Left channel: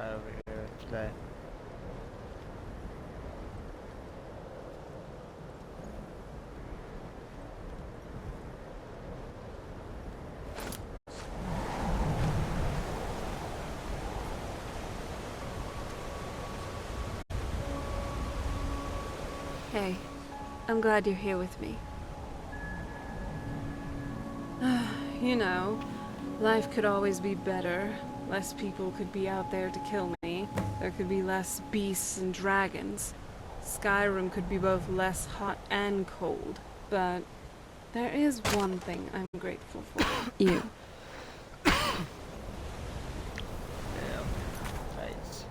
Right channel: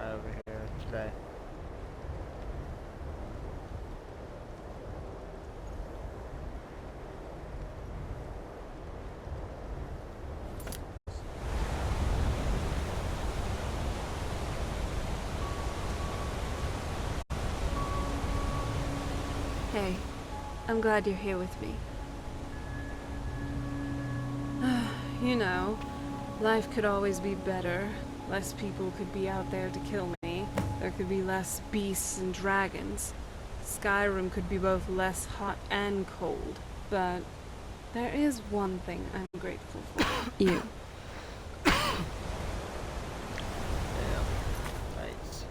right over here today. Hey, I'm glad you're here with me. You know, life could always be better. Less people could be out there to kill me. There could be less beasts and dragons. Skyrim could be both less hot and cold. But there is one thing I'm grateful for. You. Damn. Nice.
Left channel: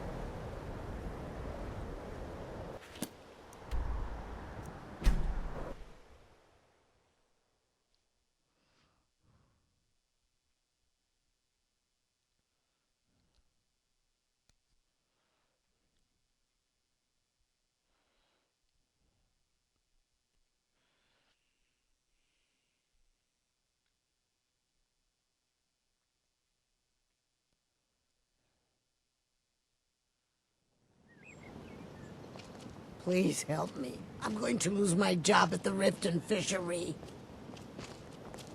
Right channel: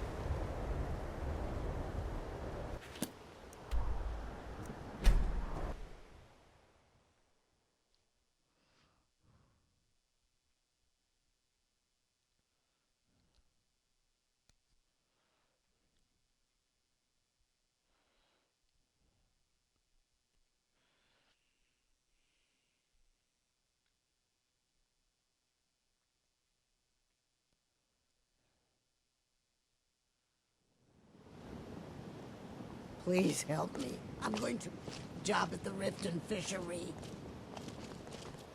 Please help me. I'm going to lose my job at the Riften Fishery.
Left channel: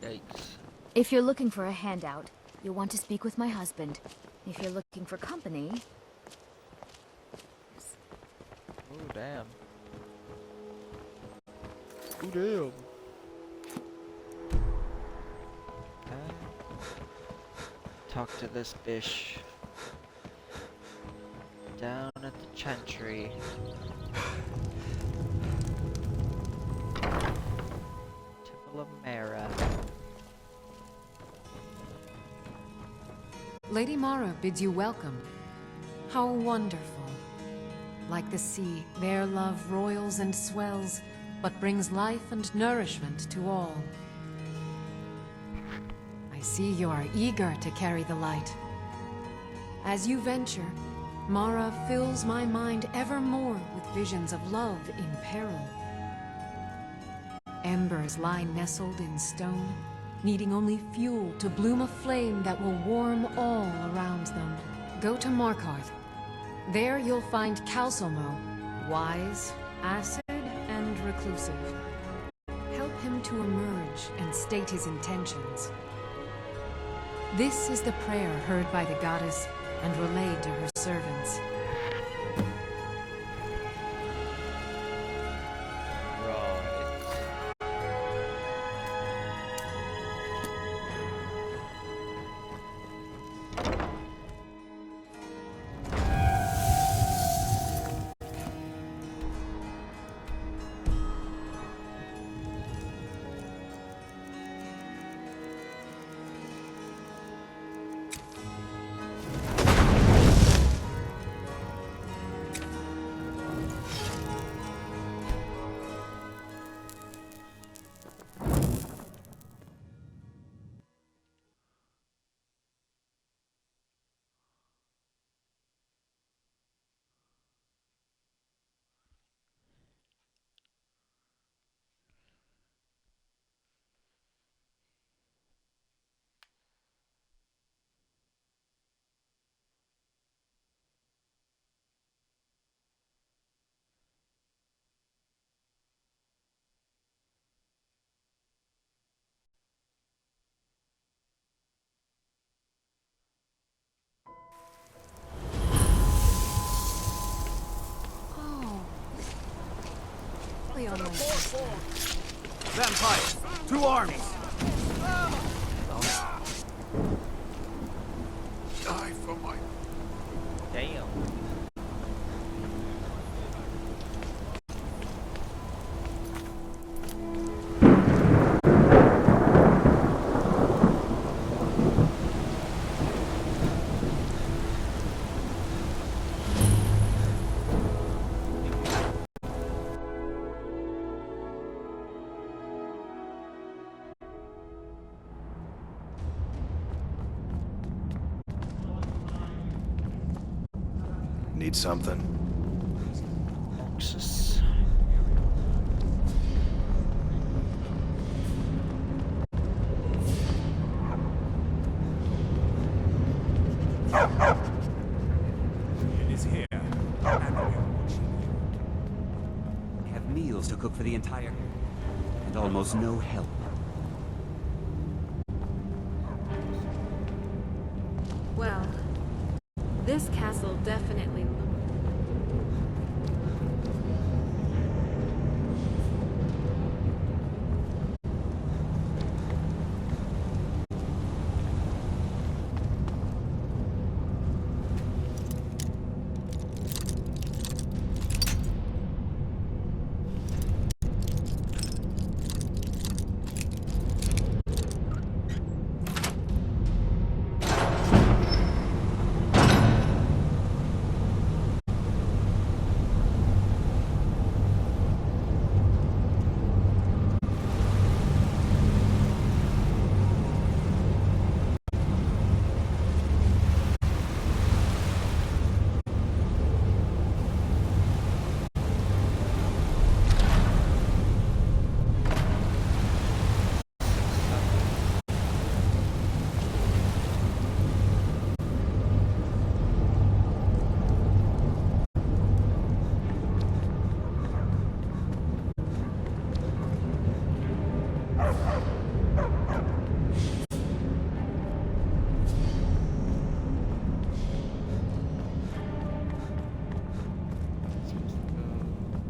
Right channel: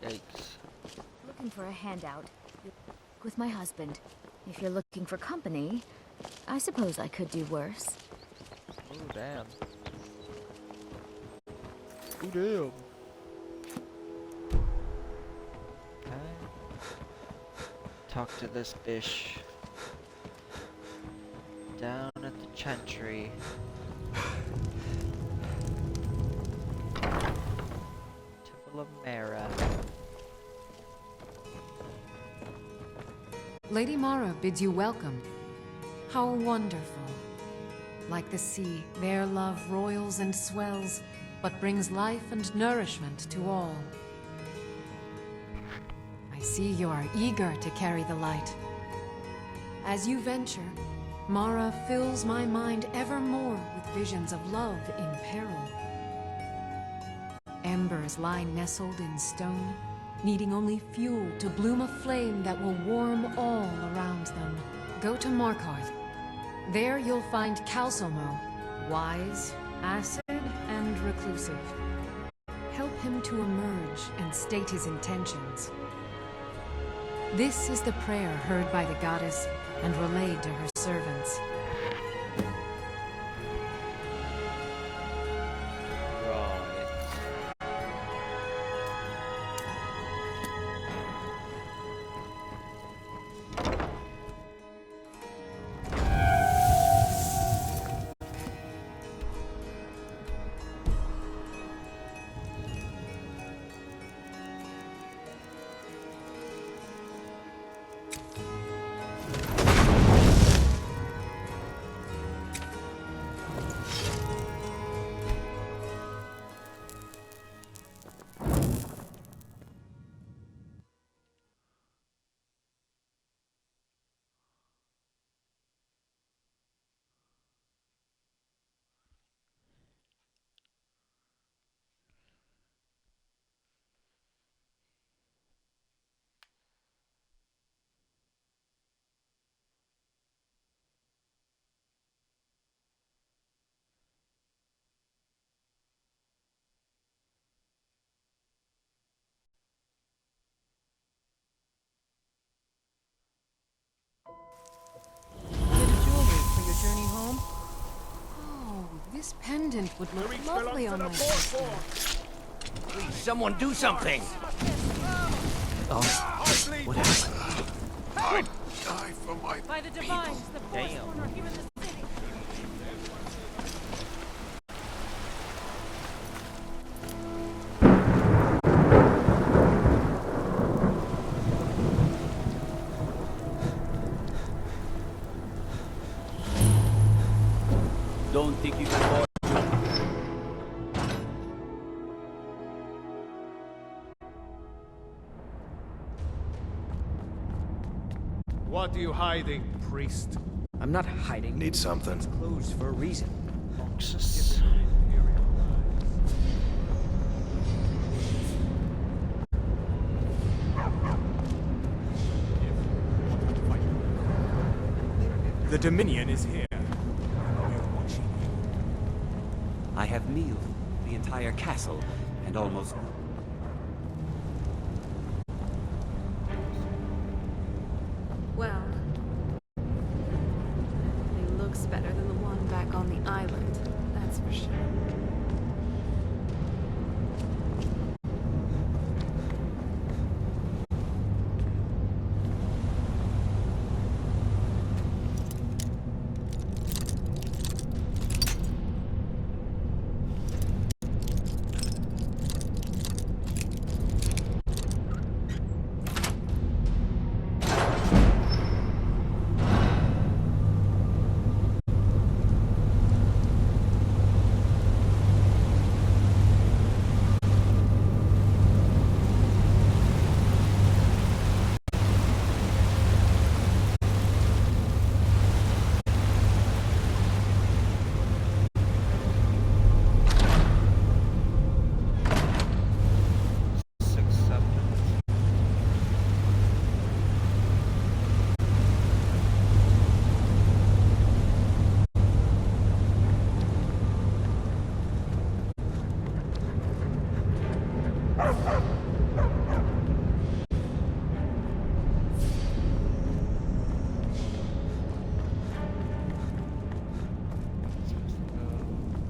Yikes. If you're looking for a handout, you'll want to speak with my husband. If you're looking for company, I suppose I could do worse. Oh, damn. Oh, damn. Talk to this fish. Down at the chantry. Temple of Mara. Lady Mara bids you welcome. How wonderful. Like the sea, their love roils and swells, but brings life and nourishment to all. I see you are eager to carry the light. As you venture, Mara fills my mind ever more with visions of love in peril. Embers lie nestled in stone, needing only fuel to bloom a flame that will warm all around them. Go to Markarth. There you'll find Calcelmo, wise, acid, and reclusive. Help him to emerge and state his intentions. This is the prayer heard by the goddess and relayed to her servants. Right. Oh, this pendant would look lovely on my sister. Someone do something! I die for my Damn. Don't think you can. What are you hiding, priest? I'm not hiding. need something. Closed for a reason. Boxes. The Dominion is here, and we're watching you. I have meals to cook for the entire castle, and almost no help. Well, this castle definitely looks better than the one back on the island. That's for sure.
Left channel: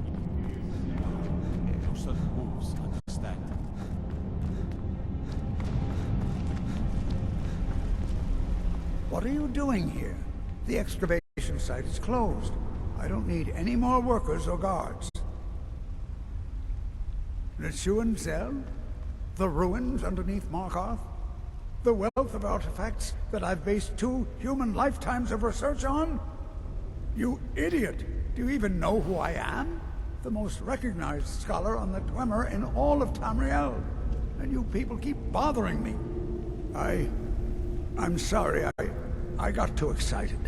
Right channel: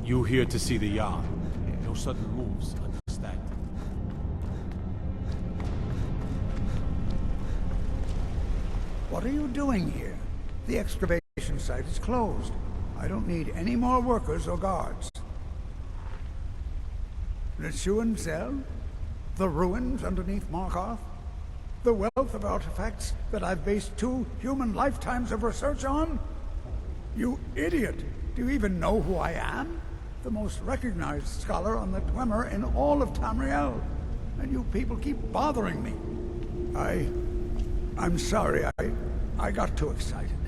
You here to see the yard. No sudden moves, understand? What are you doing here? The excavation site is closed. I don't need any more workers or guards. Le Zell? The ruins underneath Markarth? The wealth of artifacts that I've based 2 human lifetimes of research on? You idiot! Do you even know who I am? The most recognized scholar on the Dwemer in all of Tamriel. And you people keep bothering me. I'm sorry, I got too excited.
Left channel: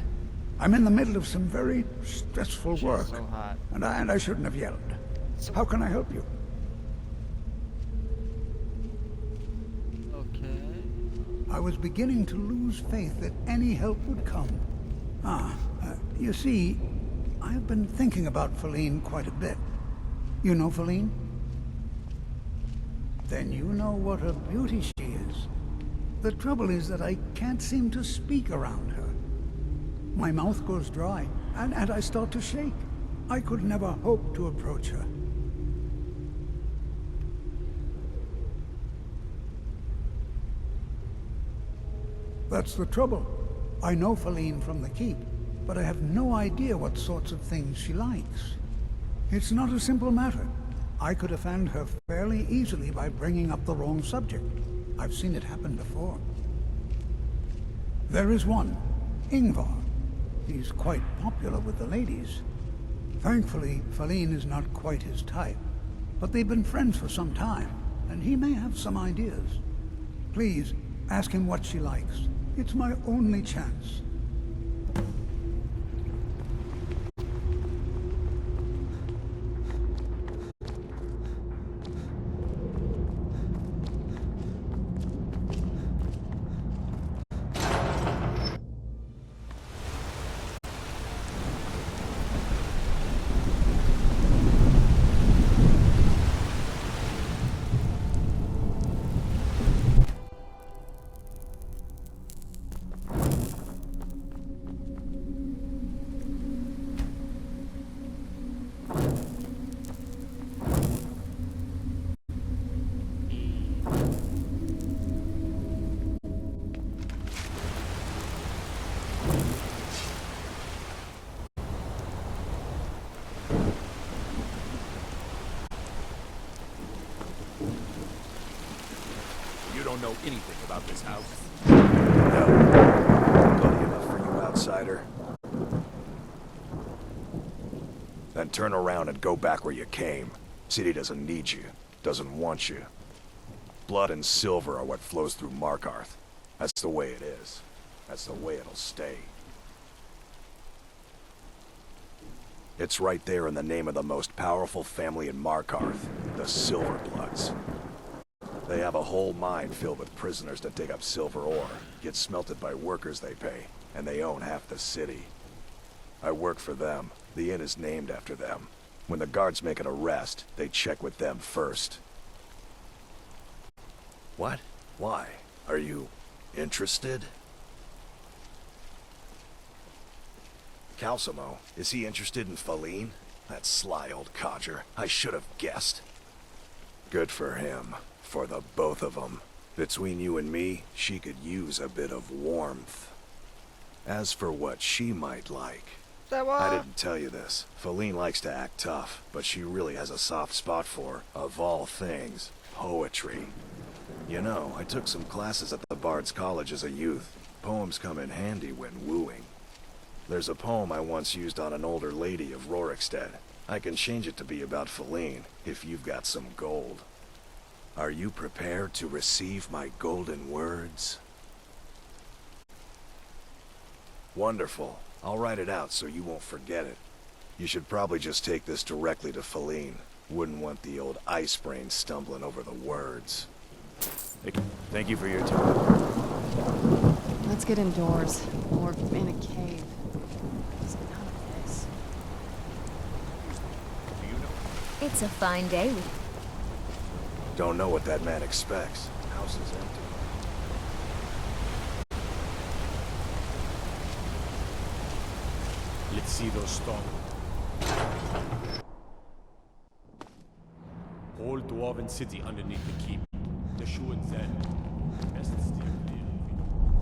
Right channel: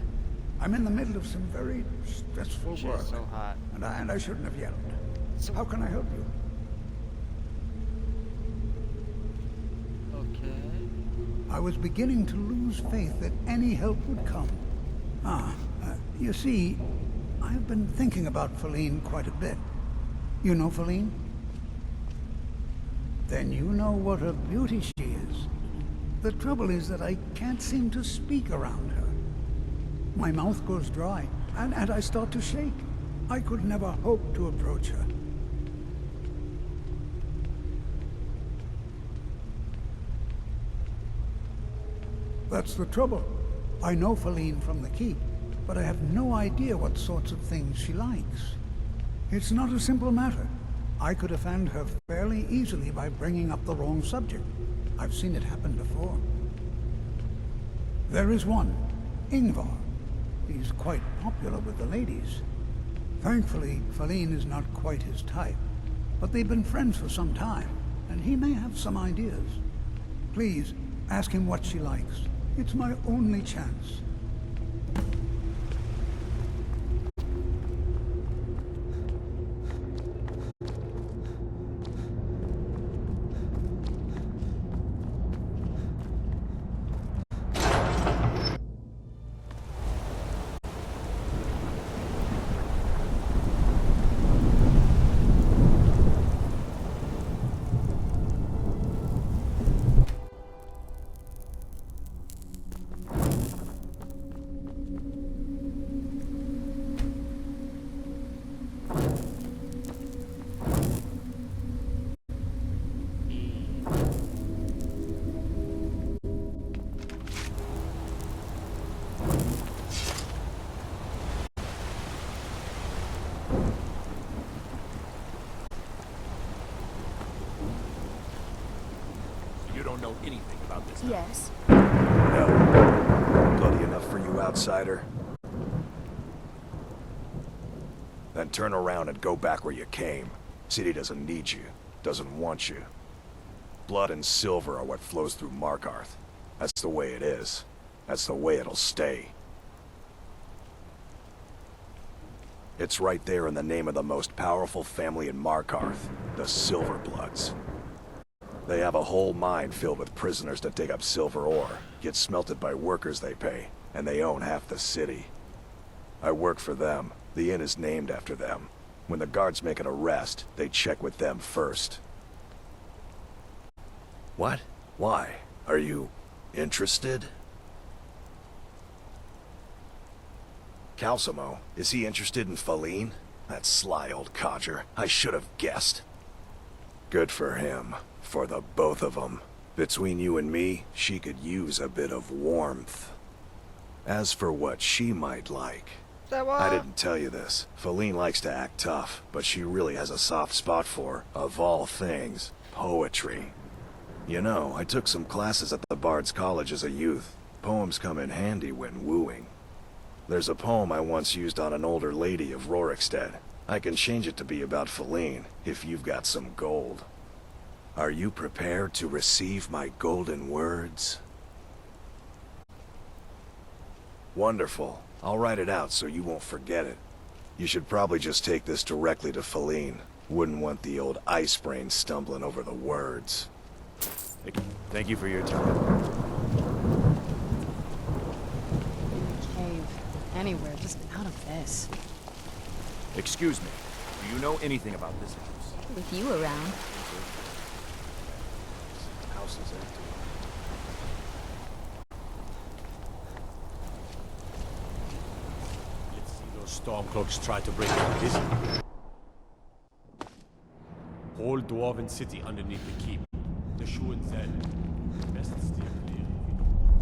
I'm in the middle of some very stressful work. So hot. And I shouldn't have yelled. How can I help you? Okay. I was beginning to lose faith that any help would come. You see, I've been thinking about Feline quite a bit. You know Feline? Then you know what a beauty she is. The trouble is that I can't seem to speak around her. My mouth goes dry, and I start to shake. I could never hope to approach her. That's the trouble. I know Feline from the keep, but I have no idea what sorts of things she likes. It's not a simple matter. I could offend her fairly easily by bringing up the wrong subject. I've seen it happen before. There is one, Ingvar. He's quite popular with the ladies. Thankfully, Feline is not quite his type, but they've been friends for some time, and he may have some ideas. Please, ask him what she likes. It's my only chance. You don't know anything about this house. Yes. No. Bloody enough for you, outsider. Then turn around and go back where you came. City doesn't need you, doesn't want you. Blood and silver are what flows through Markarth. That's the way it is. That's the way it'll stay. It's right there in the name of the most powerful family in Markarth, the Silverbloods. They have a whole mine filled with prisoners that dig up silver ore, get smelted by workers they pay, and they own half the city. I work for them. The inn is named after them. When the guards make an arrest, they check with them first. What? Why? Are you interested? Calcimo, is he interested in Faline? That sly old codger. I should have guessed. Good for him. For the both of them. Between you and me, she could use a bit of warmth. As for what she might like... I didn't tell you this. Faline likes to act tough, but she really has a soft spot for, of all things, poetry. You know, I took some classes at the Bard's College as a youth. Poems come in handy when wooing. There's a poem I once used on an older lady of Rorikstead. I can change it to be about Faline, if you've got some gold. Are you prepared to receive my golden words? Wonderful. I'll write it out so you won't forget it. You should probably just take this directly to Faline. Wouldn't want the old ice brain stumbling over the words. Thank you for your time. Let's get indoors. Or in a cave. Anywhere, just out of this. Excuse me. Do you know anything about... It's a fine day with you around. Don't know what that man expects. House is empty. Let's see those Stormcloaks try to break out this. Whole Dwarven city underneath the keep. The shoe and Zen. Best steer clear if you don't want.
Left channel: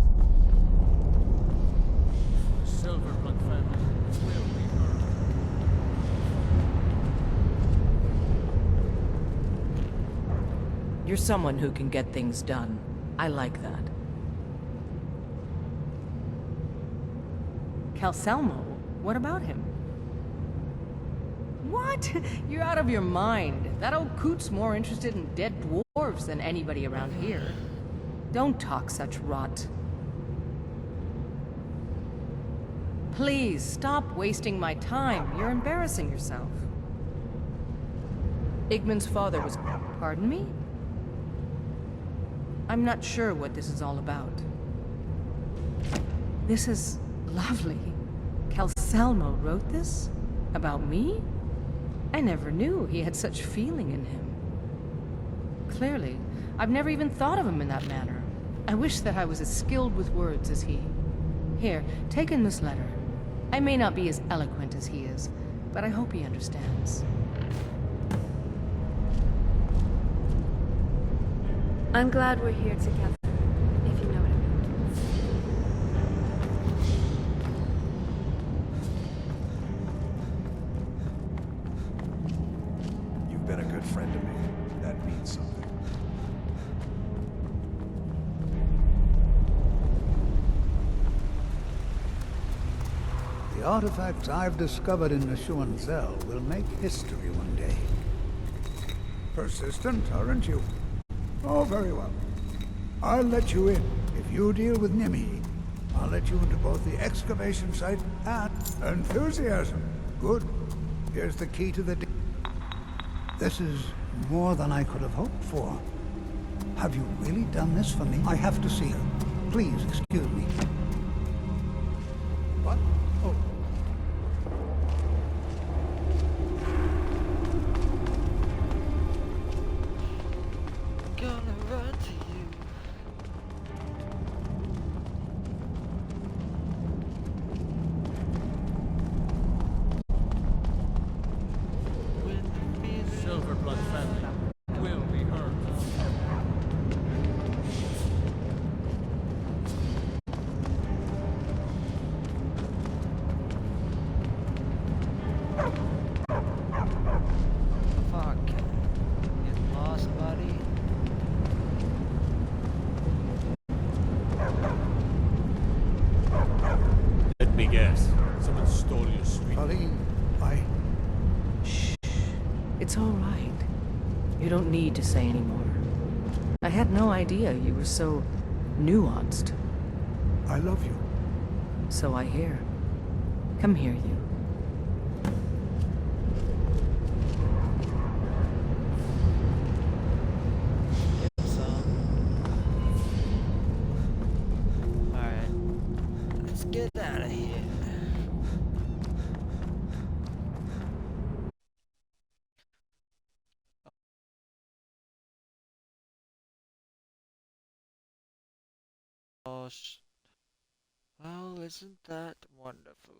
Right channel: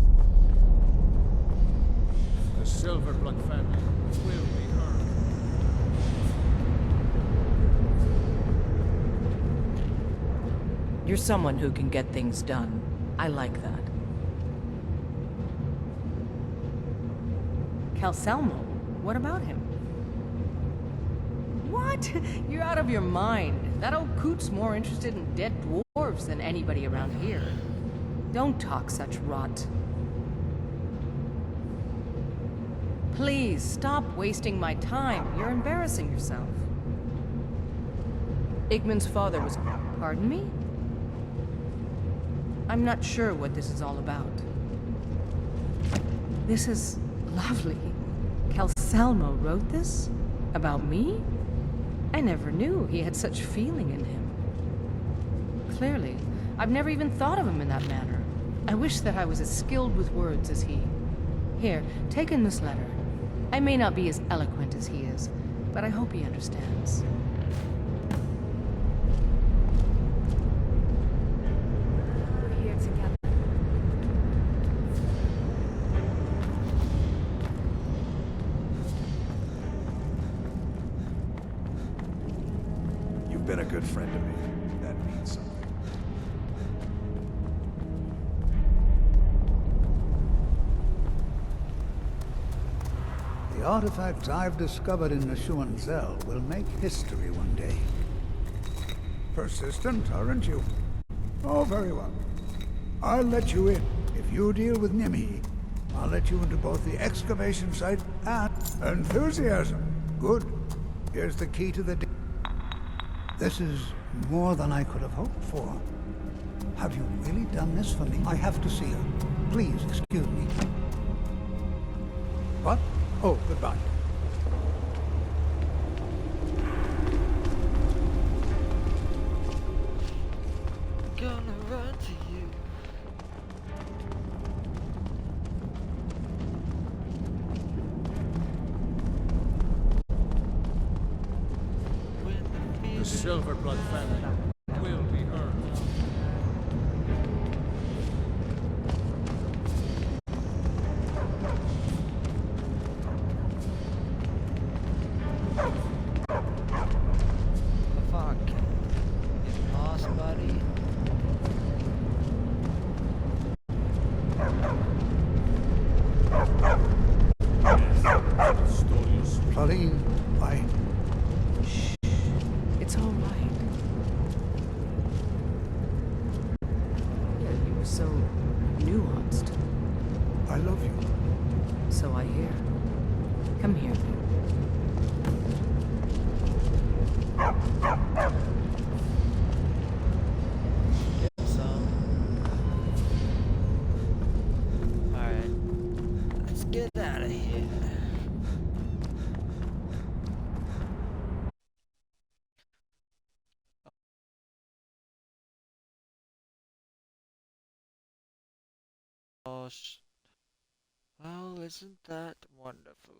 The Silverblood family will be heard. You're someone who can get things done. I like that. Calcelmo? What about him? What? You're out of your mind. That old coot's more interested in dead dwarves than anybody around here. Don't talk such rot. Please, stop wasting my time. You're embarrassing yourself. Igmund's father was... Pardon me? I'm not sure what this is all about. This is lovely. Calcelmo wrote this? About me? I never knew he had such feeling in him. Clearly, I've never even thought of him in that manner. I wish that I was as skilled with words as he. Here, take in this letter. I may not be as eloquent as he is, but I hope he understands. I'm glad we're here together, if you know what I mean. You've been a good friend to me. That means something. The artifacts I've discovered in Neshuan Zell will make history one day. Persistent, aren't you? Oh, very well. I'll let you in. If you deal with Nimhi, I'll let you into both the excavation site and enthusiasm. Good. Here's the key to the... This is more than I could have hoped for. Have you really done this for me? I have to see her. Please excuse me. What? Oh, goodbye. Gonna run to you. The Silverblood family will be heard. The fuck? Get lost, buddy. Let me guess. Someone stole your sweet. Faline, Shh. It's all right. You don't need to say anymore. I had no idea you were so nuanced. I love you. So I hear. Come here, you. Get some. Alright. Let's get out of here. Well, isn't that wonderful?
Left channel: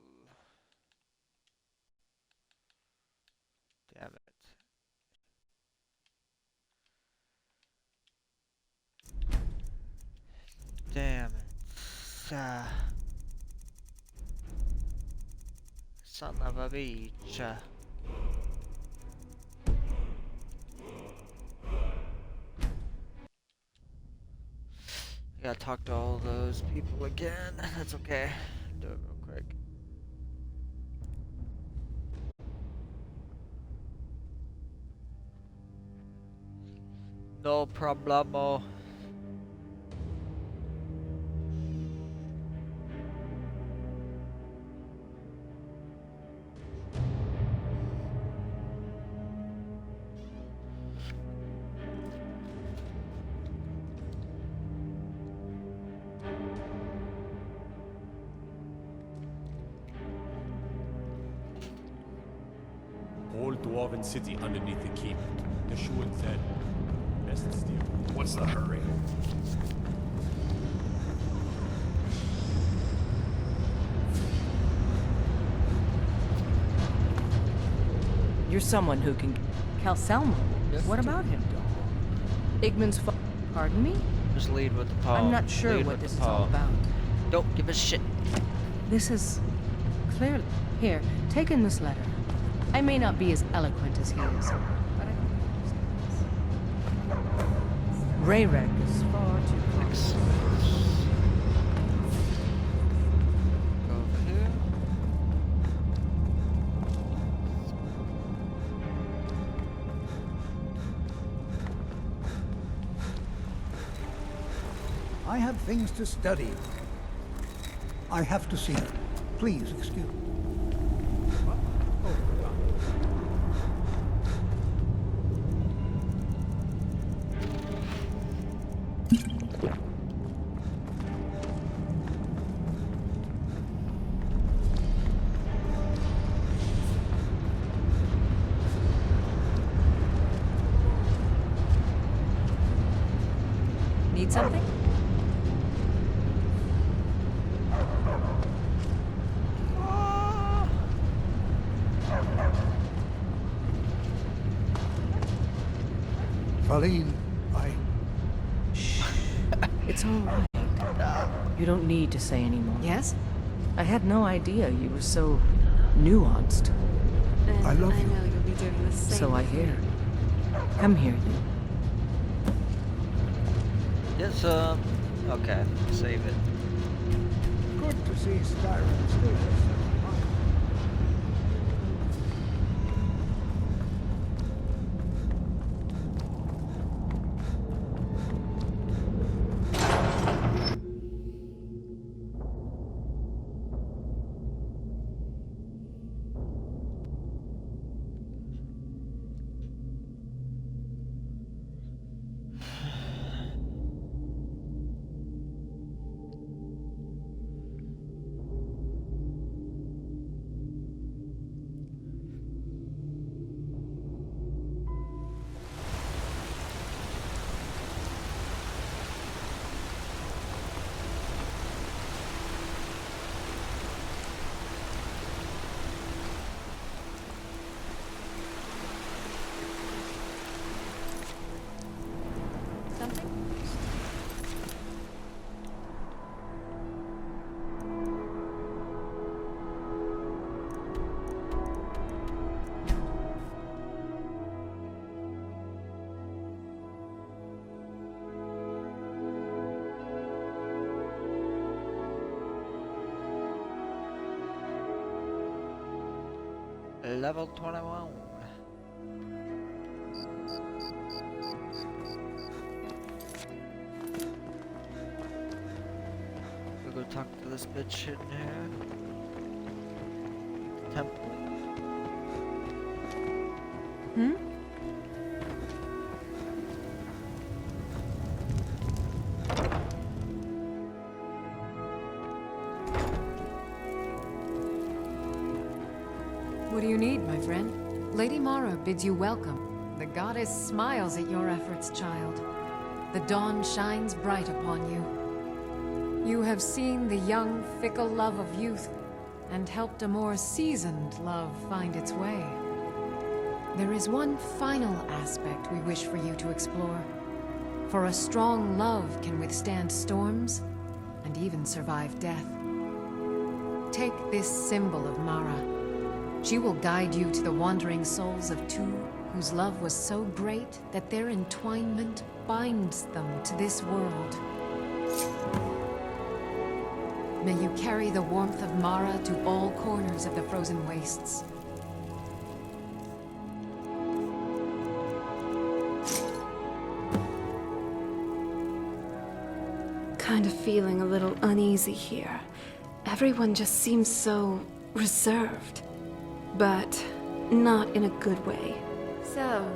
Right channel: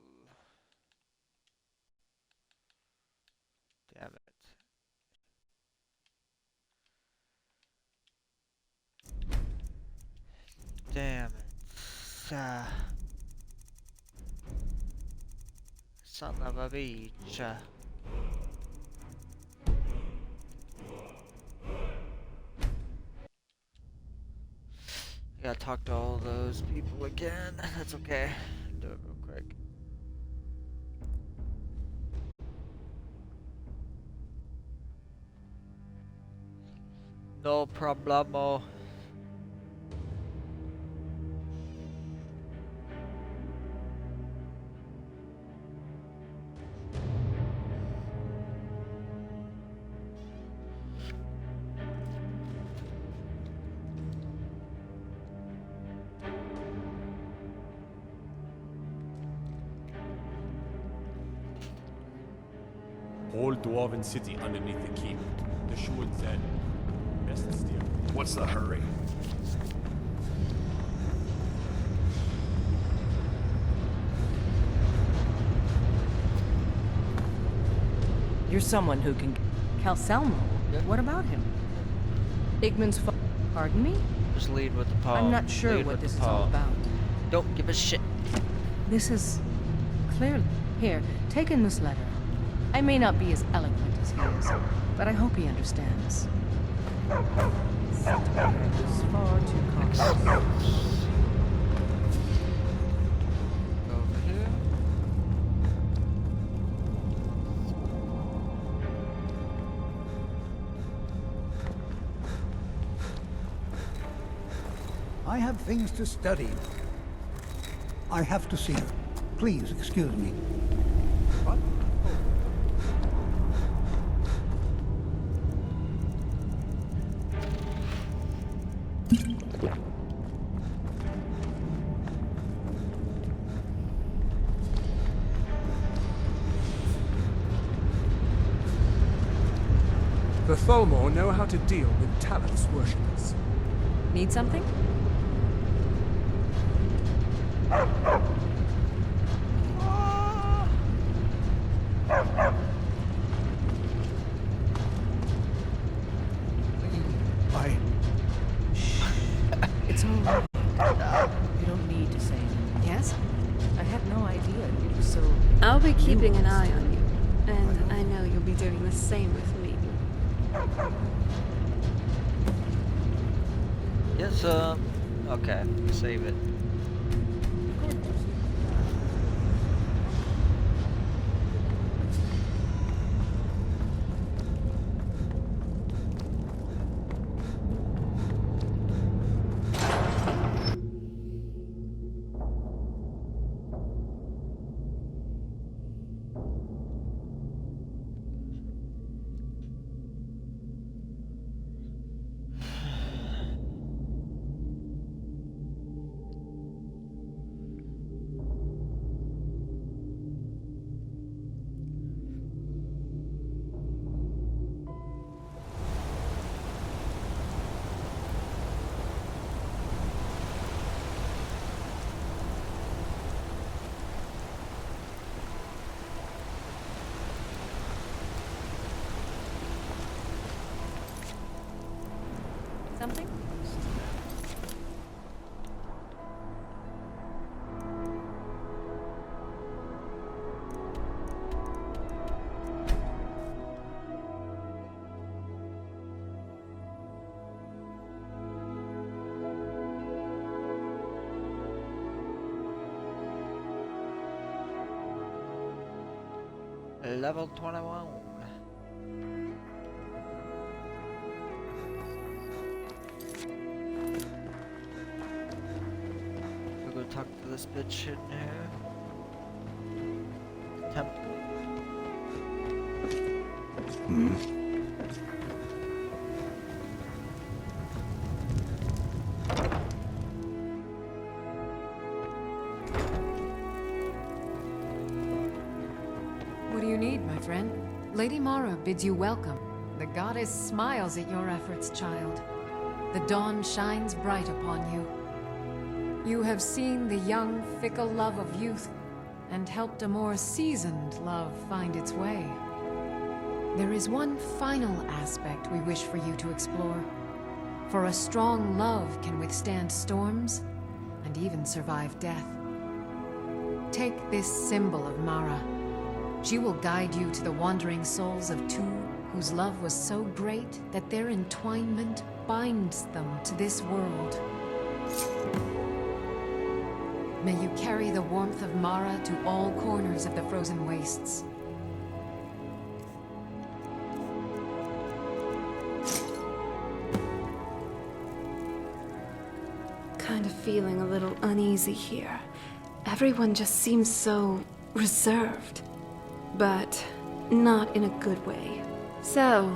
Damn it. Damn it. Son of a bitch. I gotta talk to all those people again. That's okay. Do it real quick. No problemo. Whole dwarven city underneath the keep. The Shuan said, best steer. What's the hurry? You're someone who can... Calcelmo? Yes. What about him? Igman's Pardon me? Just lead with the poem. I'm not sure Lead what with this the is all poem. about. Don't give a shit. This is... clearly... Here, take in this letter. I may not be as eloquent as he is, but I hope he understands. Rayreg is far too costly. Go over here. I have things to study. I have to see her. Please excuse me. What? Oh, The Tholmor know how to deal with Talus worshippers. Need something? Pauline, It's all right. You don't need to say anymore. Yes? I had no idea you were so I'll be keeping an eye nuanced. on you. And I love I you. know you'll be doing the same So I with hear. me. Come here. Yes, okay. Save it. good to see Skyrim still has some fun. Something? Level 21. We'll go talk to this bitch in here. Temple. What do you need, my friend? Lady Mara bids you welcome. The goddess smiles at your efforts, child. The dawn shines bright upon you. You have seen the young, fickle love of youth, and helped a more seasoned love find its way. There is one final aspect we wish for you to explore. For a strong love can withstand storms, and even survive death. Take this symbol of Mara. She will guide you to the wandering souls of two whose love was so great that their entwinement binds them to this world. May you carry the warmth of Mara to all corners of the frozen wastes. Kind of feeling a little uneasy here. Everyone just seems so reserved. But not in a good way. So,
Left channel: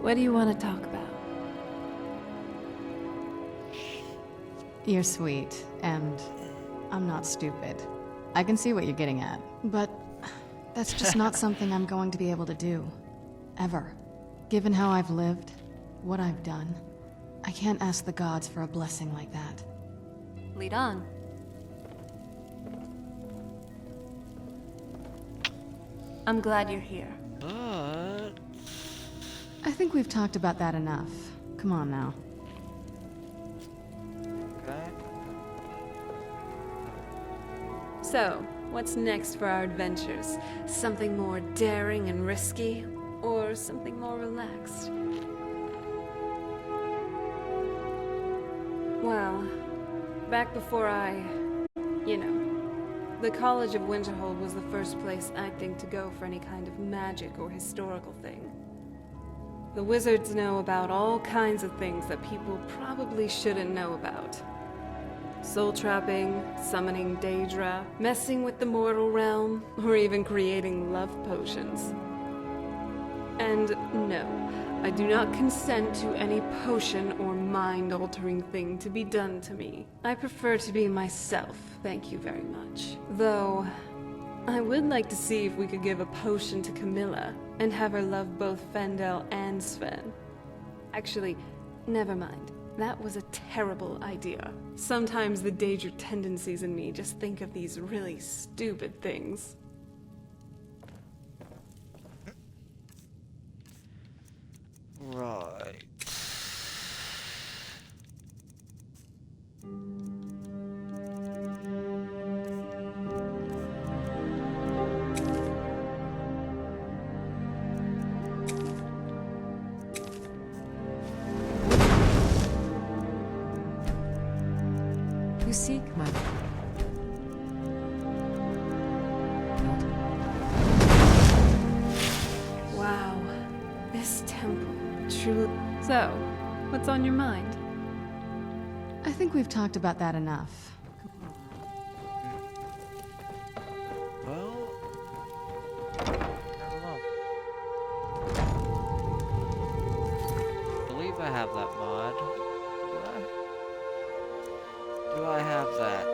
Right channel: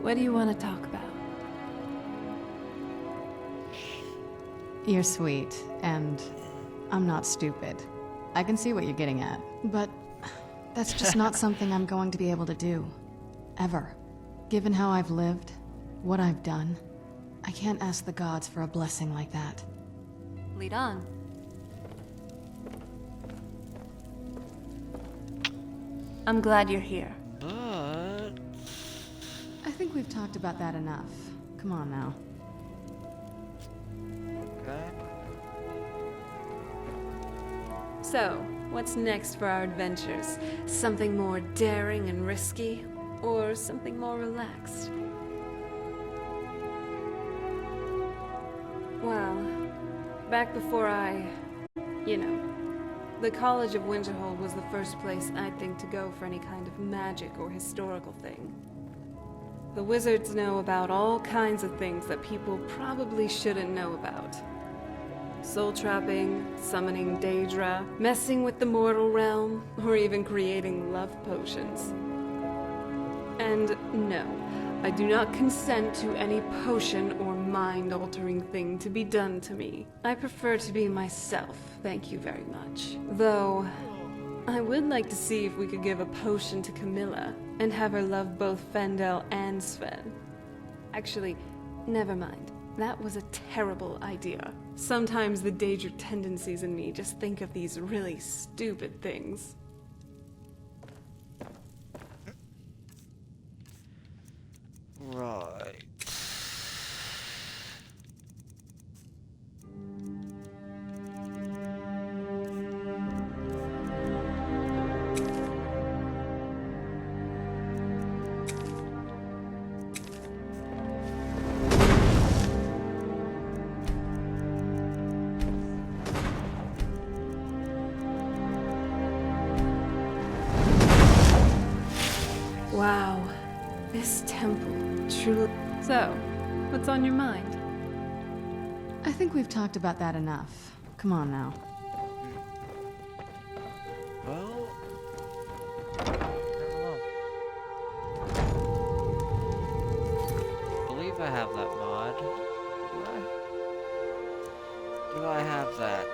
what do you want to talk about? You're sweet, and I'm not stupid. I can see what you're getting at. But that's just not something I'm going to be able to do. Ever. Given how I've lived, what I've done, I can't ask the gods for a blessing like that. Lead on. I'm glad you're here. But... I think we've talked about that enough. Come on now. Okay. So, what's next for our adventures? Something more daring and risky? Or something more relaxed? Well, back before the College of Winterhold was the first place I'd think to go for any kind of magic or historical thing. The wizards know about all kinds of things that people probably shouldn't know about. Soul trapping, summoning Daedra, messing with the mortal realm, or even creating love potions. And no, I do not consent to any potion or mind-altering thing to be done to me. I prefer to be myself, thank you very much. Though, I would like to see if we could give a potion to Camilla, and have her love both Fendel and Sven. Actually, never mind. That was a terrible idea. Sometimes the Daedra tendencies in me just think of these really stupid things. Right. You seek love. Wow, this temple truly... So, what's on your mind? I think we've talked about that enough. Come on now. Well... I don't know. I believe I have that mod. Do I? Do I have that?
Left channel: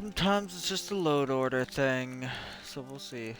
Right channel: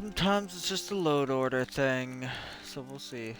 Sometimes it's just a load order thing, so we'll see.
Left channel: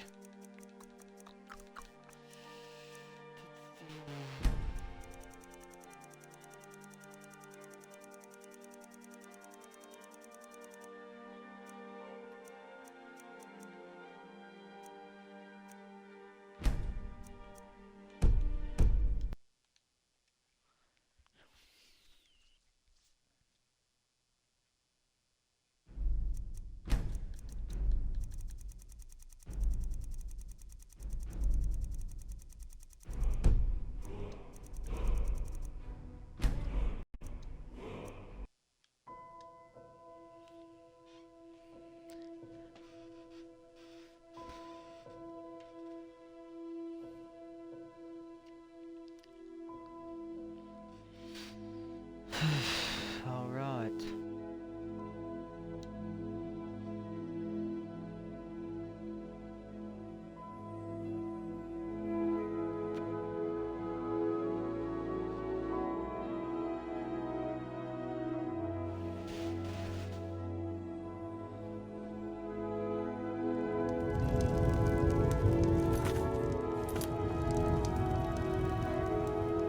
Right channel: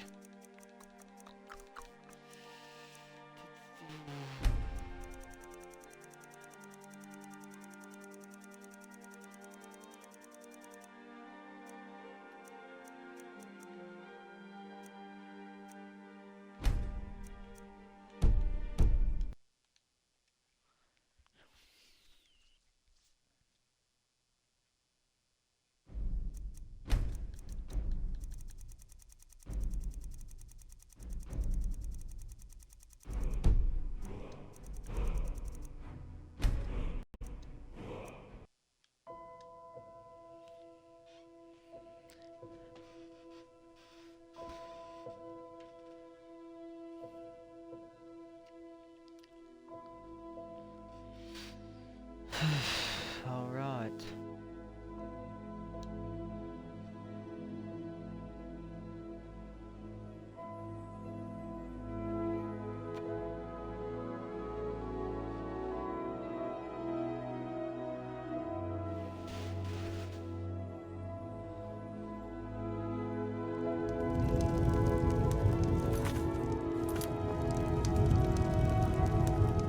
All right.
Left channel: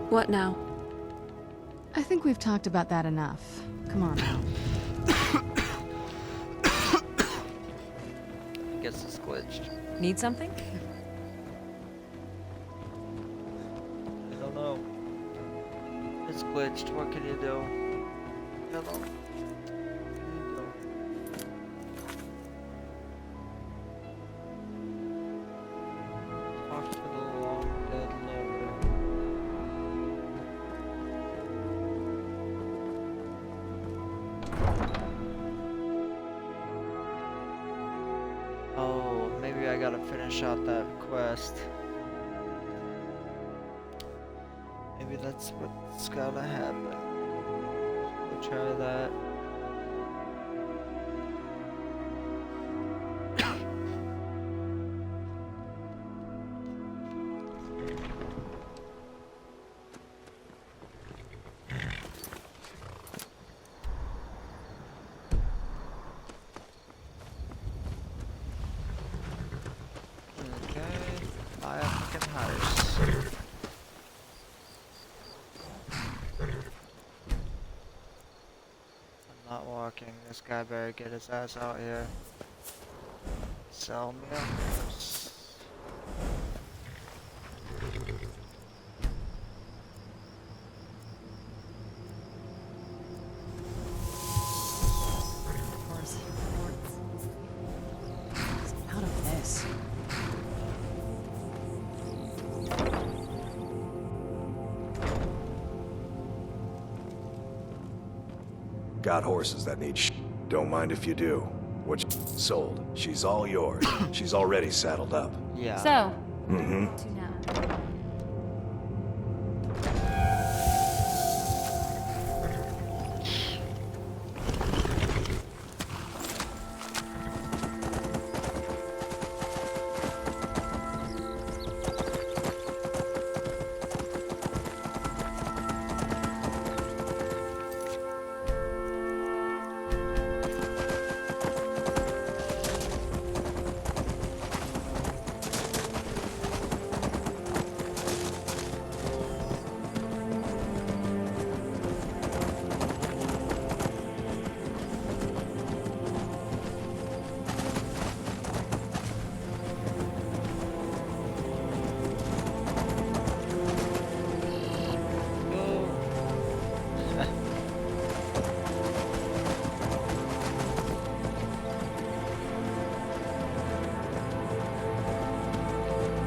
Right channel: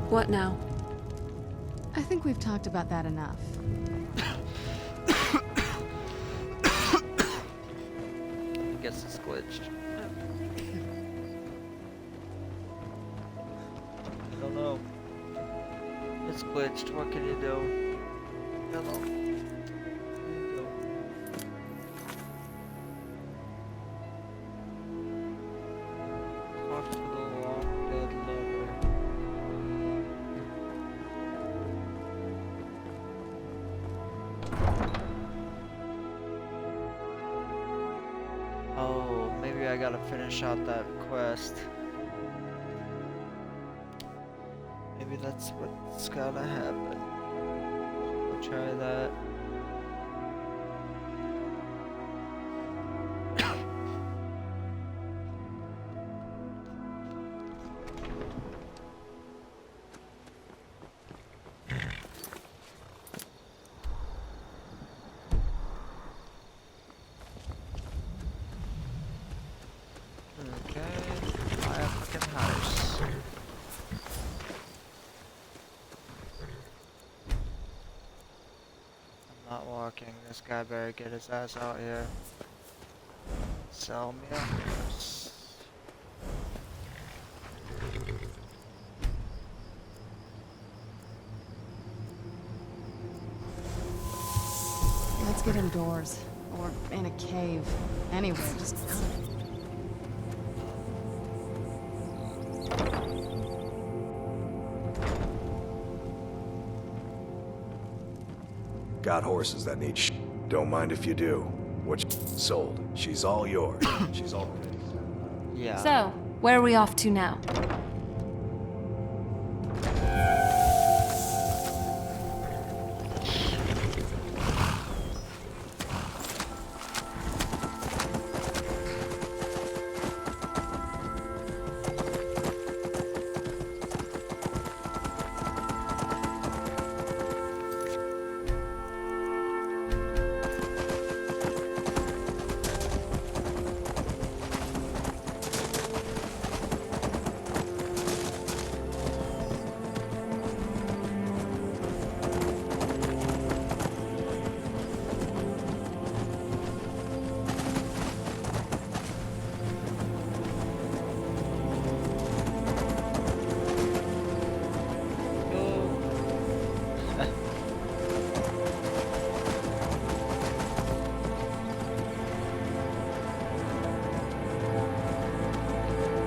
What now? I think we've talked about that enough. Come on. I guess it's glitched. Need something? I don't know. It's glitched. What can you do? Hello. What can you do? Talk to the long dead lover. Oh, maybe I gotta finish out that quest. Maybe that's what's gotta happen. We'll try that. This guy better get his ass out here. Sell me a horse. Let's get indoors. Or in a cave. Anyway, just out of this. Got horses that need Don't mind if you do. Sold. She's all yours. She's already saddled up. Yeah. So, where are we off to now?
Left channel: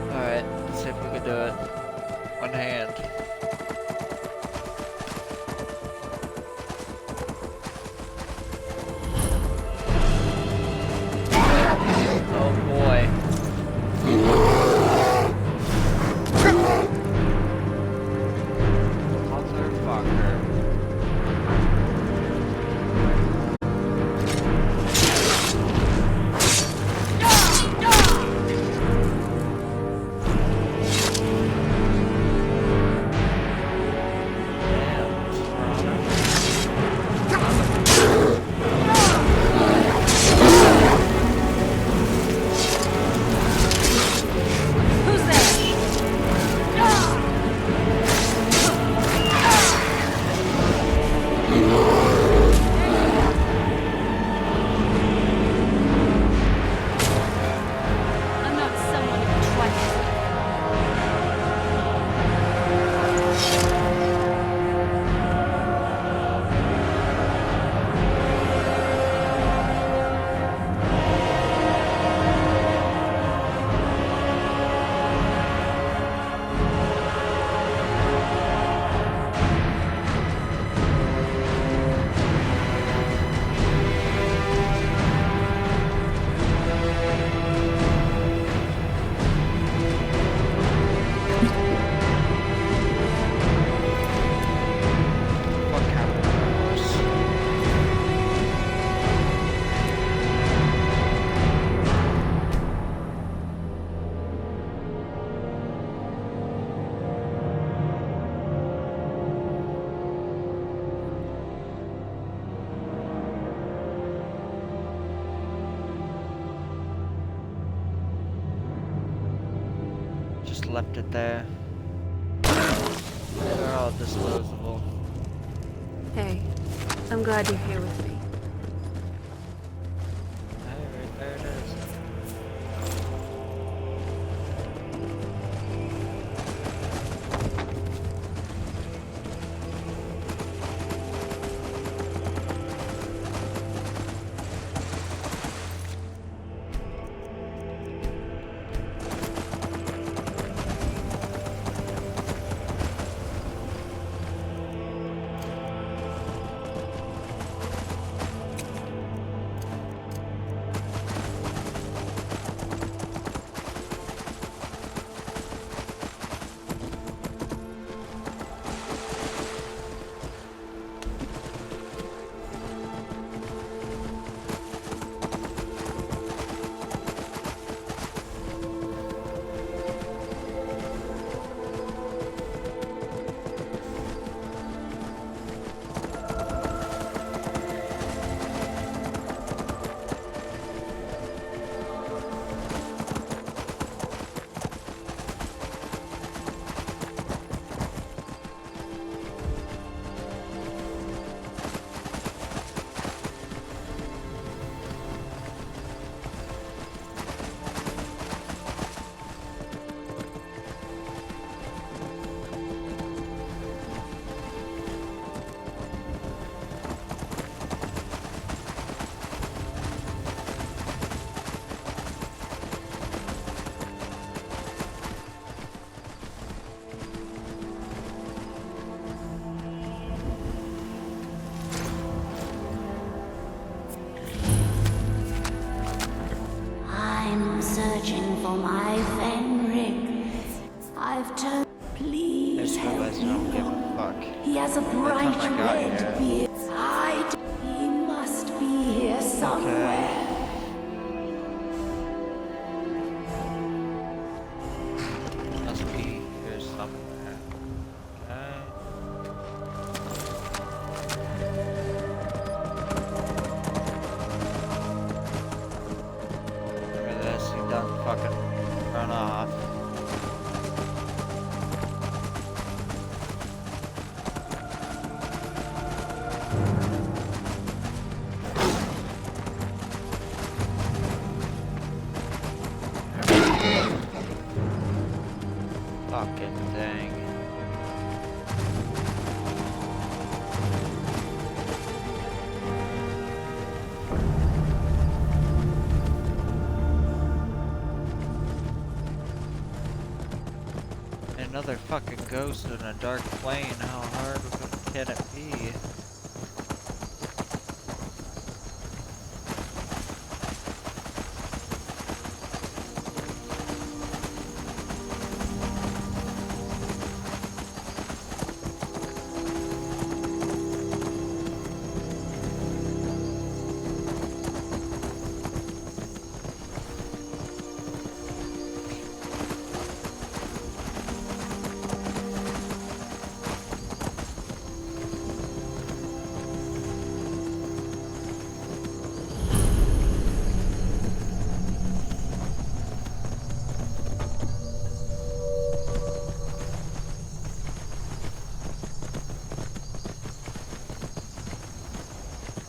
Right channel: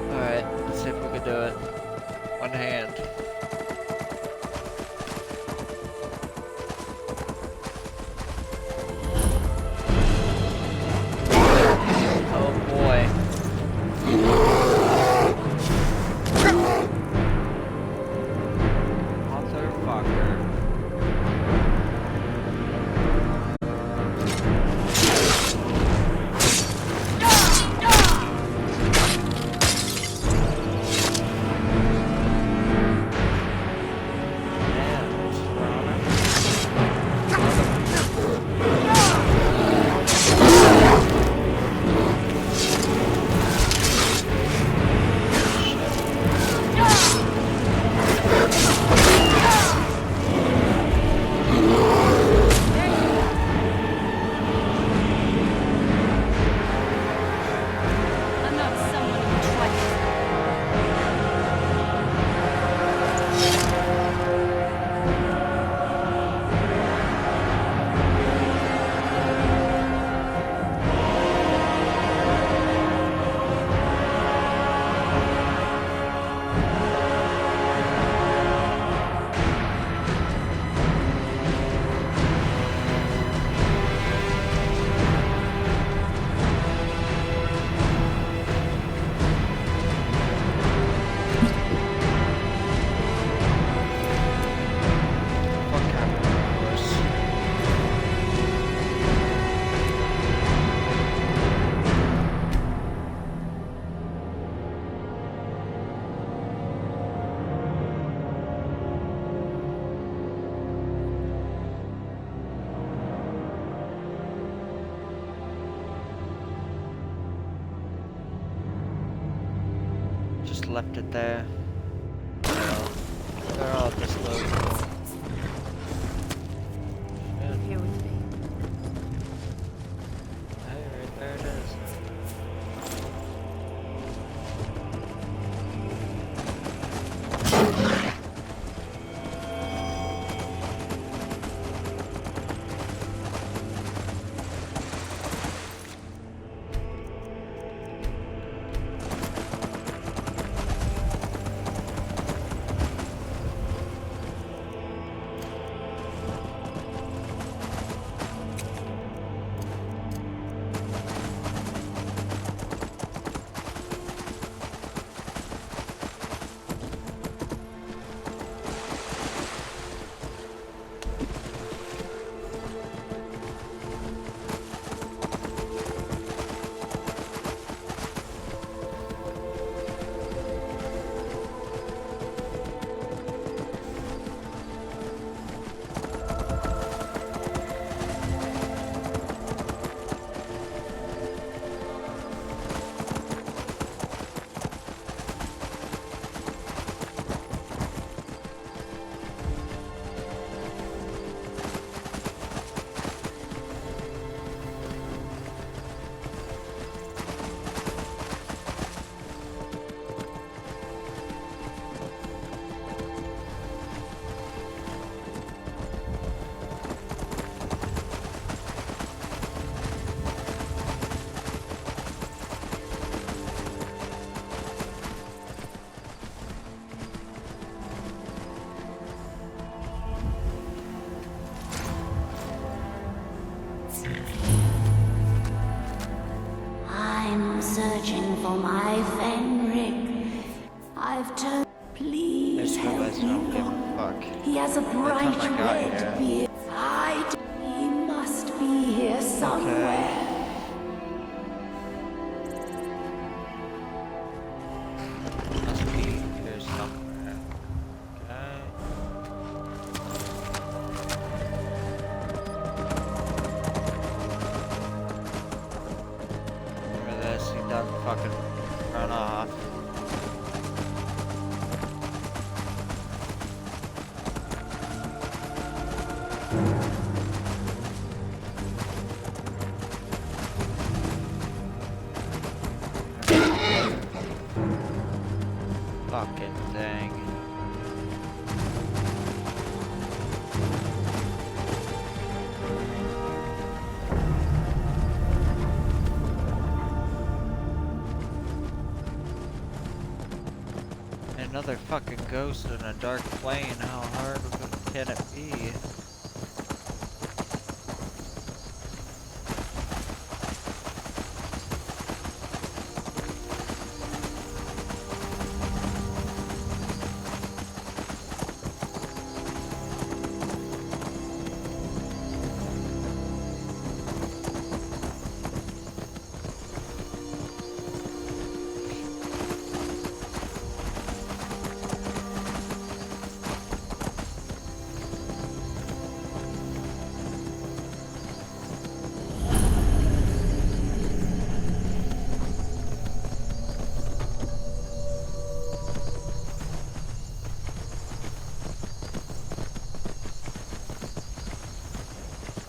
Alright, let's see if we can do it. One hand. Oh boy. Motherfucker. left it there. They're all disposable. Hey, I'm glad you're here with me. Hey, right there it is. I'm searching for my Fenric. I've turned. Please help I don't give a fuck. He has a bright red beard. He must be here somewhere. Must be here somewhere. Okay. Look at this, he done fucking run off. Fucking thing. Another fucking ghost in a dark plane. How hard can it be?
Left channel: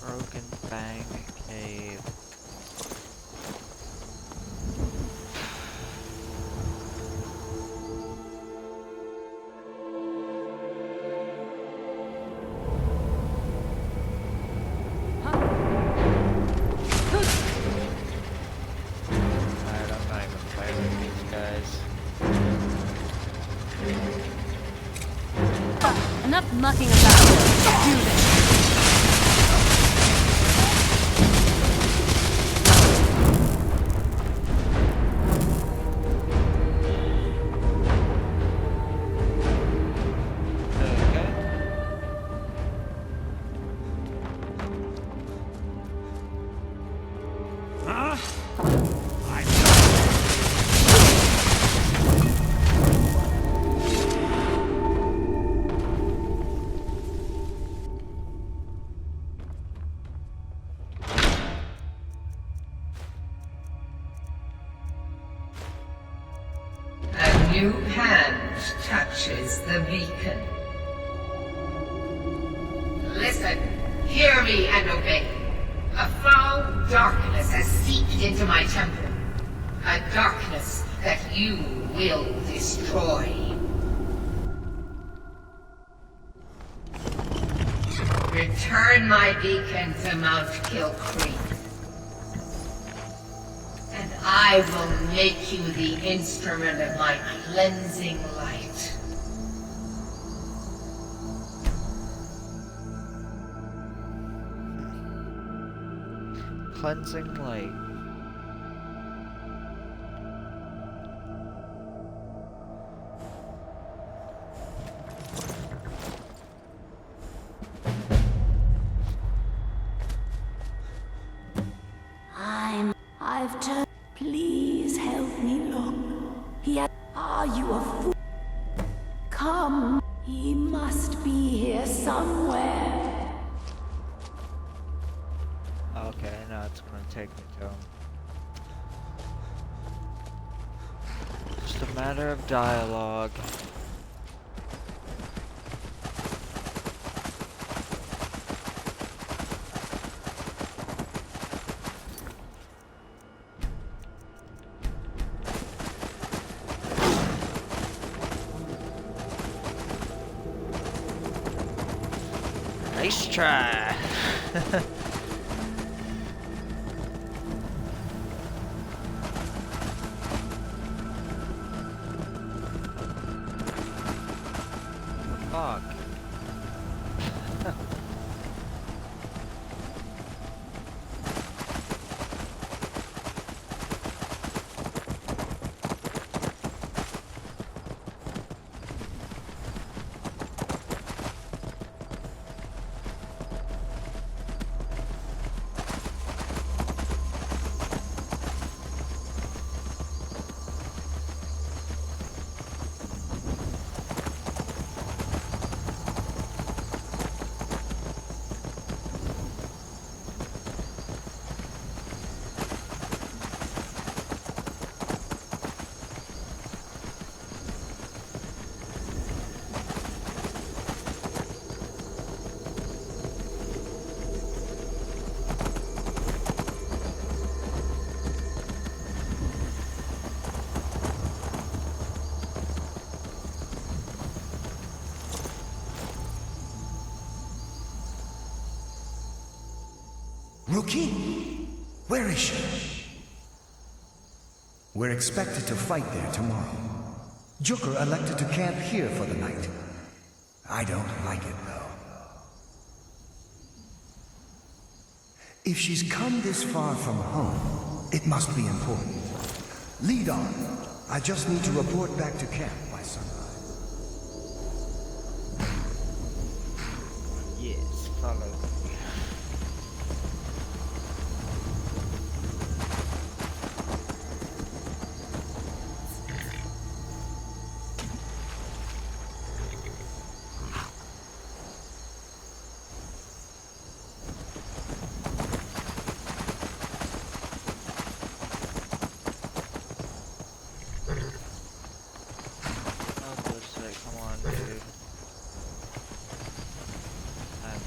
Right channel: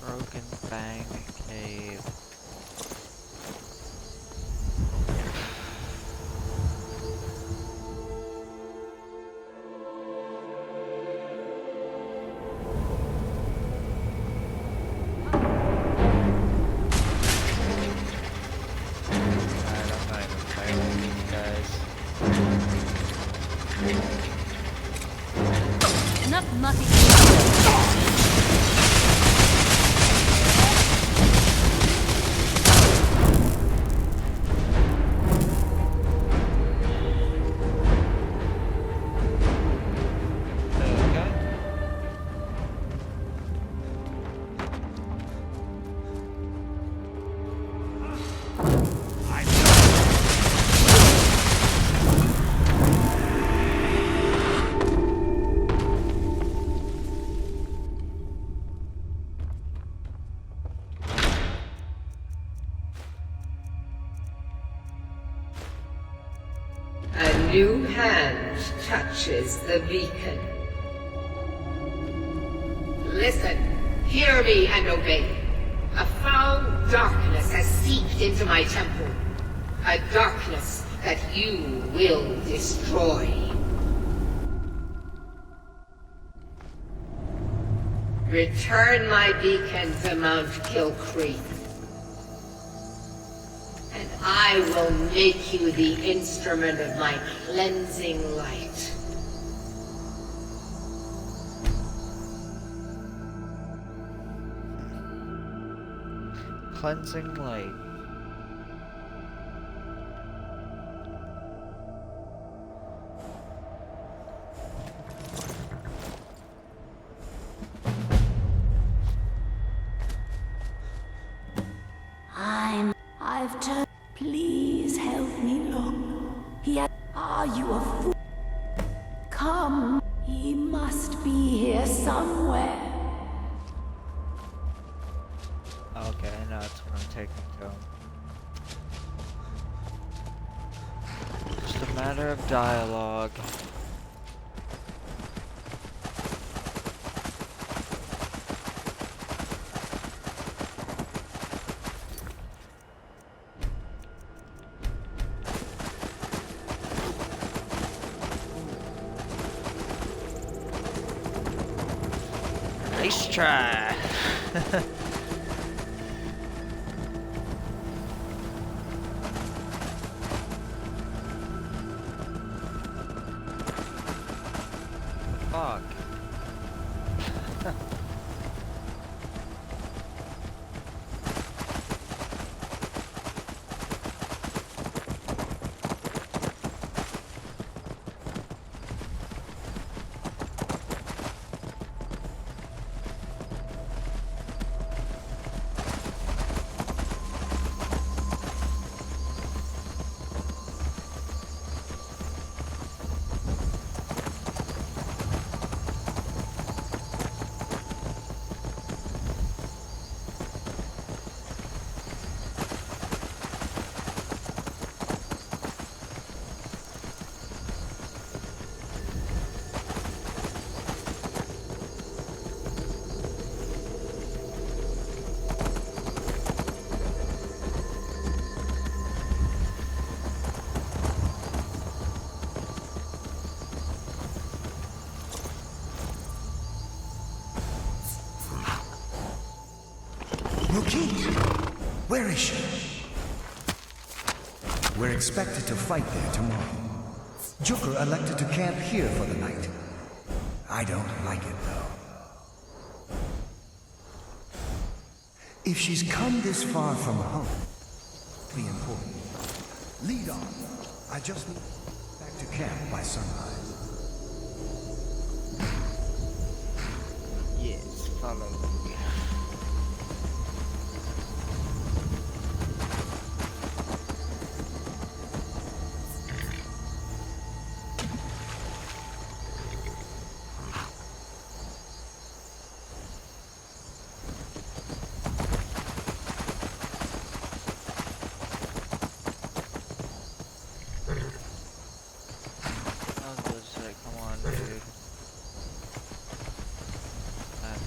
Broken Fang Cave. Alright, I'm not even playing with these guys. Enough mucking about. Okay. new hand touches the beacon. Listen, hear me and obey. A foul darkness has seeped into my temple. A darkness that you will destroy. Return my beacon to Mount Kill Creek. And I will make you the instrument of my cleansing light. Cleansing light. I've turned. Please help me look. Are you a fool? Come. He must be here somewhere. Okay, now it's gonna take me to him. Just a matter of dialogue. Nice try. Fuck. Rookie? Where is she? We're expected to fight there tomorrow. Joker elected to camp here for the night. I don't like it, though. If she's come this far from home, it must be important. Lead on. I just need to report back to camp by sunrise. Yes, follow me.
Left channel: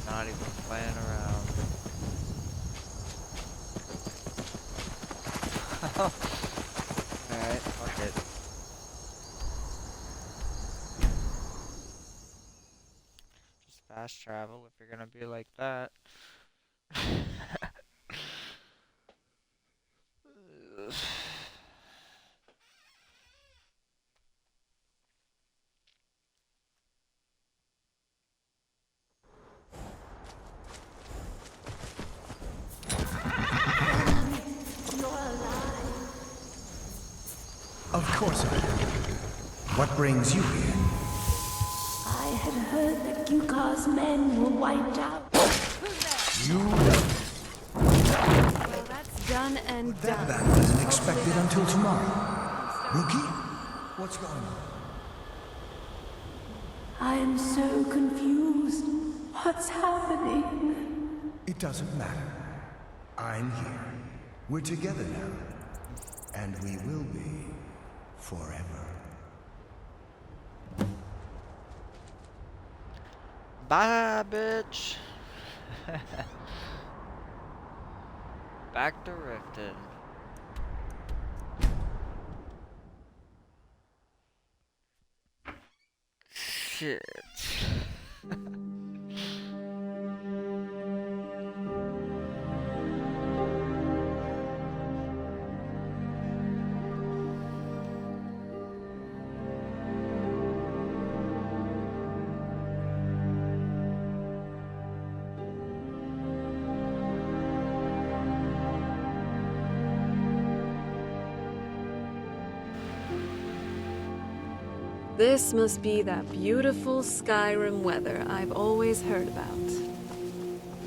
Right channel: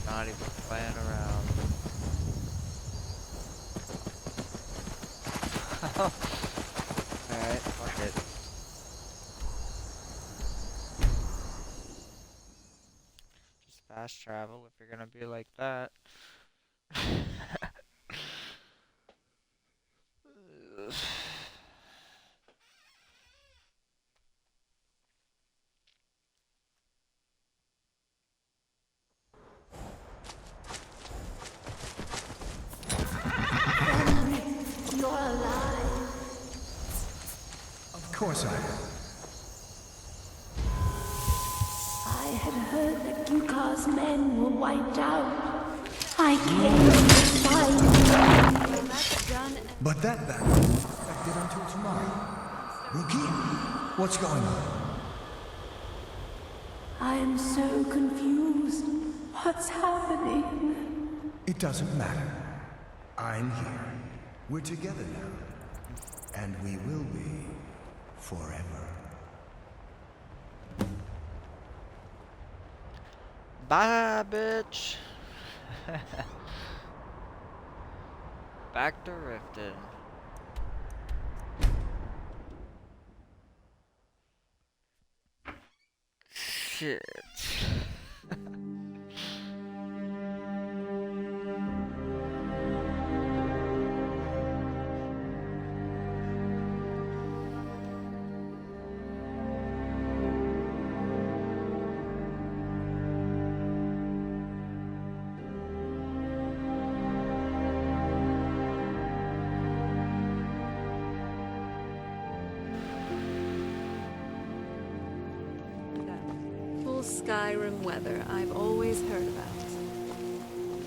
Not even playing around. Alright, fuck it. Just fast travel if you're gonna be like that. Of course I am. What brings you here? I had heard that Yukar's men were wiped out. I But that battle isn't expected until tomorrow. Rookie, what's going on? I am so confused. What's happening? It doesn't matter. I'm here. We're together now. And we will be forever. Bye, bitch. Back to Riften. Shit. This must be that beautiful Skyrim weather I've always heard about.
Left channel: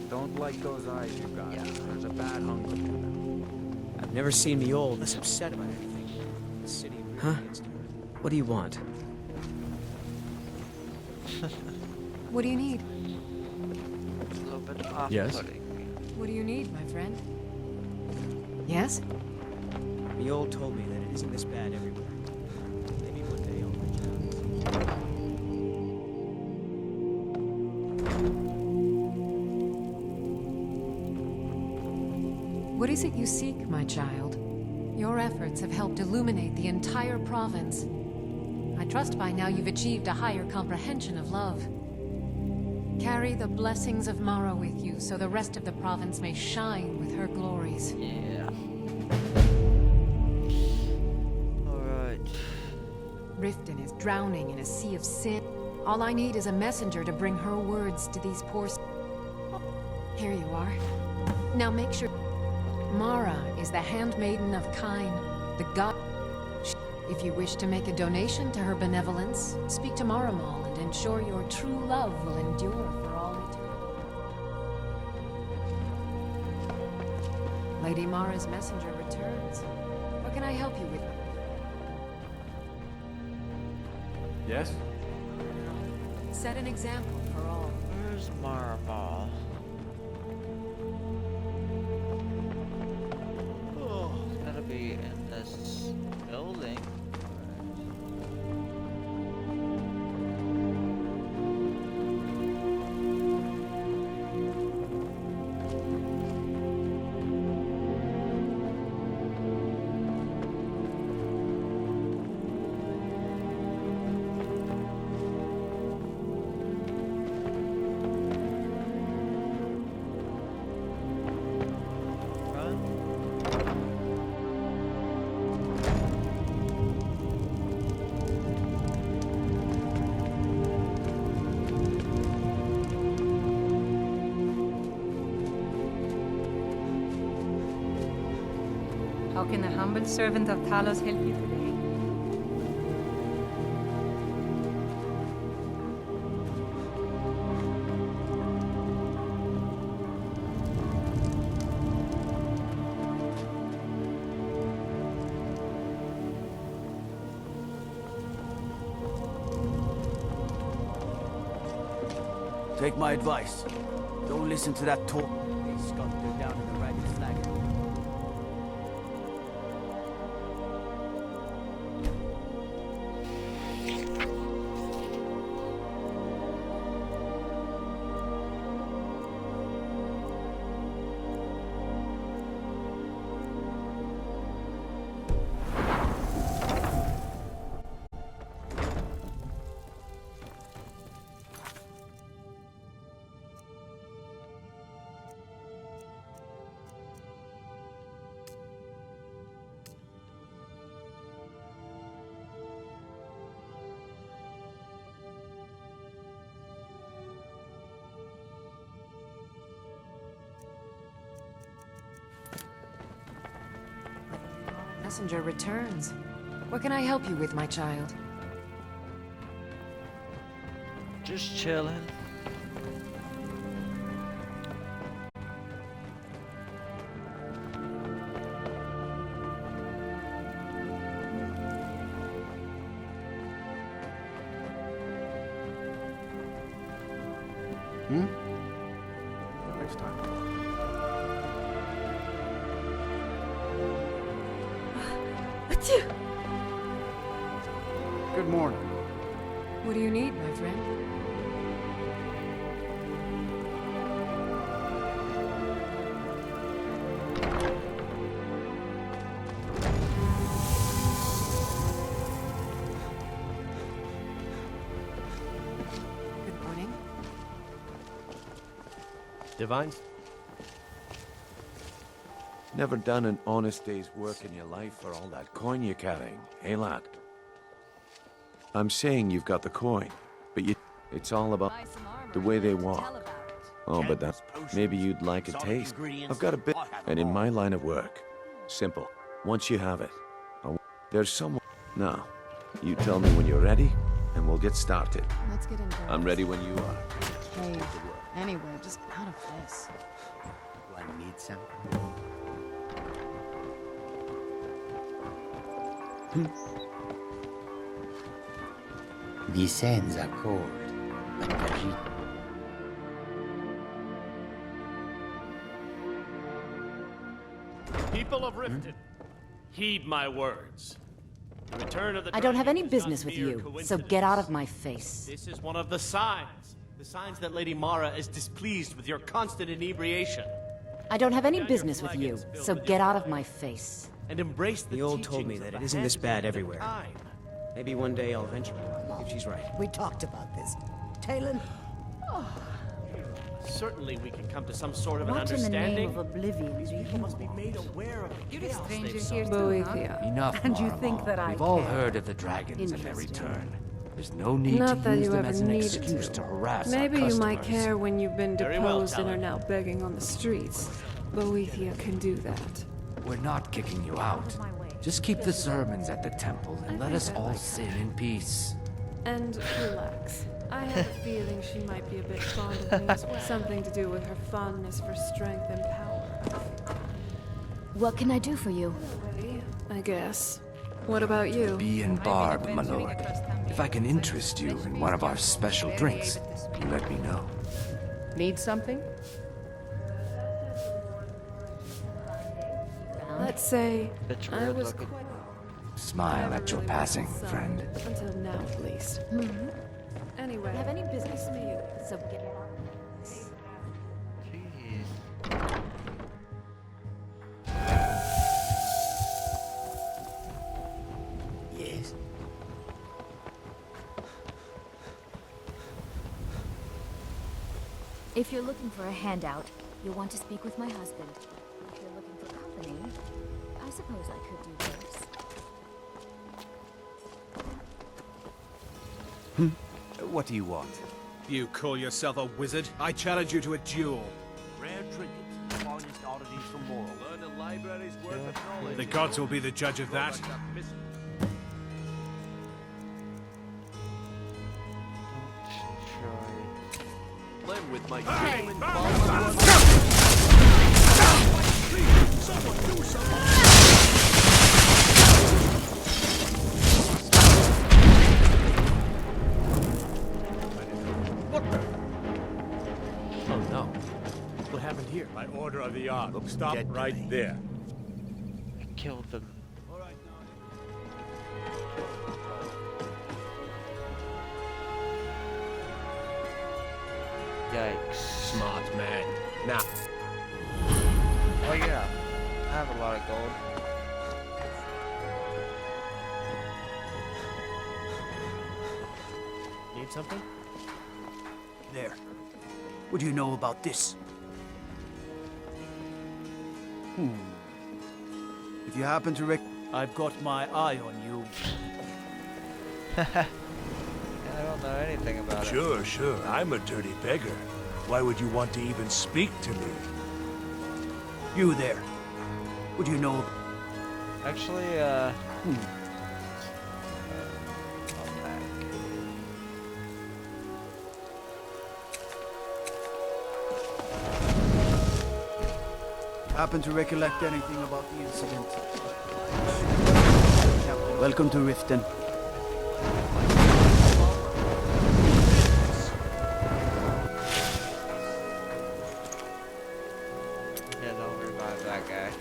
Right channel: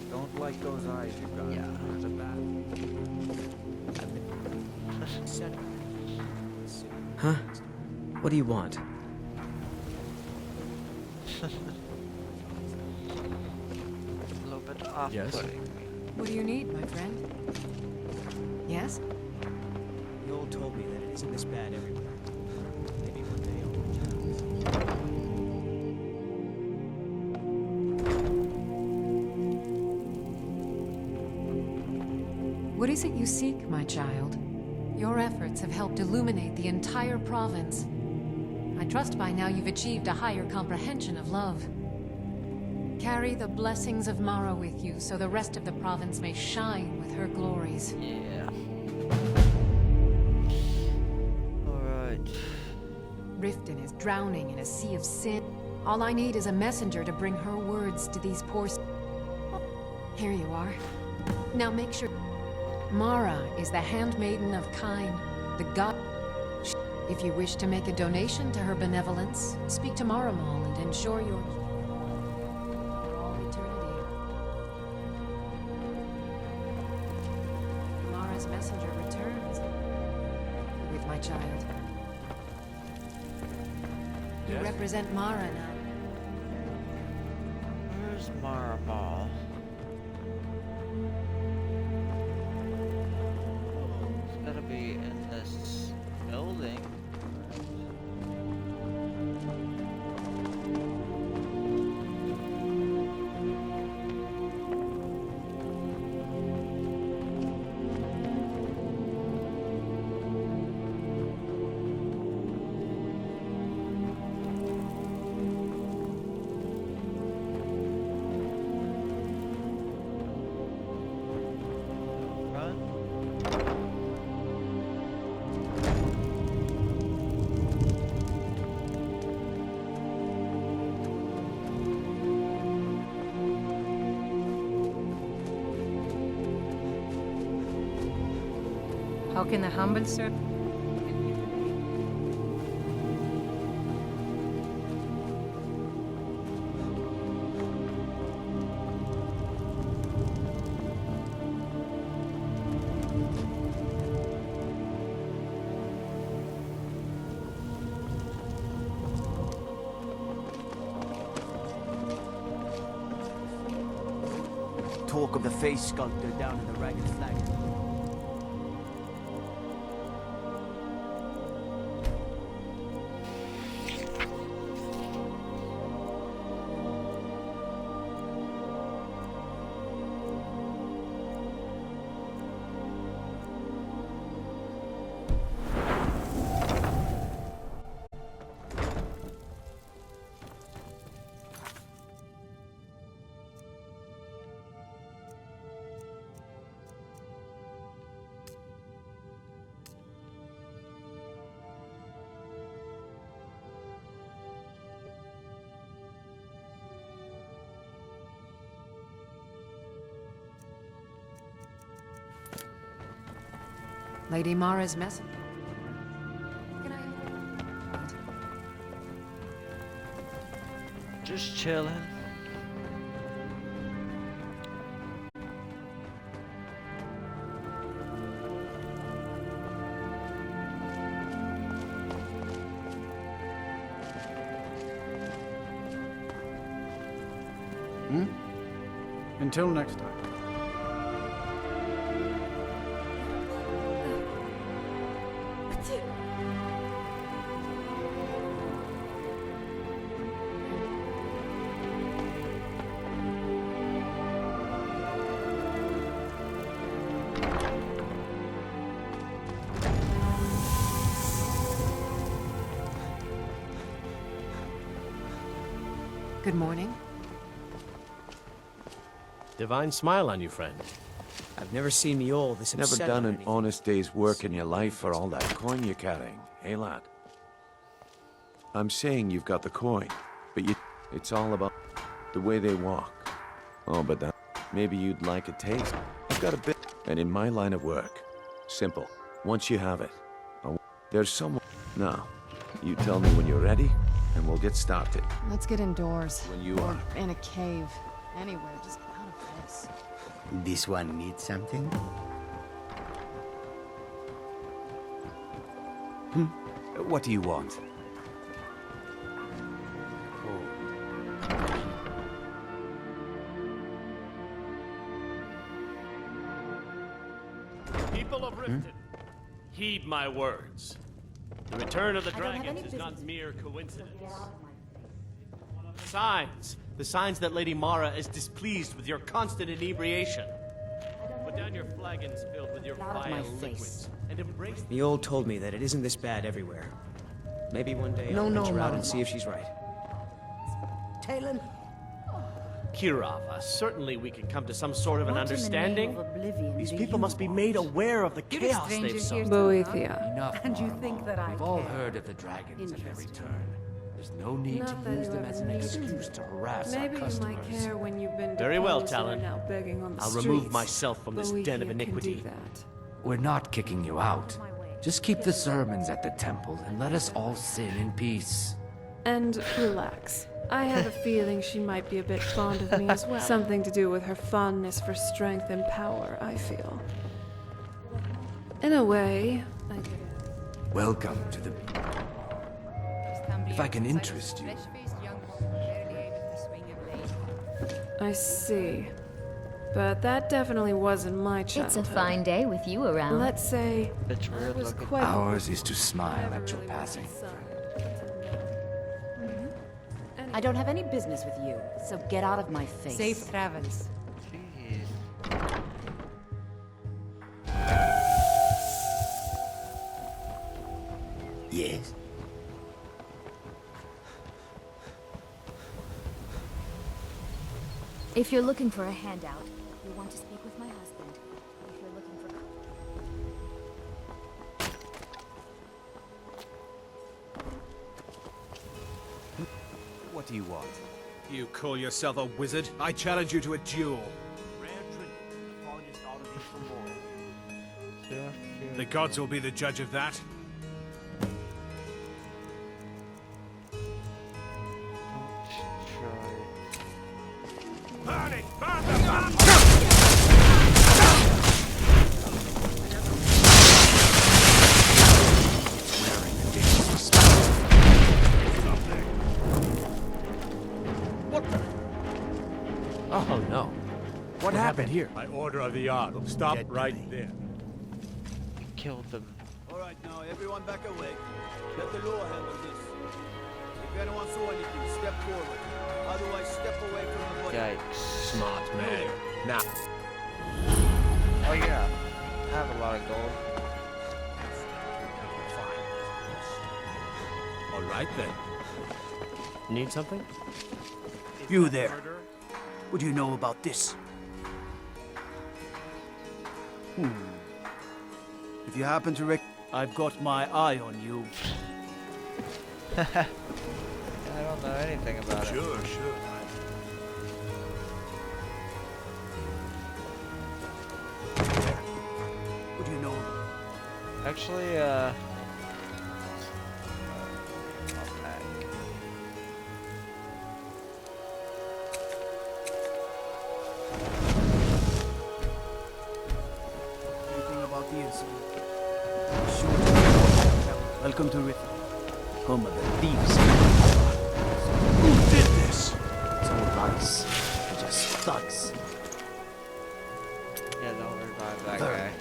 Don't like those eyes you got. Yeah. There's a bad hunger. I've never seen the old this upset about anything. City huh? What do you want? What do you need? A little bit off-putting. Yes? What do you need, my friend? Yes? The old told me that it isn't this bad everywhere. Maybe one day I'll return. What is it you seek, my child? Your efforts have helped illuminate the entire province. I trust by now you've achieved a higher comprehension of love. Carry the blessings of Mara with you so the rest of the province may shine with her glories. Yeah. Alright. Riften is drowning in a sea of sin. All I need is a messenger to bring her words to these poor... Here you are. Now make sure... Mara is the handmaiden of Kine, the god... If you wish to make a donation to her benevolence, speak to Maramal and ensure your true love will endure for all eternity. Lady Mara's messenger returns. How can I help you with, my child? Yes? Represent Mara now. Set an example for all. Where's Maramal? Oh, it's gotta be in this building. How can the humble servant of Talos help you today? Take my advice. Don't listen to that talk of the face sculptor down in the Ragged Flagon. Lady Mara's messenger returns. What can I help you with, my child? Just chilling. Until next time. Good morning. What do you need, my friend? Good morning. Divine smile on you, friend. I've never seen me all this Never upset done with an anything. honest day's work in your life for all that coin you're carrying, eh, lad? I'm saying you've got the coin, but it's all about the way they walk. Oh, but that maybe you'd like a taste. I've got a bit, and in my line of work, simple. Once you have it, there's someone. Now, you tell me when you're ready, and we'll get started. Let's get indoors. I'm ready when you Or are. in a cave. Anywhere, just out of this. This one needs something? What do you want? The sands are cold, but the heat. People of Riften, heed my words. The return of the I don't have any dragons is not business with mere you, so coincidence. get out of my face. This is one of the signs. The signs that Lady Mara is displeased with your constant inebriation. I don't have any Put down your business with you, flagons filled so with get your out of vile my liquid face. And embrace The old told me that it isn't this bad everywhere. Maybe one day I'll venture out and see if she's right. We talked about this. Talon? Kira, certainly we can come to some sort of an What in the understanding. name of oblivion These do people you must be made aware of the You're a chaos stranger they've here sown. Boethia. Enough, And you Maramo. think that I We've all care. heard of the dragons and their Interesting. return. There's no need Not to that use you them ever as an needed excuse to harass Maybe our you might customers. care when you've been Very well, deposed and are Talon. now begging on the I'll streets. remove myself from this den of Boethia can iniquity. do that. We're not kicking you out. Just keep the sermons at the temple and let us all sin in peace. And relax. I have a feeling she might be a bit fond of me as well. Something to do with her fondness for strength and power, I feel. What can I do for you? In a way, I guess. Welcome what about to you? the Bee and Barb, my lord. If I can interest you in one of our special drinks, let me know. I see. Something? But that definitely wasn't my It's childhood. a fine day with you around. Let's say It's I weird was looking. quite Ours is to smile at your passing, friend. until now at least. I don't have any business with you, so get out of my face. Safe travels. Jeez. Yes? If you're looking for a handout, you'll want to speak with my husband. If you're looking for company, I suppose I could do worse. What do you want? You call yourself a wizard? I challenge you to a duel. Rare trinkets, finest oddities from Morrow. The gods will be the judge of that. Oh no. What happened here? By order of the Ark. Stop right there. You killed them. All right, now everyone back away. Yikes. Smart man. Now. Oh yeah. I have a lot of gold. All right then. Need something? You there. What do you know about this? If you happen to I've got my eye on you. I don't know anything about it. Sure, sure. I'm a dirty beggar. Why would you want to even speak to me? You there. What do you know? Actually, Happen to recollect anything about the incident? Welcome to Riften. Come, please. Who did this? Thugs. Just thugs. yeah, don't revive that guy.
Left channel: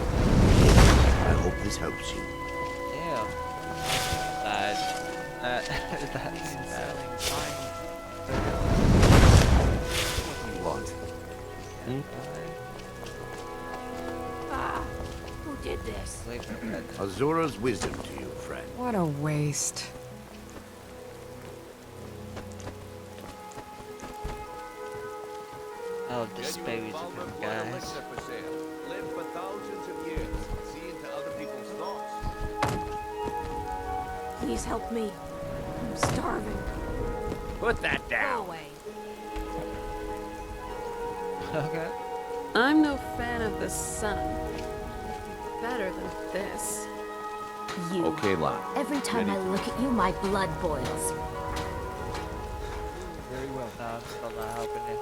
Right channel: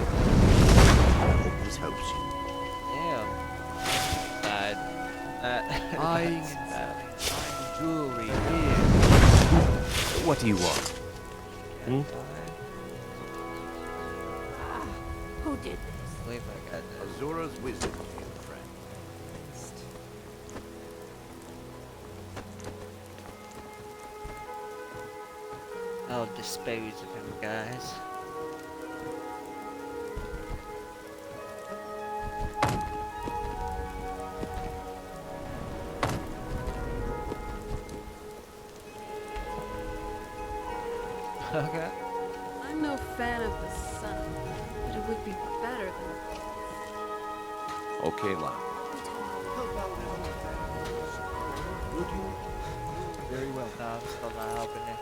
I hope this helps you. Damn. Died. Buying That's and bad. selling fine jewelry. What do you want? Die. Who did this? Azura's wisdom to you, friend. What a waste. I'll dispose of him, guys. Please help me. I'm starving. Put that down. Okay. I'm no fan of the sun, but it would be better than this. You. Okay, lad. Every time I look at you, my blood boils. Very well. No, I'm still not helping you.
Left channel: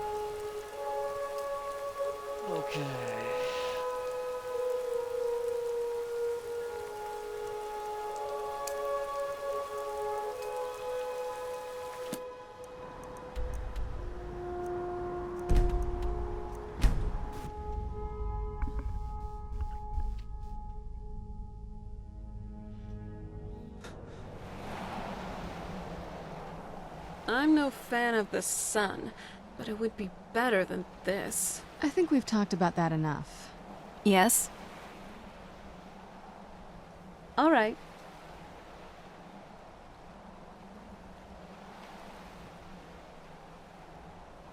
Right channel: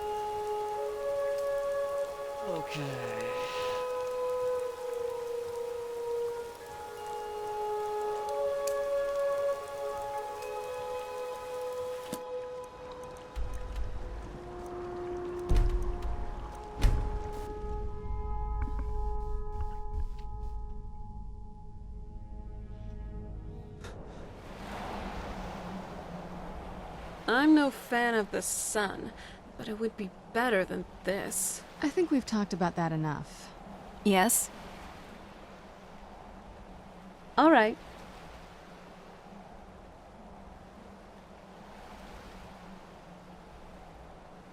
Okay. I'm no fan of the sun, but it would be better than this. I think we've talked about that enough. Yes? All right.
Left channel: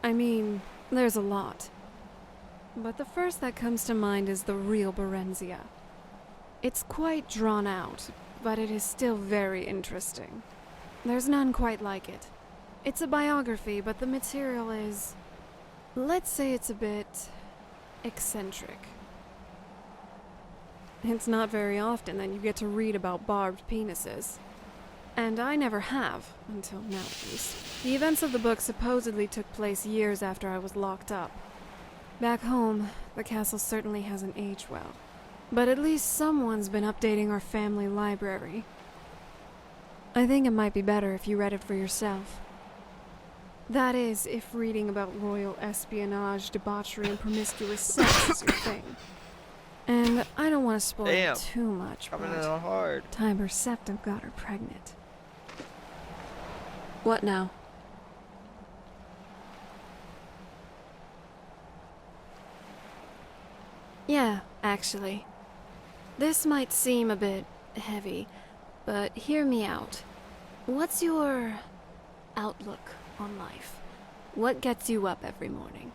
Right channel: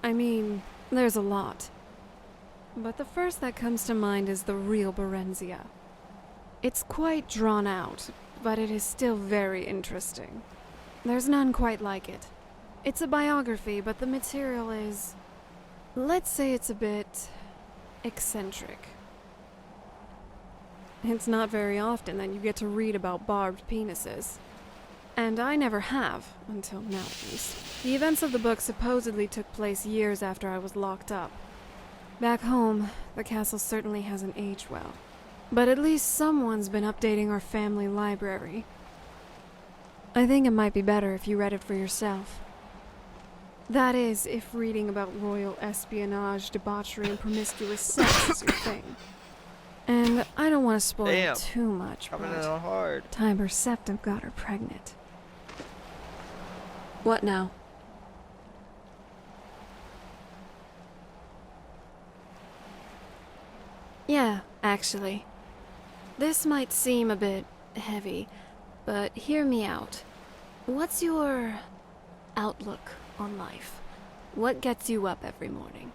I mean, there's a lot. But the first that comes to mind is the real Berenzia. It's quite drawn out, but it is still very interesting. There's none quite like it. It's a biography, but the material is... let's say it's a bit... eccentric. It's not very often that you get to read about barbed penises. And I never have, until now at least. The events of the book supposedly took place years after I was locked up. Back home, the castle certainly hasn't aged well. But at least someone's been updating our family library. I think it might be better if you read it for yourself. That is, if reading about royal espionage, debauchery, and promiscuous sex is your thing. And I don't want to spoil too much, Coming in but hard. Tiber Septim got her pregnant. What now? Yeah, actually. This might seem a bit heavy, but hear me out. What's your outlook on life? What gets you up every morning?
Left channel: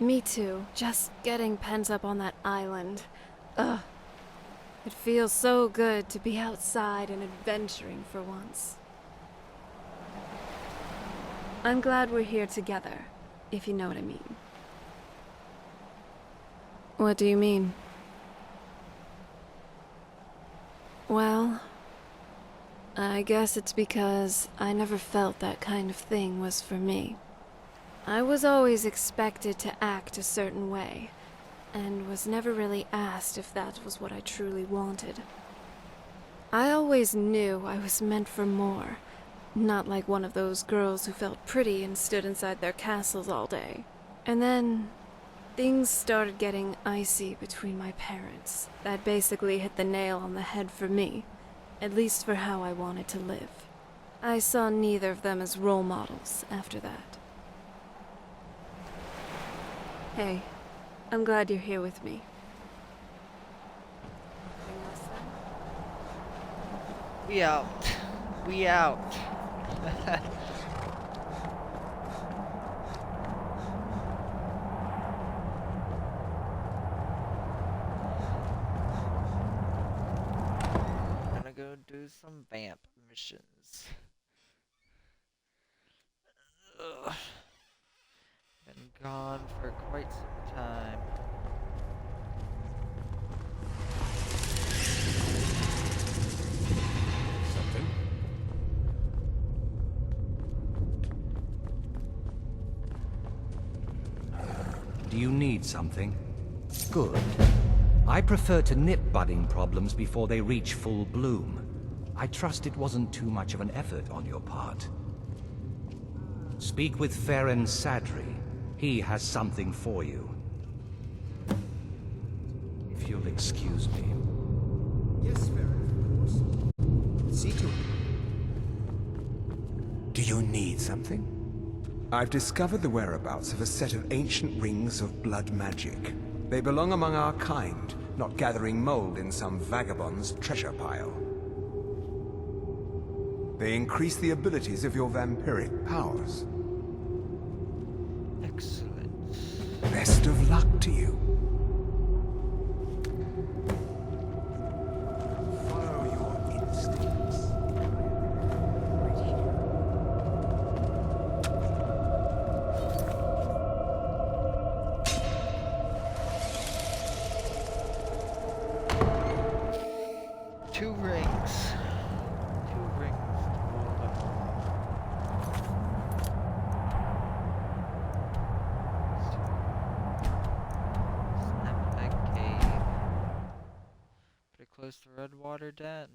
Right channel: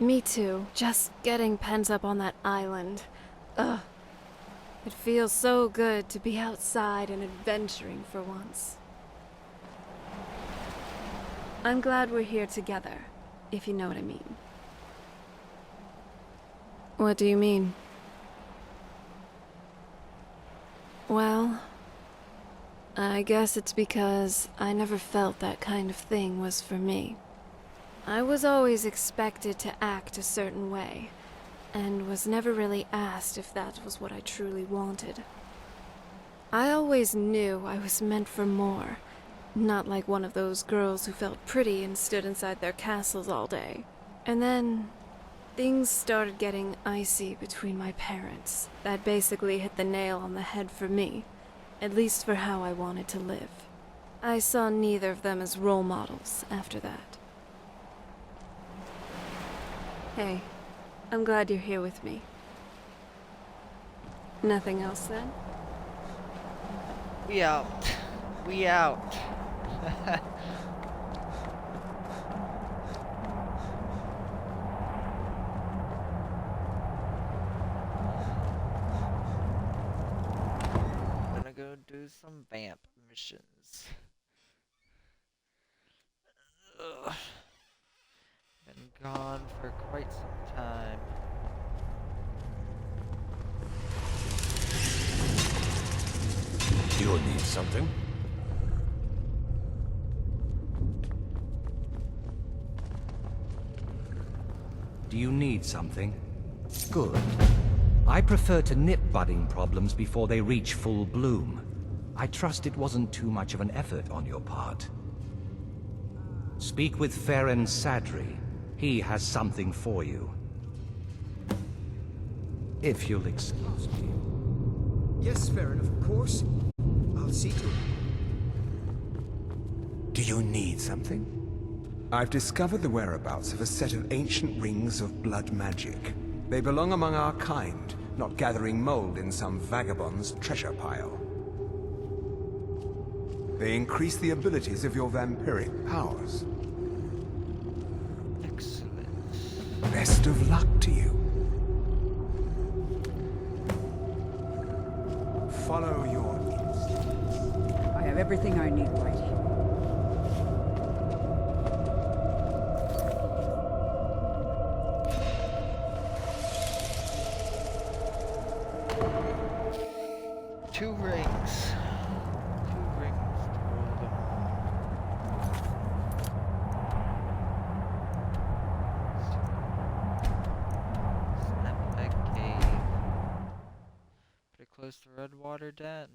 Me too. Just getting pent up on that island. Ugh. It feels so good to be outside and adventuring for once. I'm glad we're here together, if you know what I mean. What do you mean? Well, I guess it's because I never felt that kind of thing was for me. I was always expected to act a certain way, and was never really asked if that was what I truly wanted. I always knew I was meant for more, not like one of those girls who felt pretty and stood inside their castles all day. And then things started getting icy between my parents. That basically hit the nail on the head for me, at least for how I wanted to live. I saw neither of them as role models after that. Hey, I'm glad you're here with me. Nothing else then? We out. We out. Gonna go do some vamp missions. Ugh. Been gone for quite some time. You'll need something. Do you need something? Good. I prefer to nip budding problems before they reach full bloom. I trust it wasn't too much of an effort on your part. Speak with Farron Sadri. He has something for you. If you'll excuse me. Yes, Farron, of course. I'll see to it. Do you need something? I've discovered the whereabouts of a set of ancient rings of blood magic. They belong among our kind, not gathering mold in some vagabond's treasure pile. They increase the abilities of your vampiric powers. Excellent. Best of luck to you. Follow your instincts. I have everything I need right here. Two rings. Two rings to rule them all. Snap cave. Pretty close to Redwater Den.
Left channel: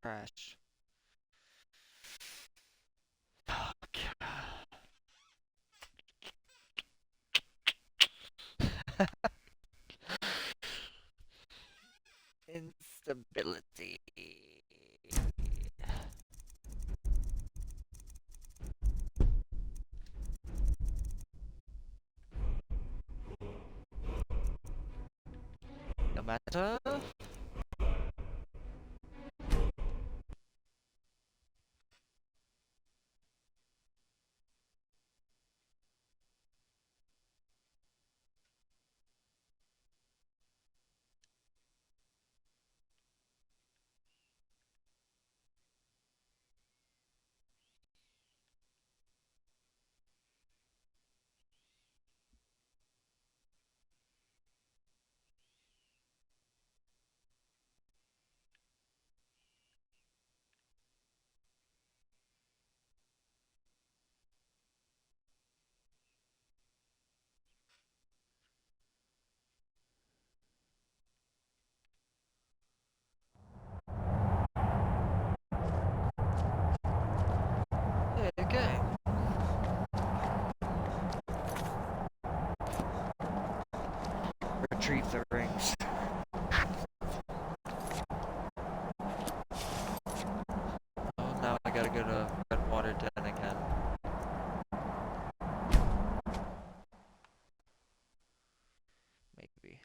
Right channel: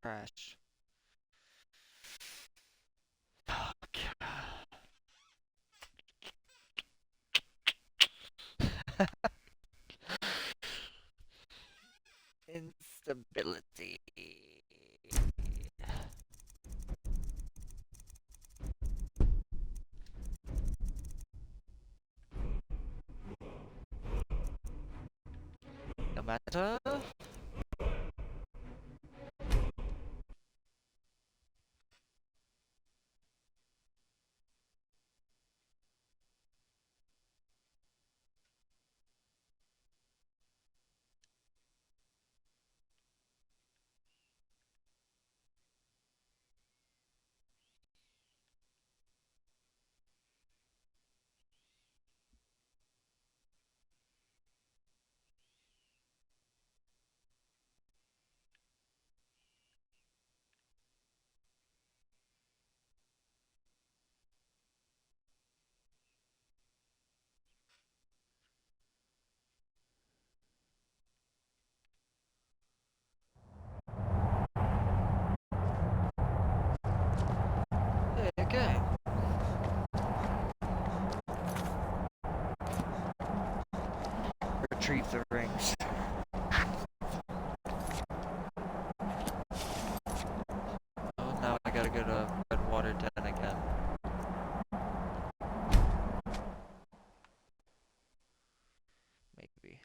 Trash. Fuck. Instability. No matter. Okay. Retrieve the rings. Oh, now I gotta go to Redwater Den again. Maybe.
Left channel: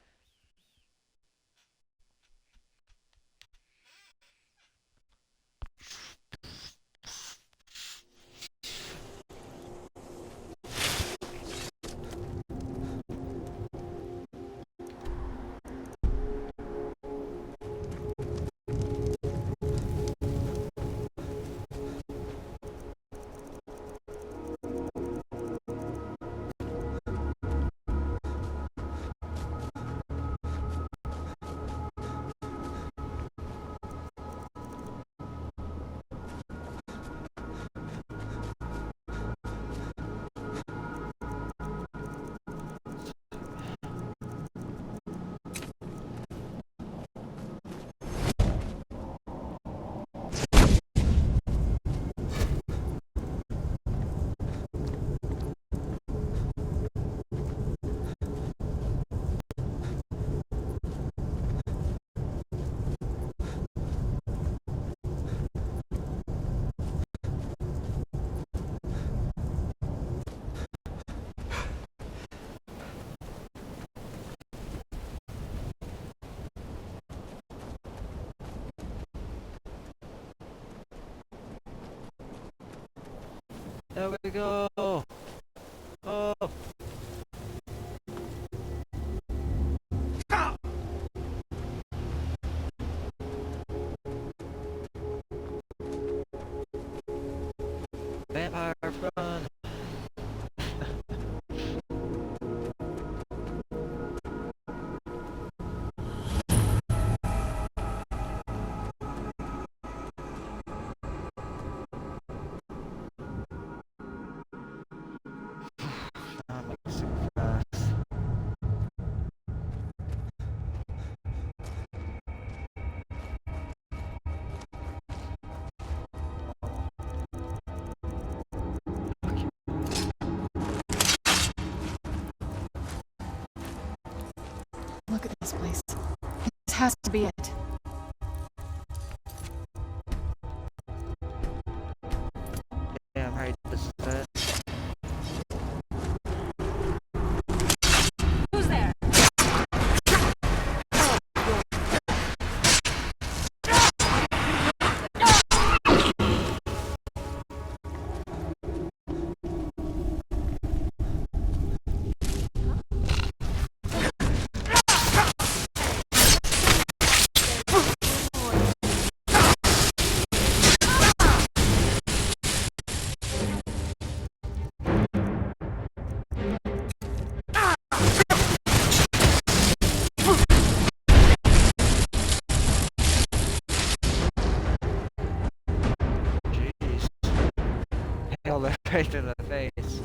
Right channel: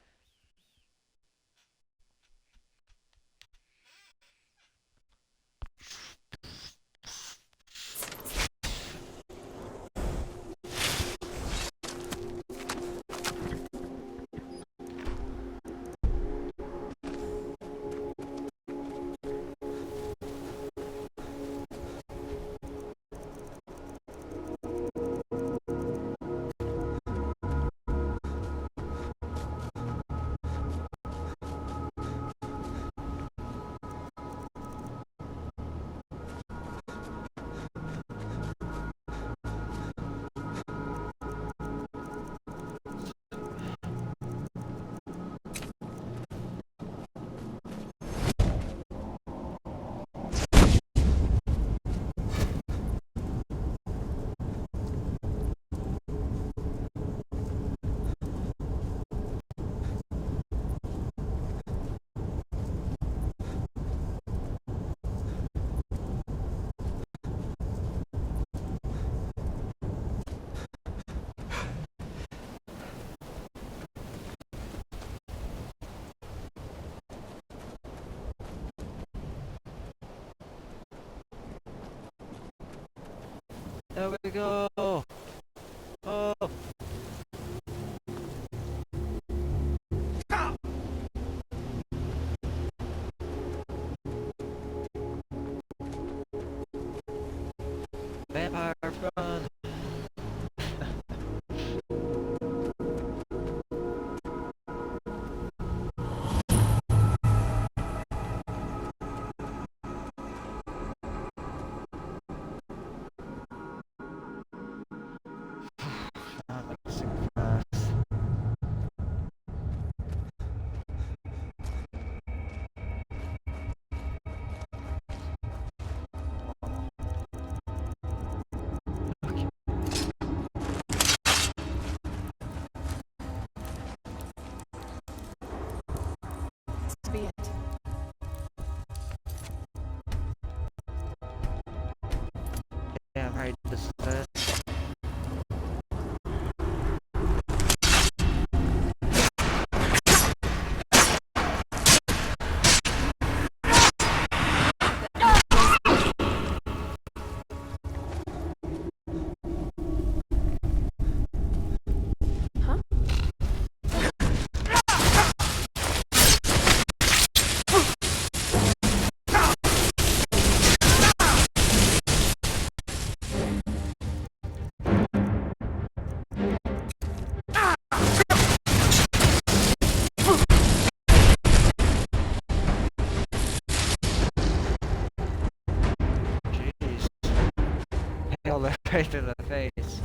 There we go. Oh. Vampire run. place. This has to be it. Damn right, this is it. Nailed it right in the face.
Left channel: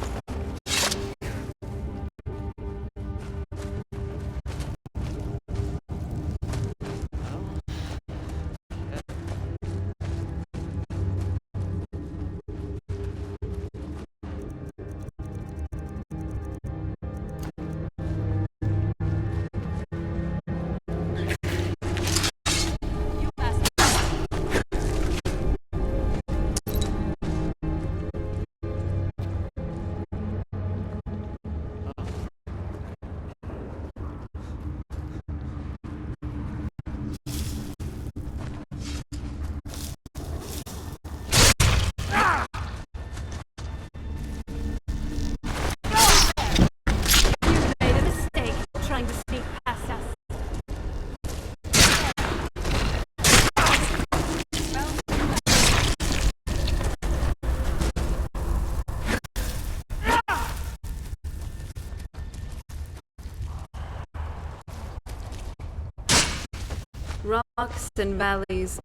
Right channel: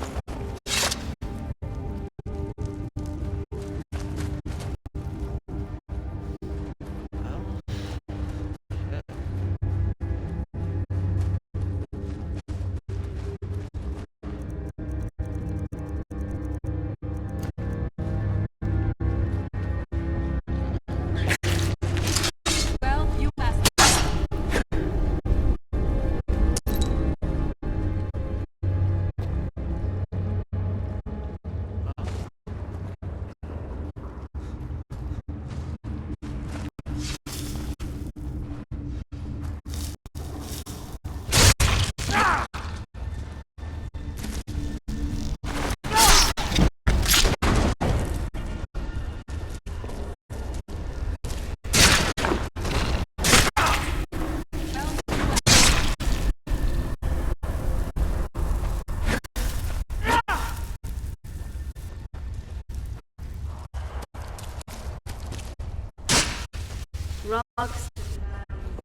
Rocks and valleys.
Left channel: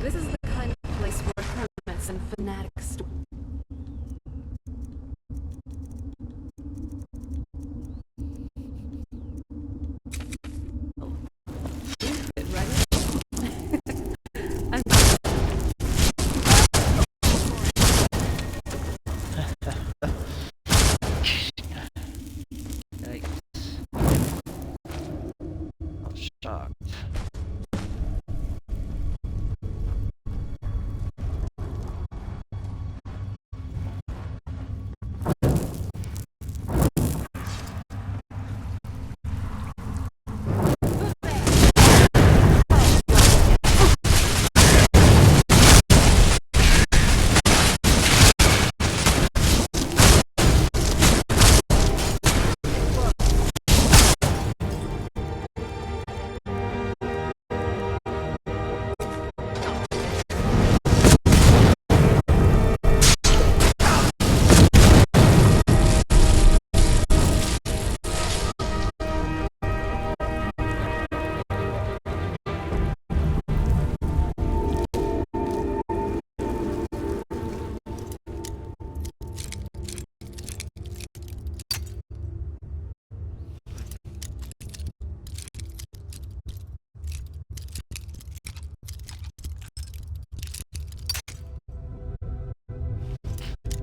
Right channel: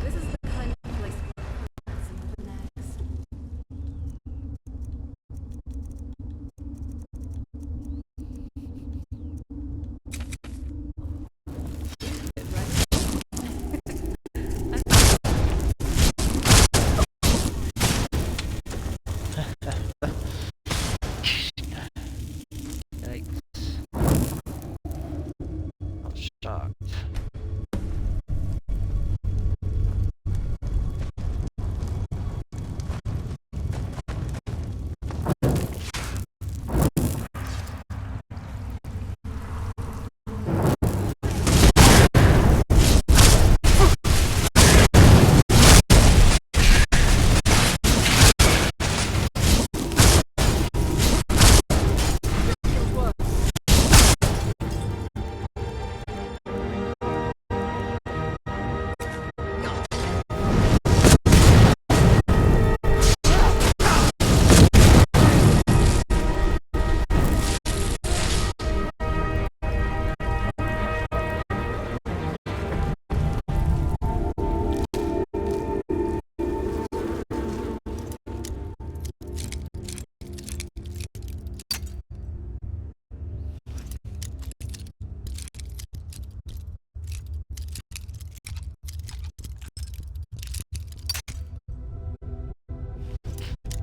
This is the kind of place where hermits and fanatics. Shocked.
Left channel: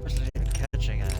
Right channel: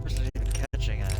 Wasn't even catching it.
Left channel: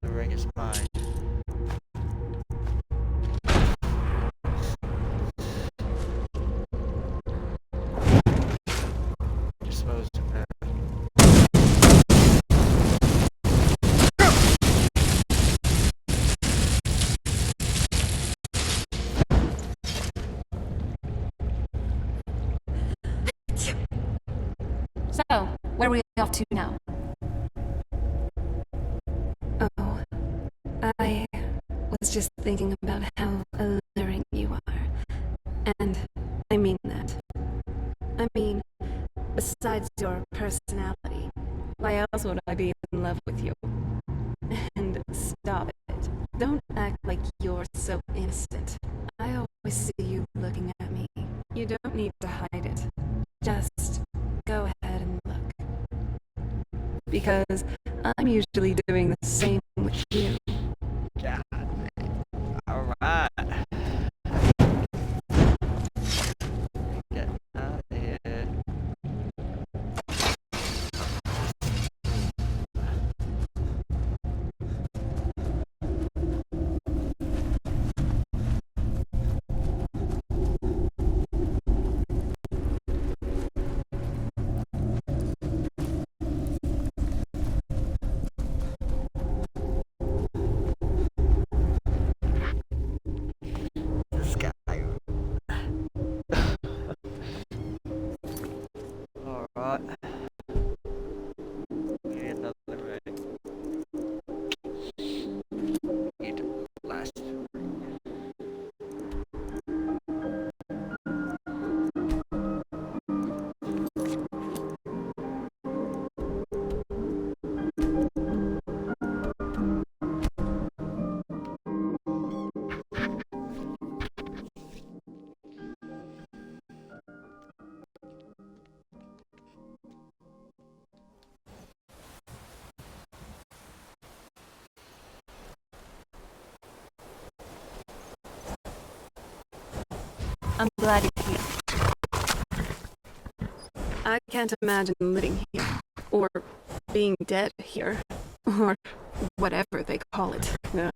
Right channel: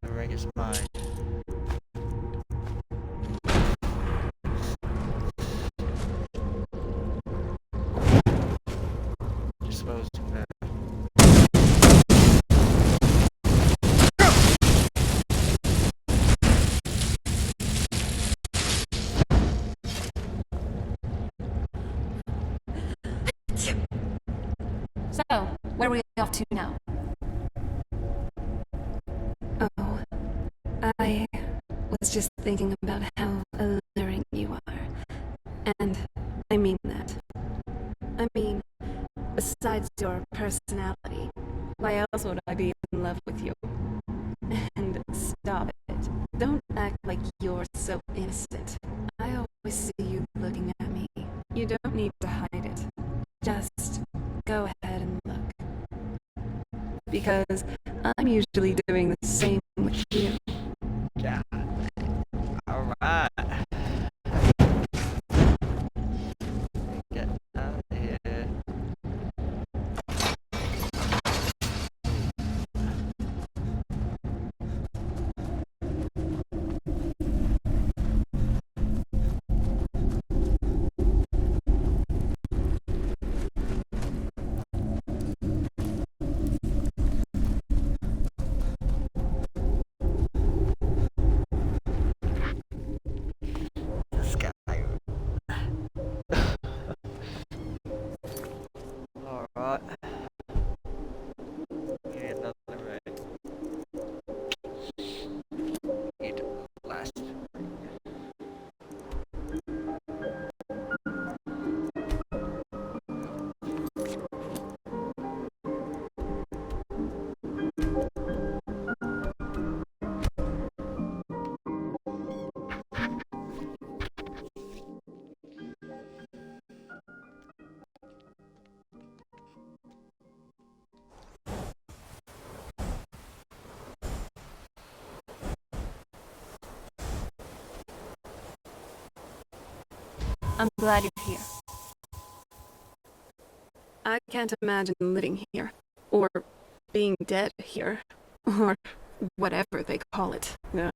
The ring is mine. exposed to that. So, where are we off to now? Oh, I was just thinking about how alluring you are. And I mean that. I mean, besides your personality, why else would I be in love with you? And stop it. Don't act like you're so innocent. I always see you looking at me. You don't need to hide it. Just go ahead and look. Because I'm usually doing the same with you. God. Alright. Get out of here. Skyrim. Alright. We need another ring. Need the last ring. I'm glad you're here. I can't imagine living here, or being dead here, or whatever they call it. Ugh.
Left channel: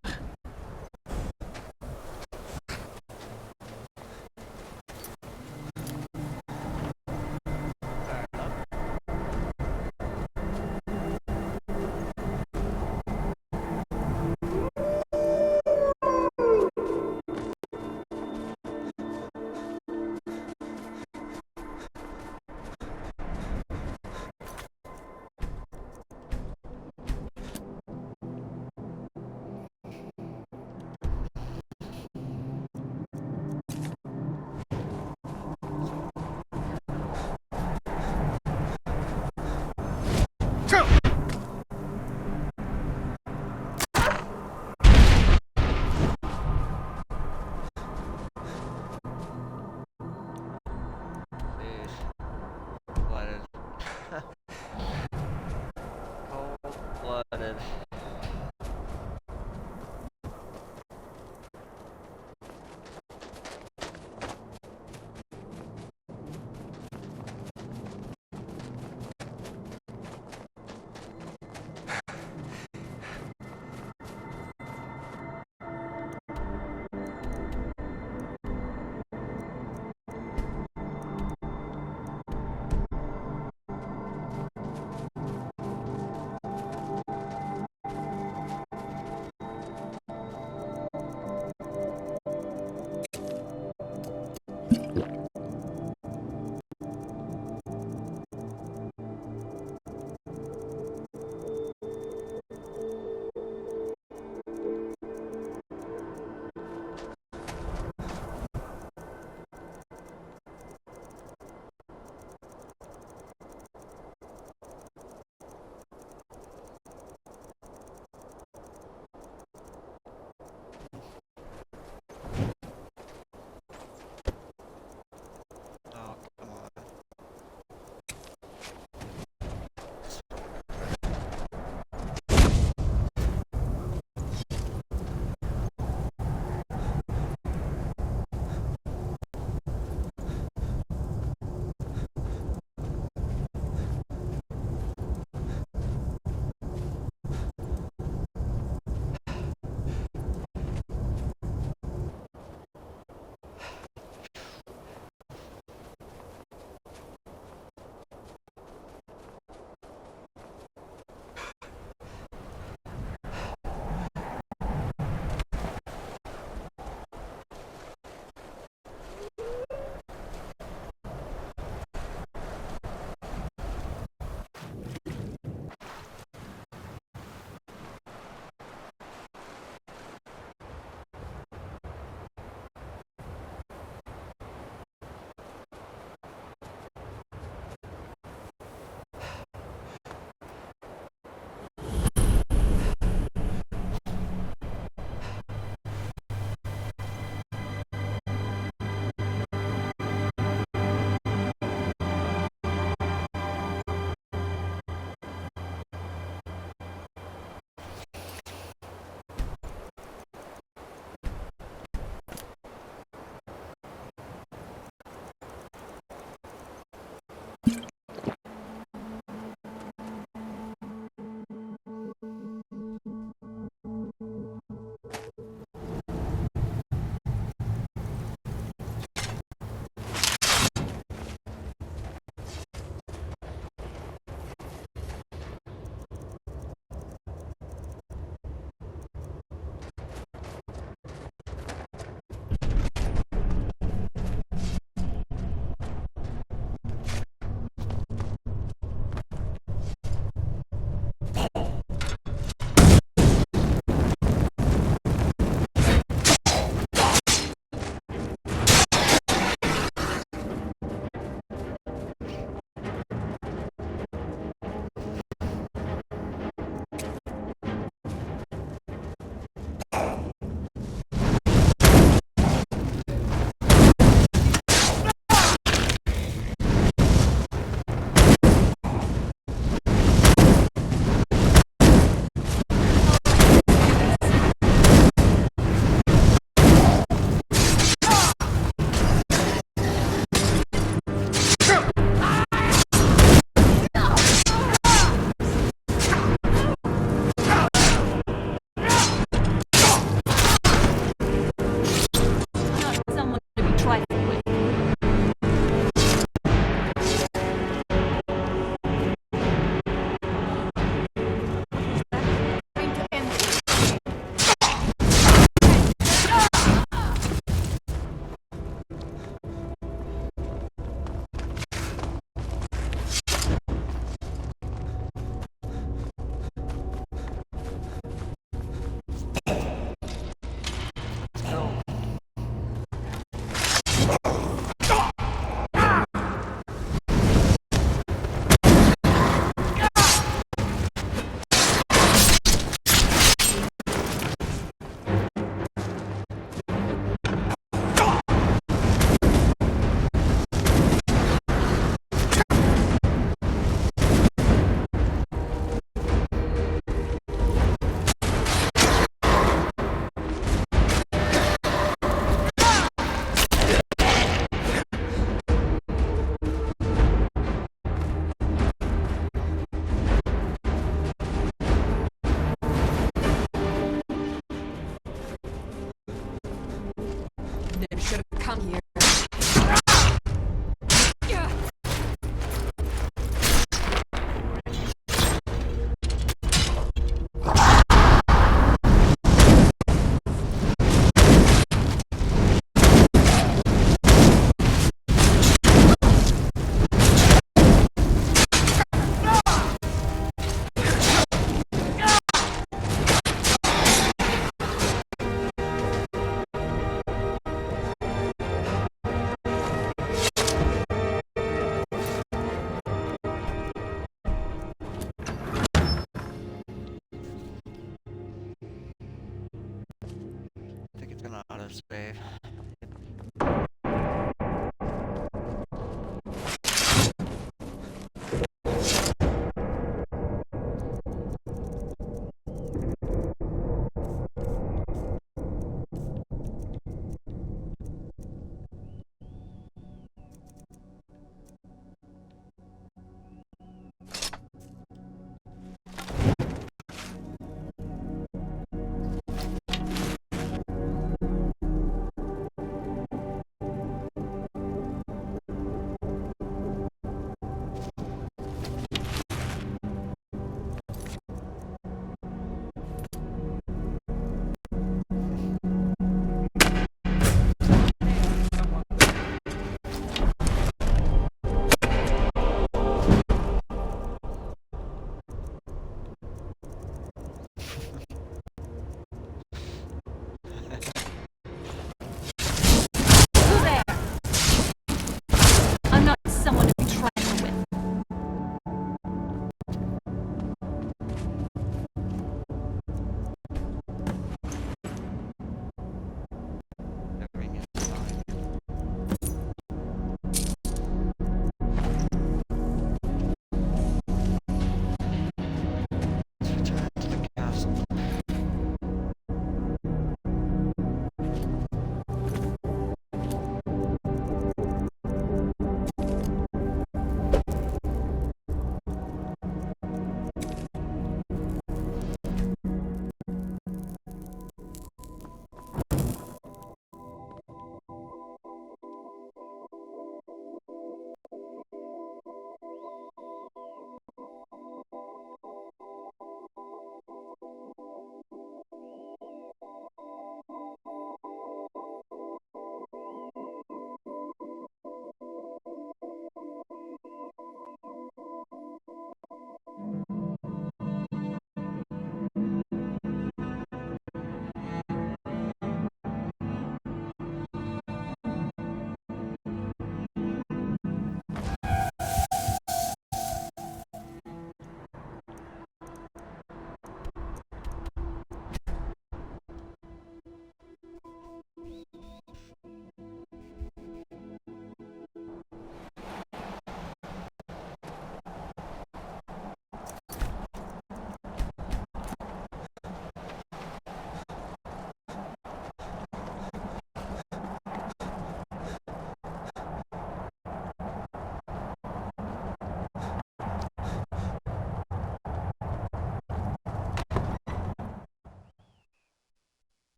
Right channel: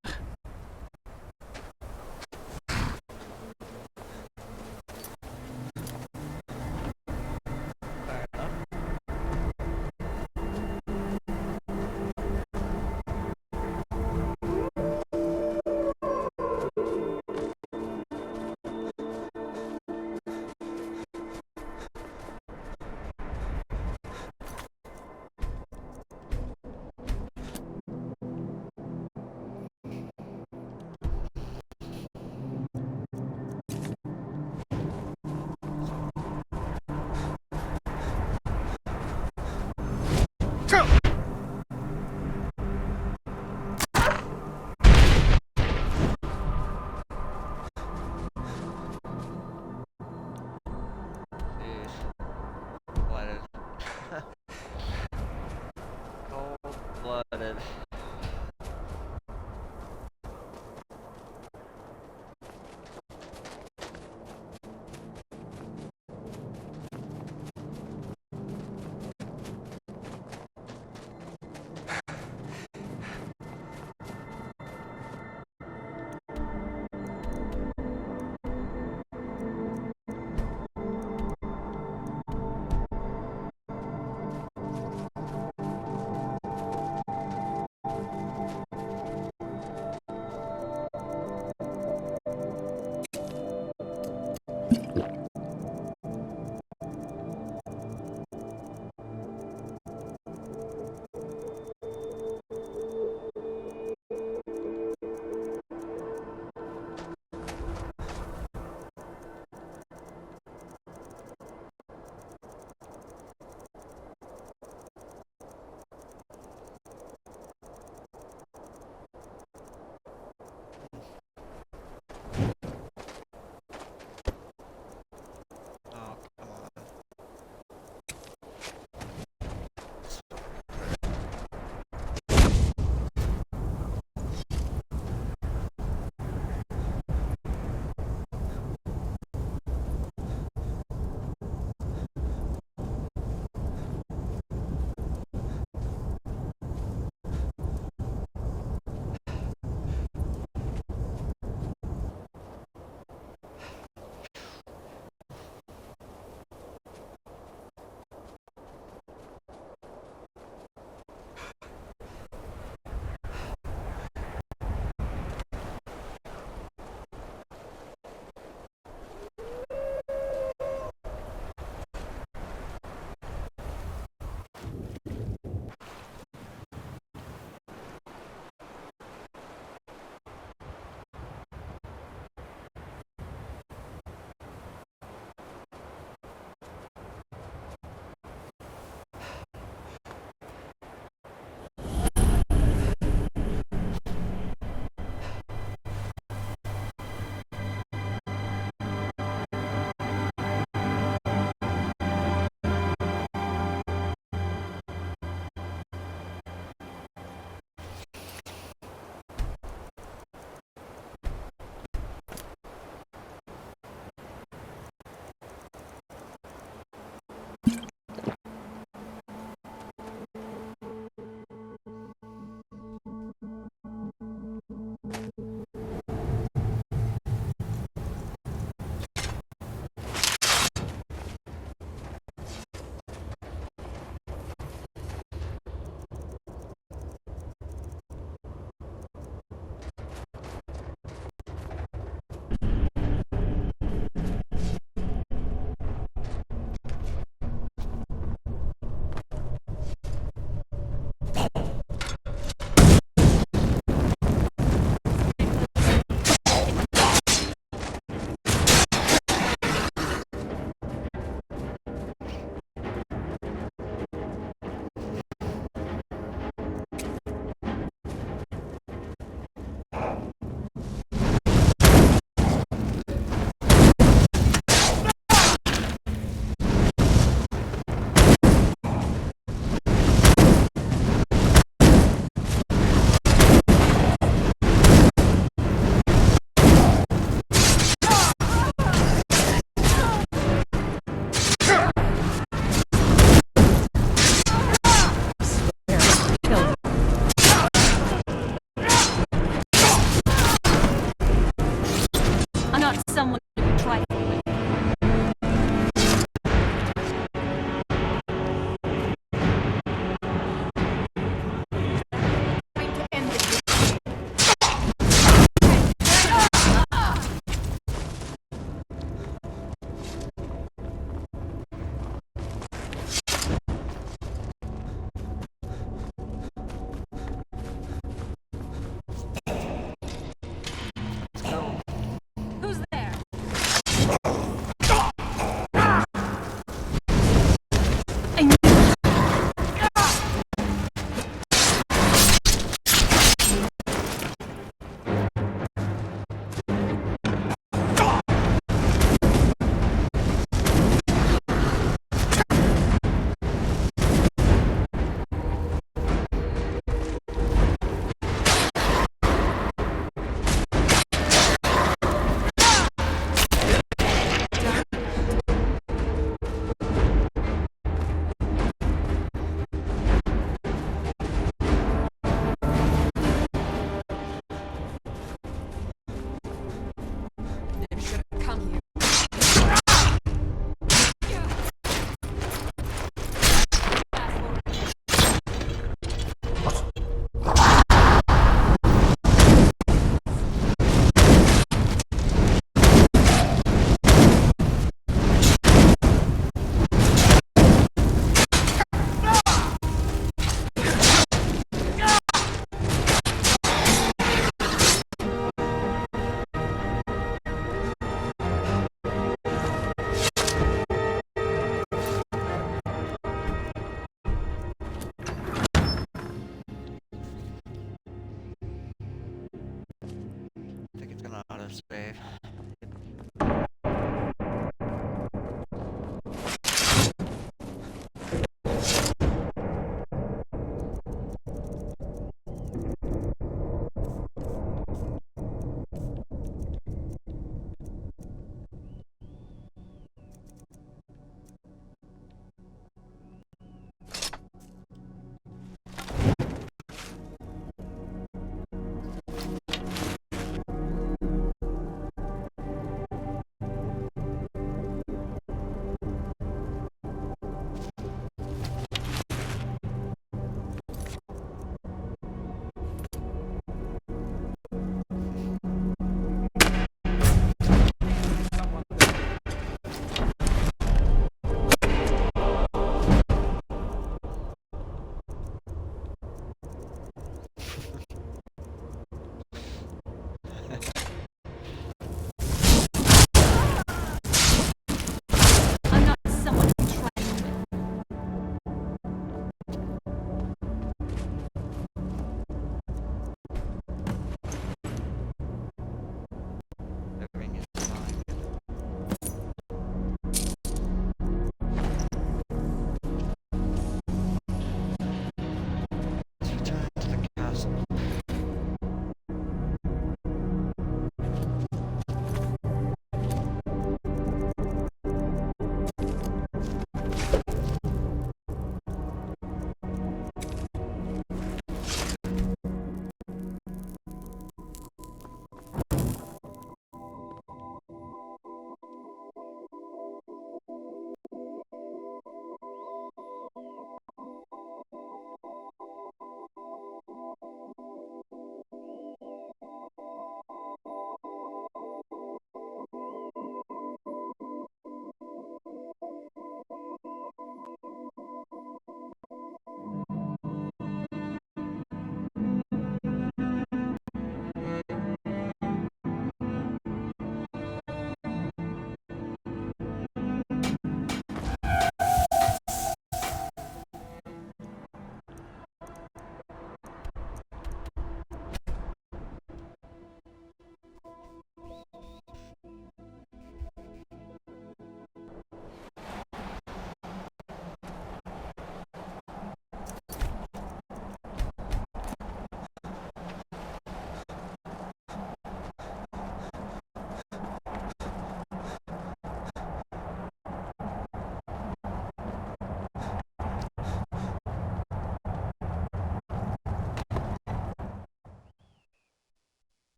Cold-blooded. Cold-blooded. trifle with. Time to end this. Let's go. Who's there?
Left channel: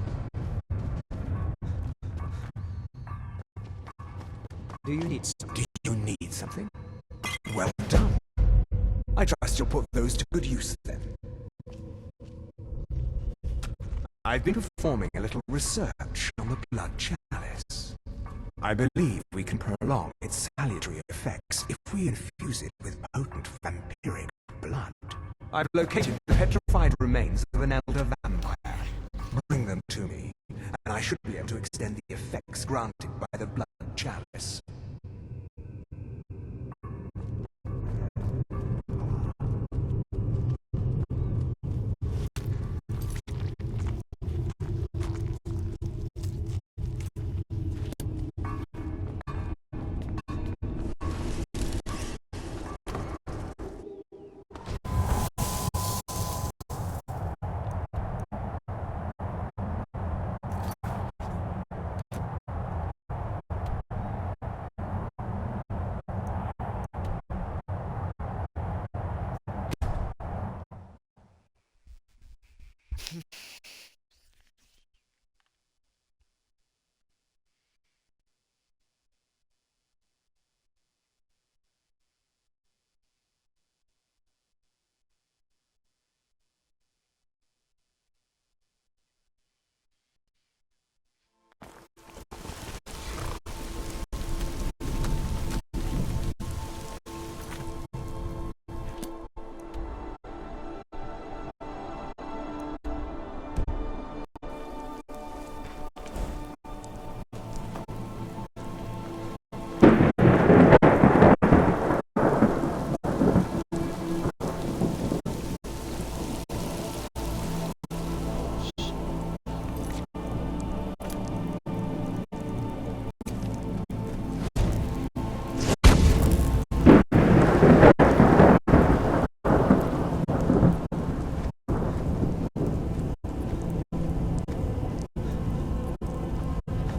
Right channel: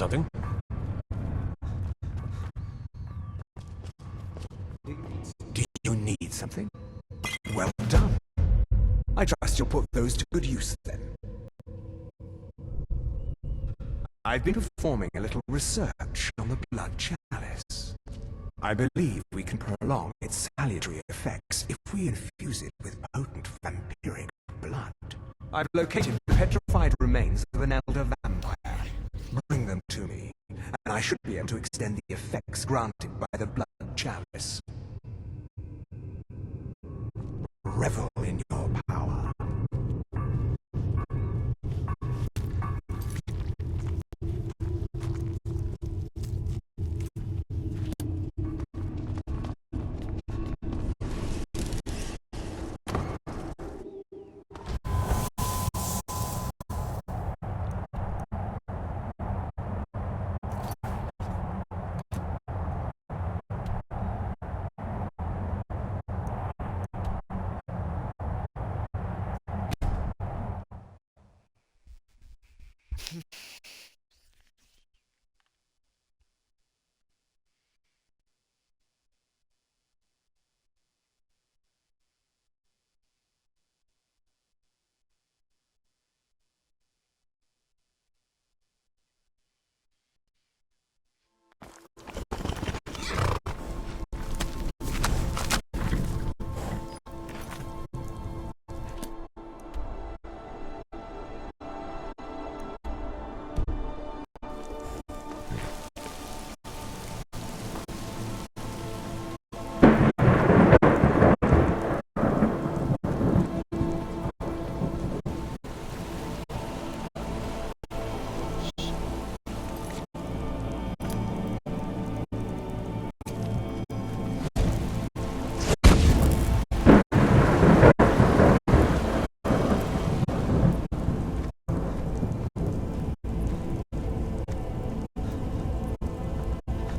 something? Do you need something? Well done. I trust you'll put those to good use then. I've been performing a little research on the blood chalice. I believe we can prolong its salutary effects if we infuse it with potent vampiric blood. I've located the petrified remains of an elder vampire. Bring them to me, and I should be able to extend the effects granted by the blood chalice. Revel in your power.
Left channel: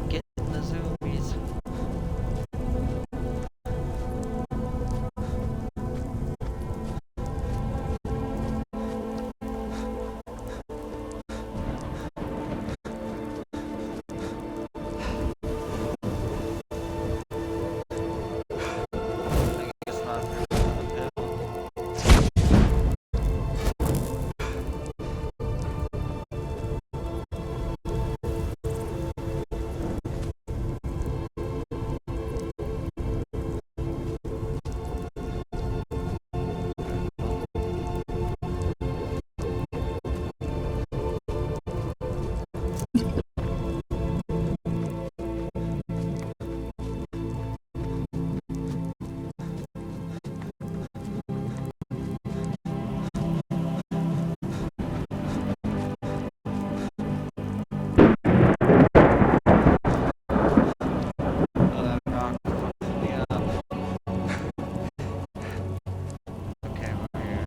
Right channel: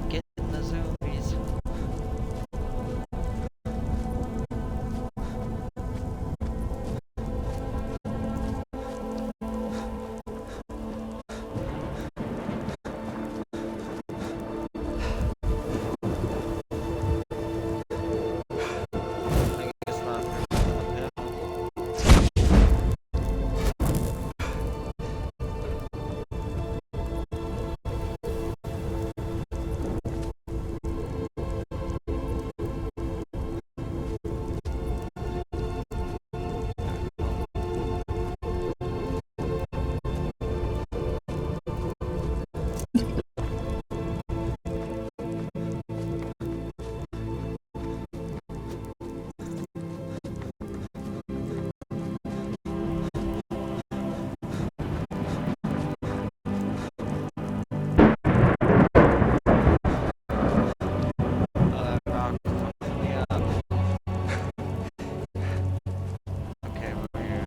Getting the zoomies. I guess not. Yeah. Oh, that rock fucked me up. Okay, we're here.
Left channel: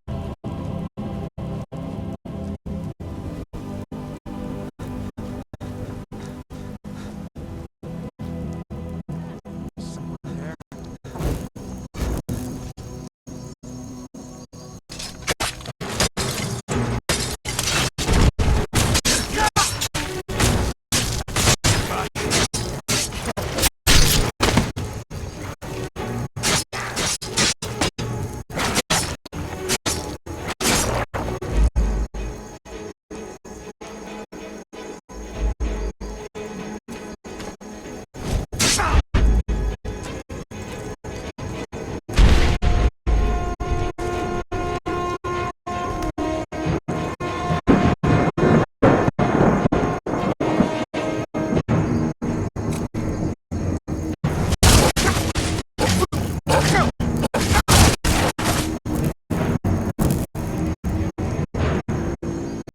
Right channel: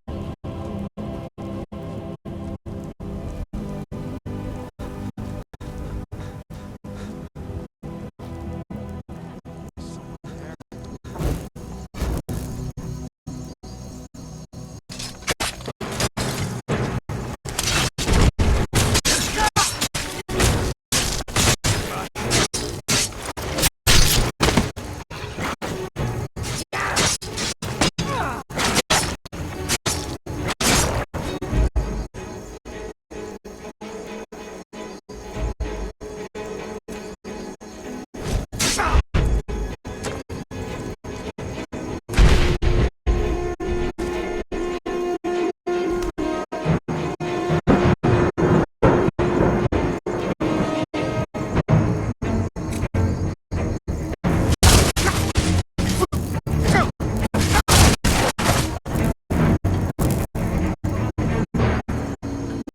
Someone there.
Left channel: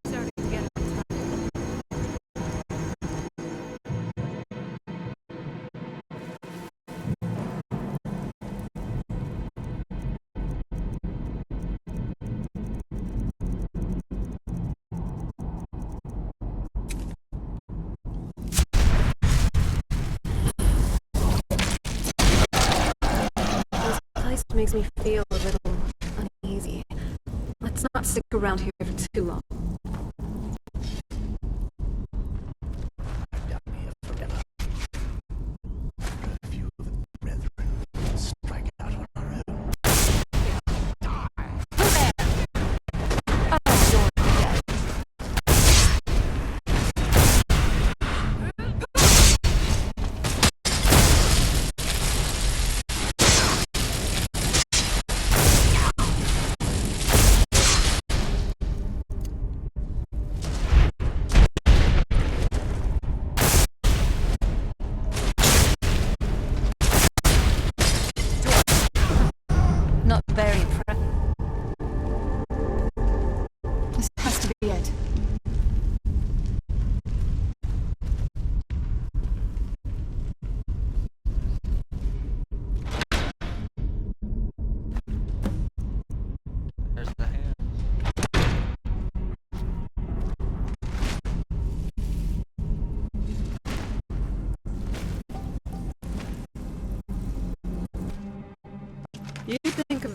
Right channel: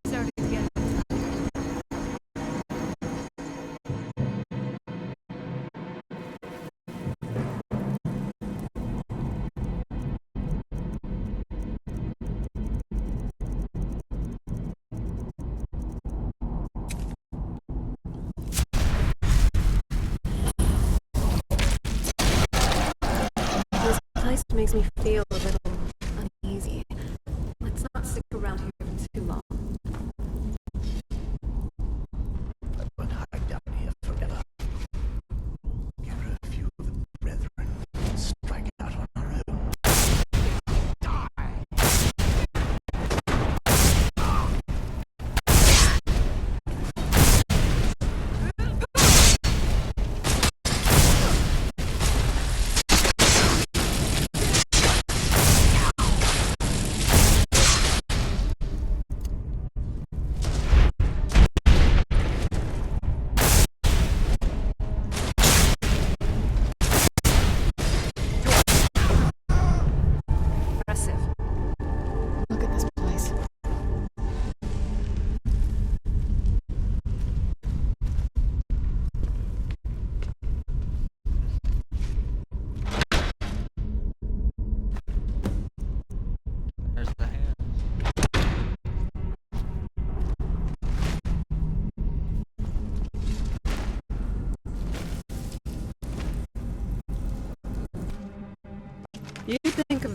Starting to get this place makes me feel a little uneasy. Let's not stick around here for too long.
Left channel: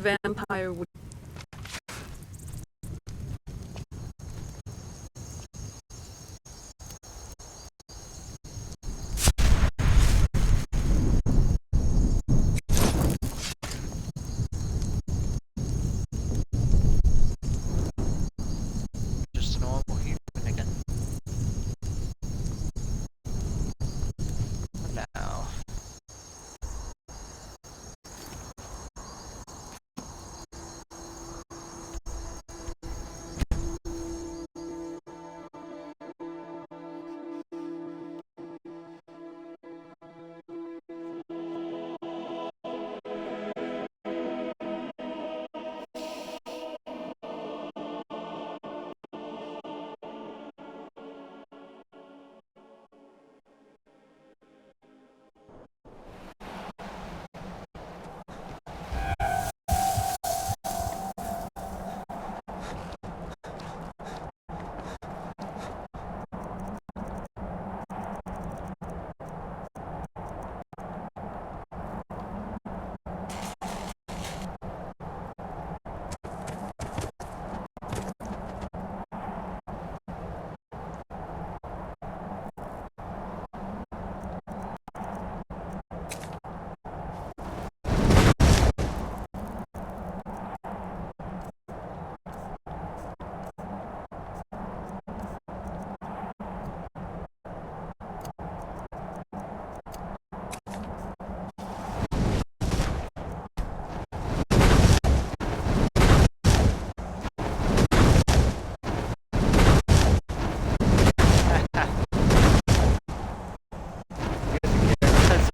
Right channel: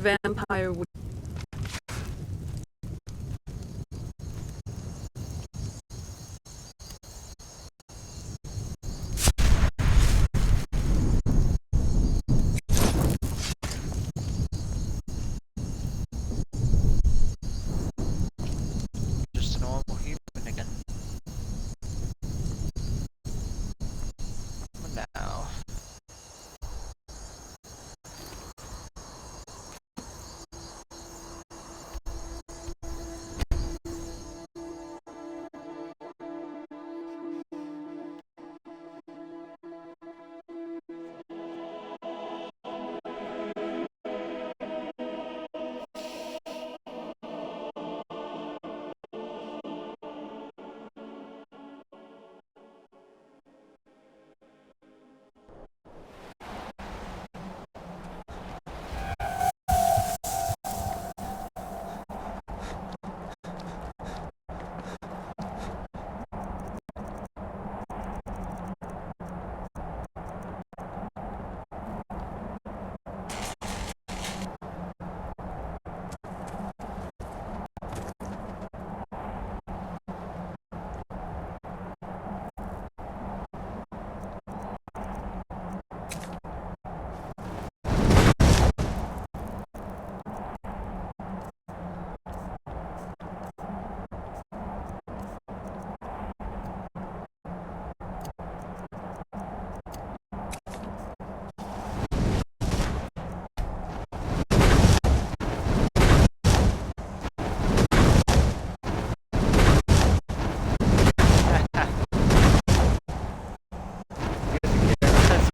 vampire would... Just a normal human again. What now?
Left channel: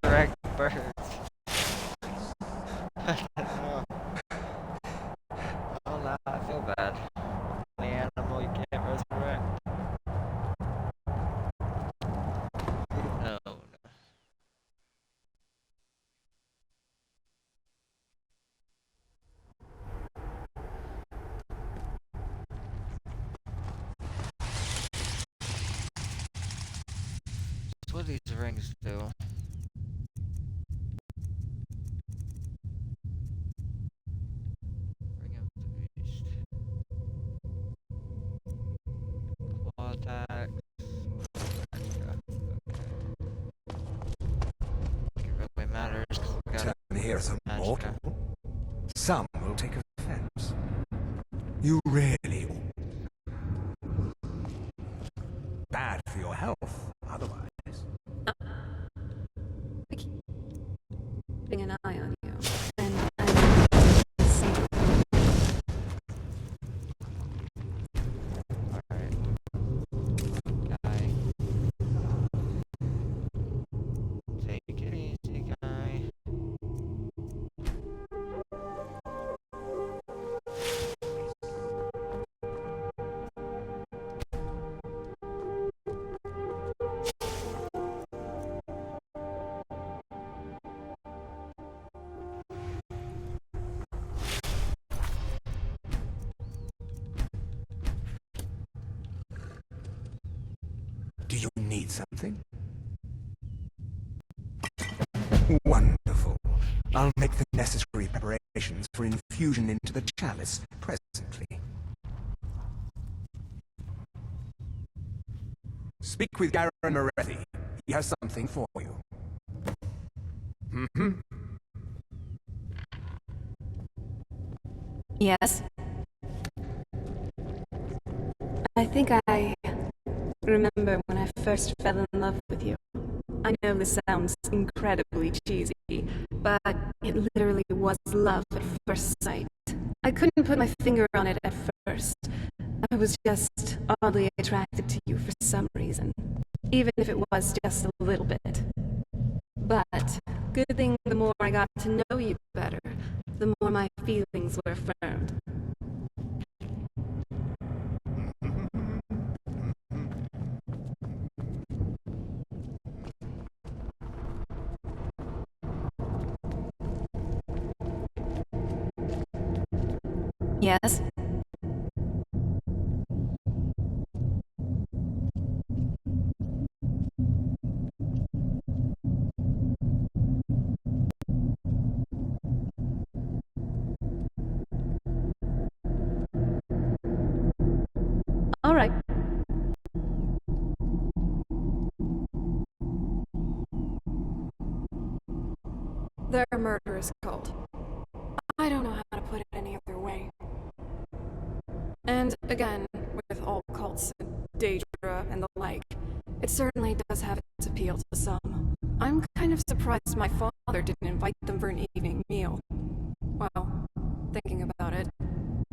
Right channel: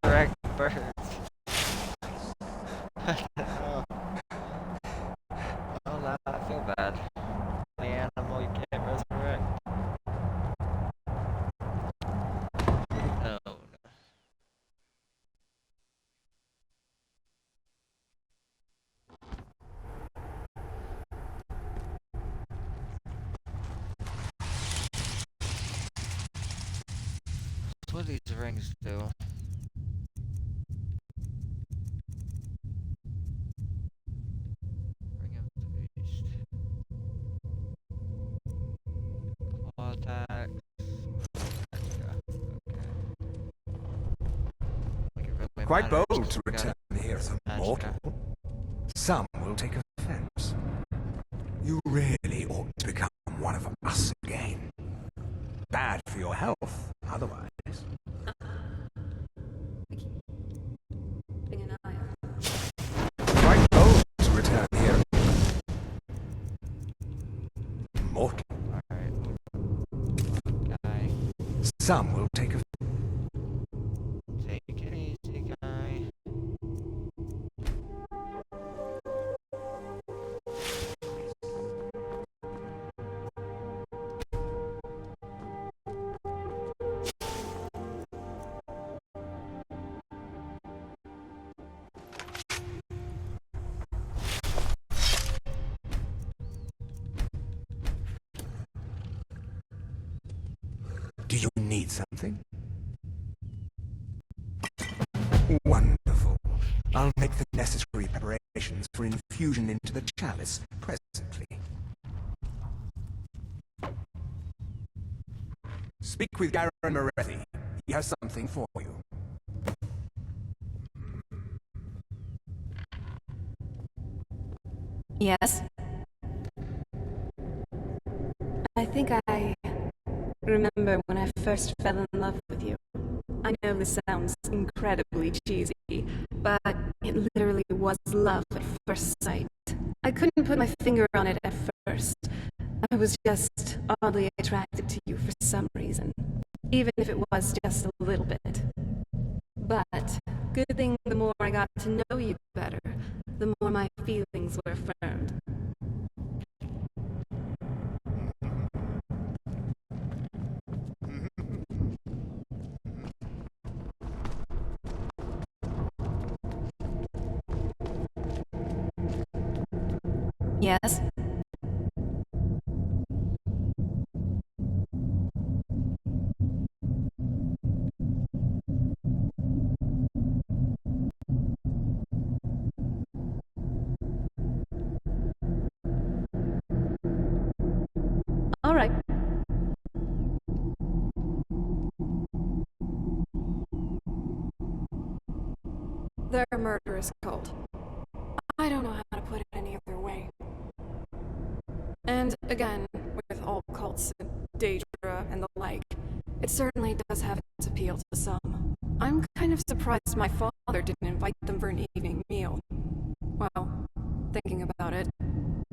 Resurrect birds. Oh. Oh no, I feel bad. The animal you can't resurrect. No, no. So what do these rings do? Ring of the Beast. Claw attacks. Okay. Quite bold to return here as a mortal. Some will take offense. You really ought to become one of us again. Bad for your health, otherwise. Keeping an eye on you. Mortal. Alright. Guy. Some will take offense. Take it easy, guy. Do you need something? Wonderful. I'll make the necessary preparations for infusion into the chalice presently. Speak with Garen Moretti. He has something for you. Mm-hmm. Yes? I think I remember when I first fell in love with you. I know this sounds incredibly cheesy, but it literally was love at first sight. I couldn't put my finger on it at first. I was just oddly attracted to you for some reason, even if it was just a little bit. But good thing the more I got to know you better, the more my feelings were affirmed. Yes? All right. They're a murderous cult. I don't know how to put it any other way. And again, with all cults and Daedra and the like, it certainly does have its appeal to some. I'm kind of surprised my father didn't invite them for an evening meal. Well, thinking about it,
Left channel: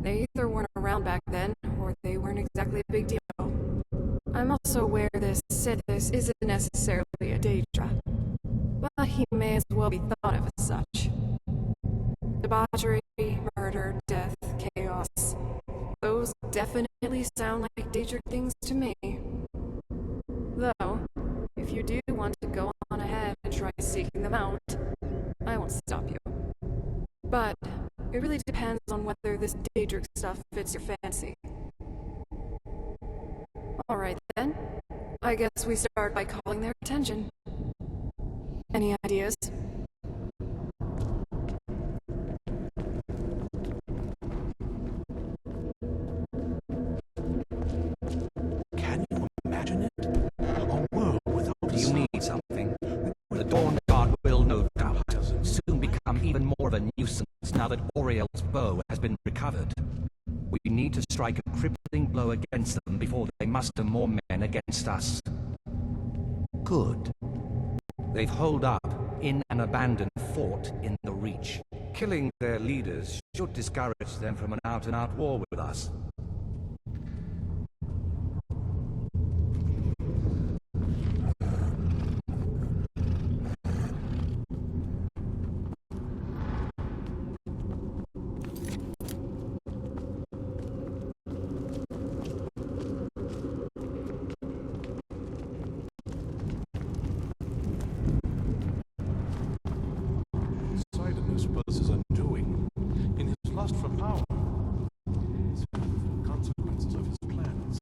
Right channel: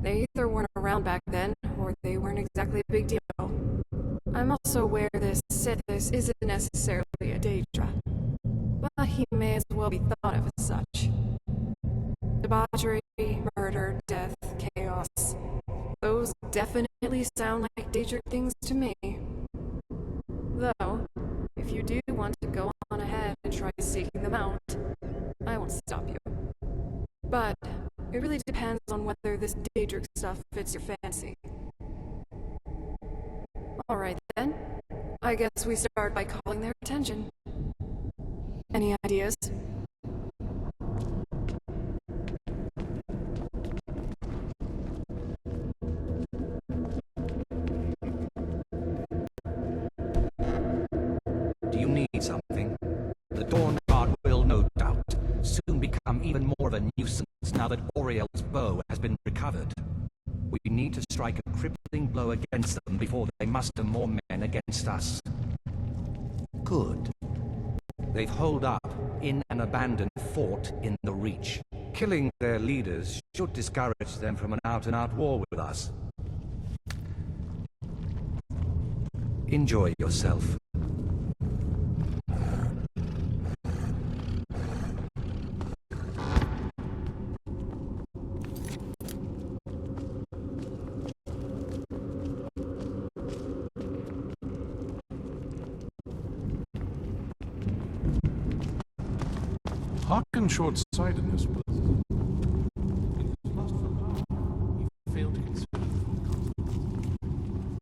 they either weren't around back then, or they weren't exactly a big deal. I'm also aware this Sithis isn't necessarily a Daedra, but he may as well be thought of as such. Debauchery, murder, death, chaos. Those definitely sound like Daedric things to me. Though, if you do want to go on ahead and try seeking them out, I won't stop you. But it really depends on whether this Daedric stuff fits your fancy. Alright then. I guess we start by calling their attention. Any ideas? Do you need something? The Dawnguard will no doubt soon become even more of a nuisance now that Oriel's bow has been recovered. We need to strike a crippling blow against them before they muster more men against us. Good. They've holed up in an abandoned fort in the Reach. Killing their leaders should discourage them from an out-and-out war with us. Enjoy yourself. Harken's short-sightedness was his undoing. In his lust for power, he failed to consider the full consequences of his plans.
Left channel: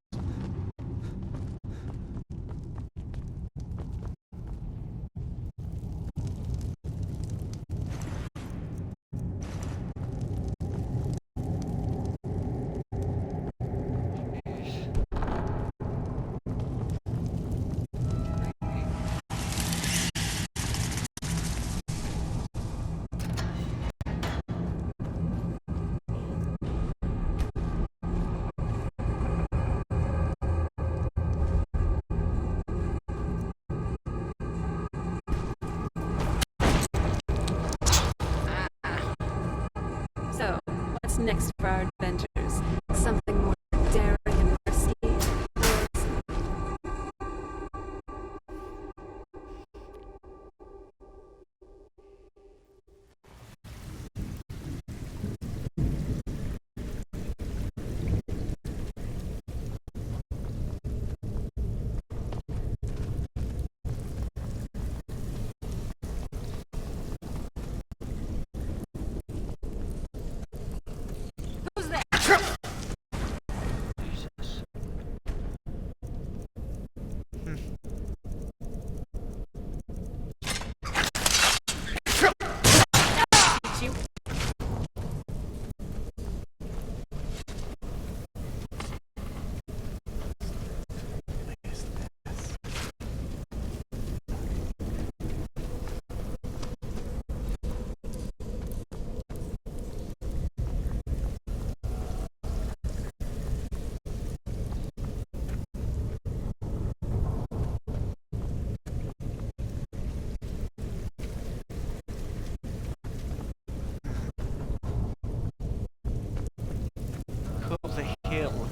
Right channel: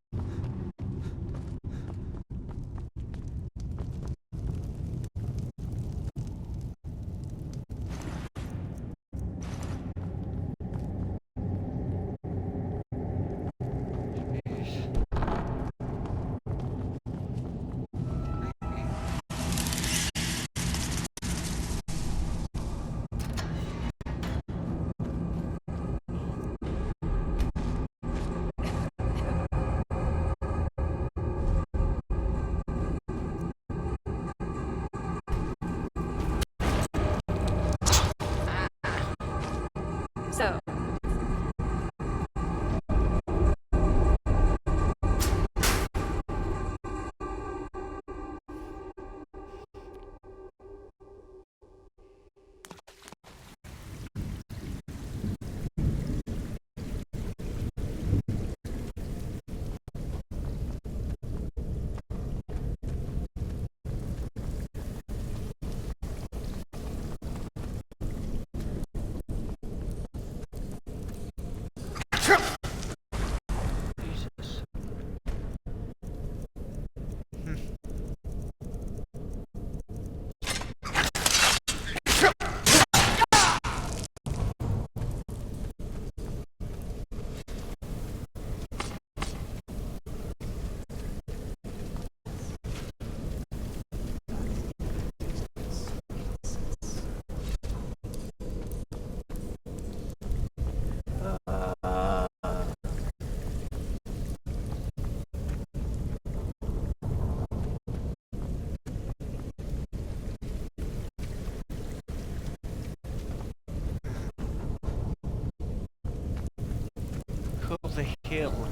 So, what's next for our adventures? Something more daring and risky. Call the hill.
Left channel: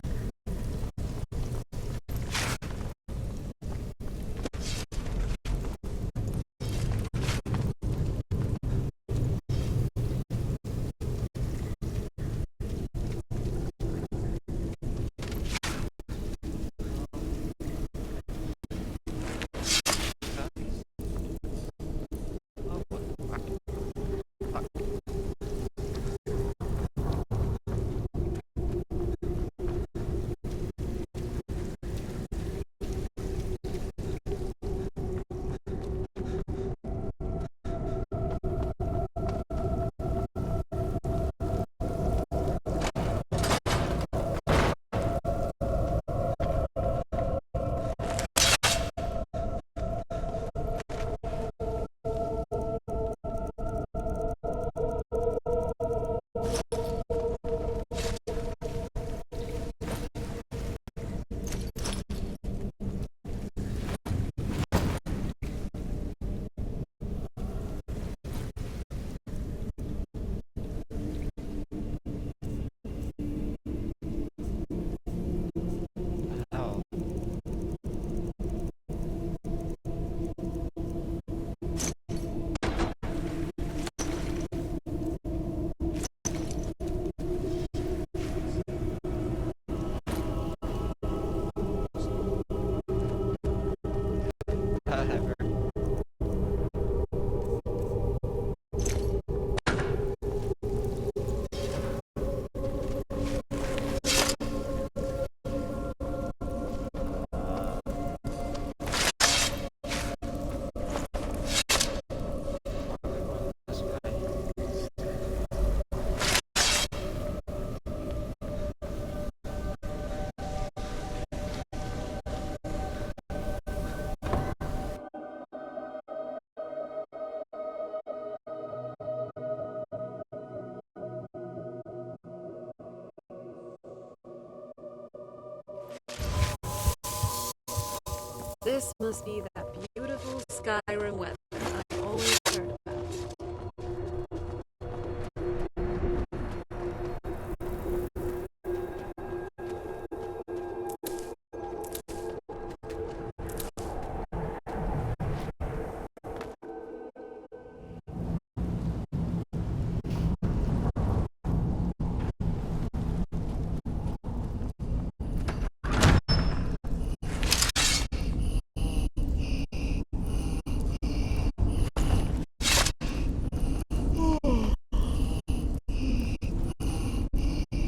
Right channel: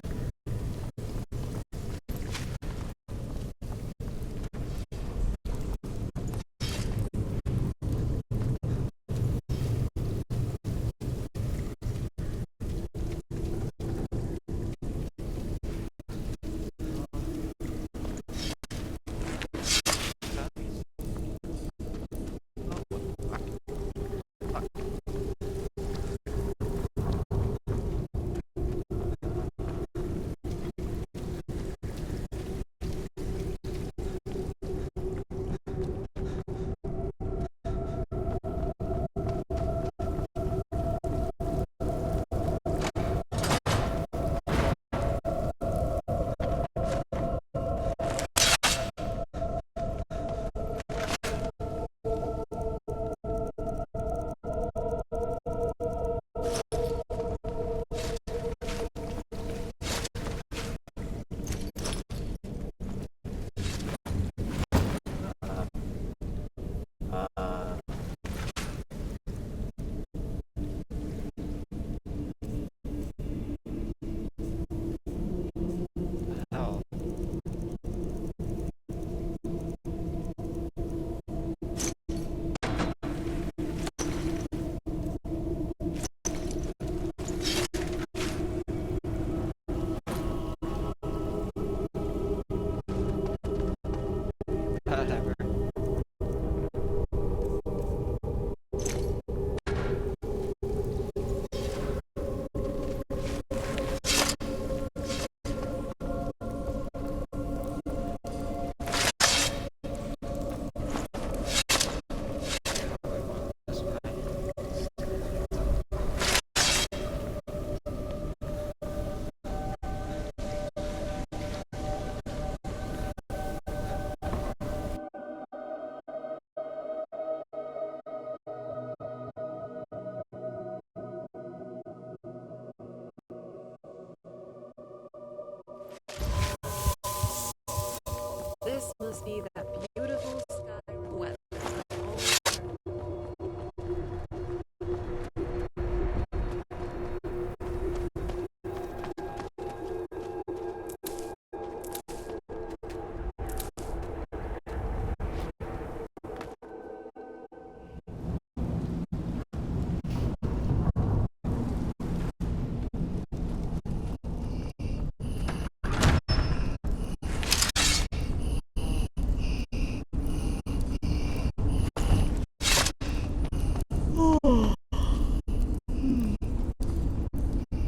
This must be that beautiful Skyrim weather I've always heard about.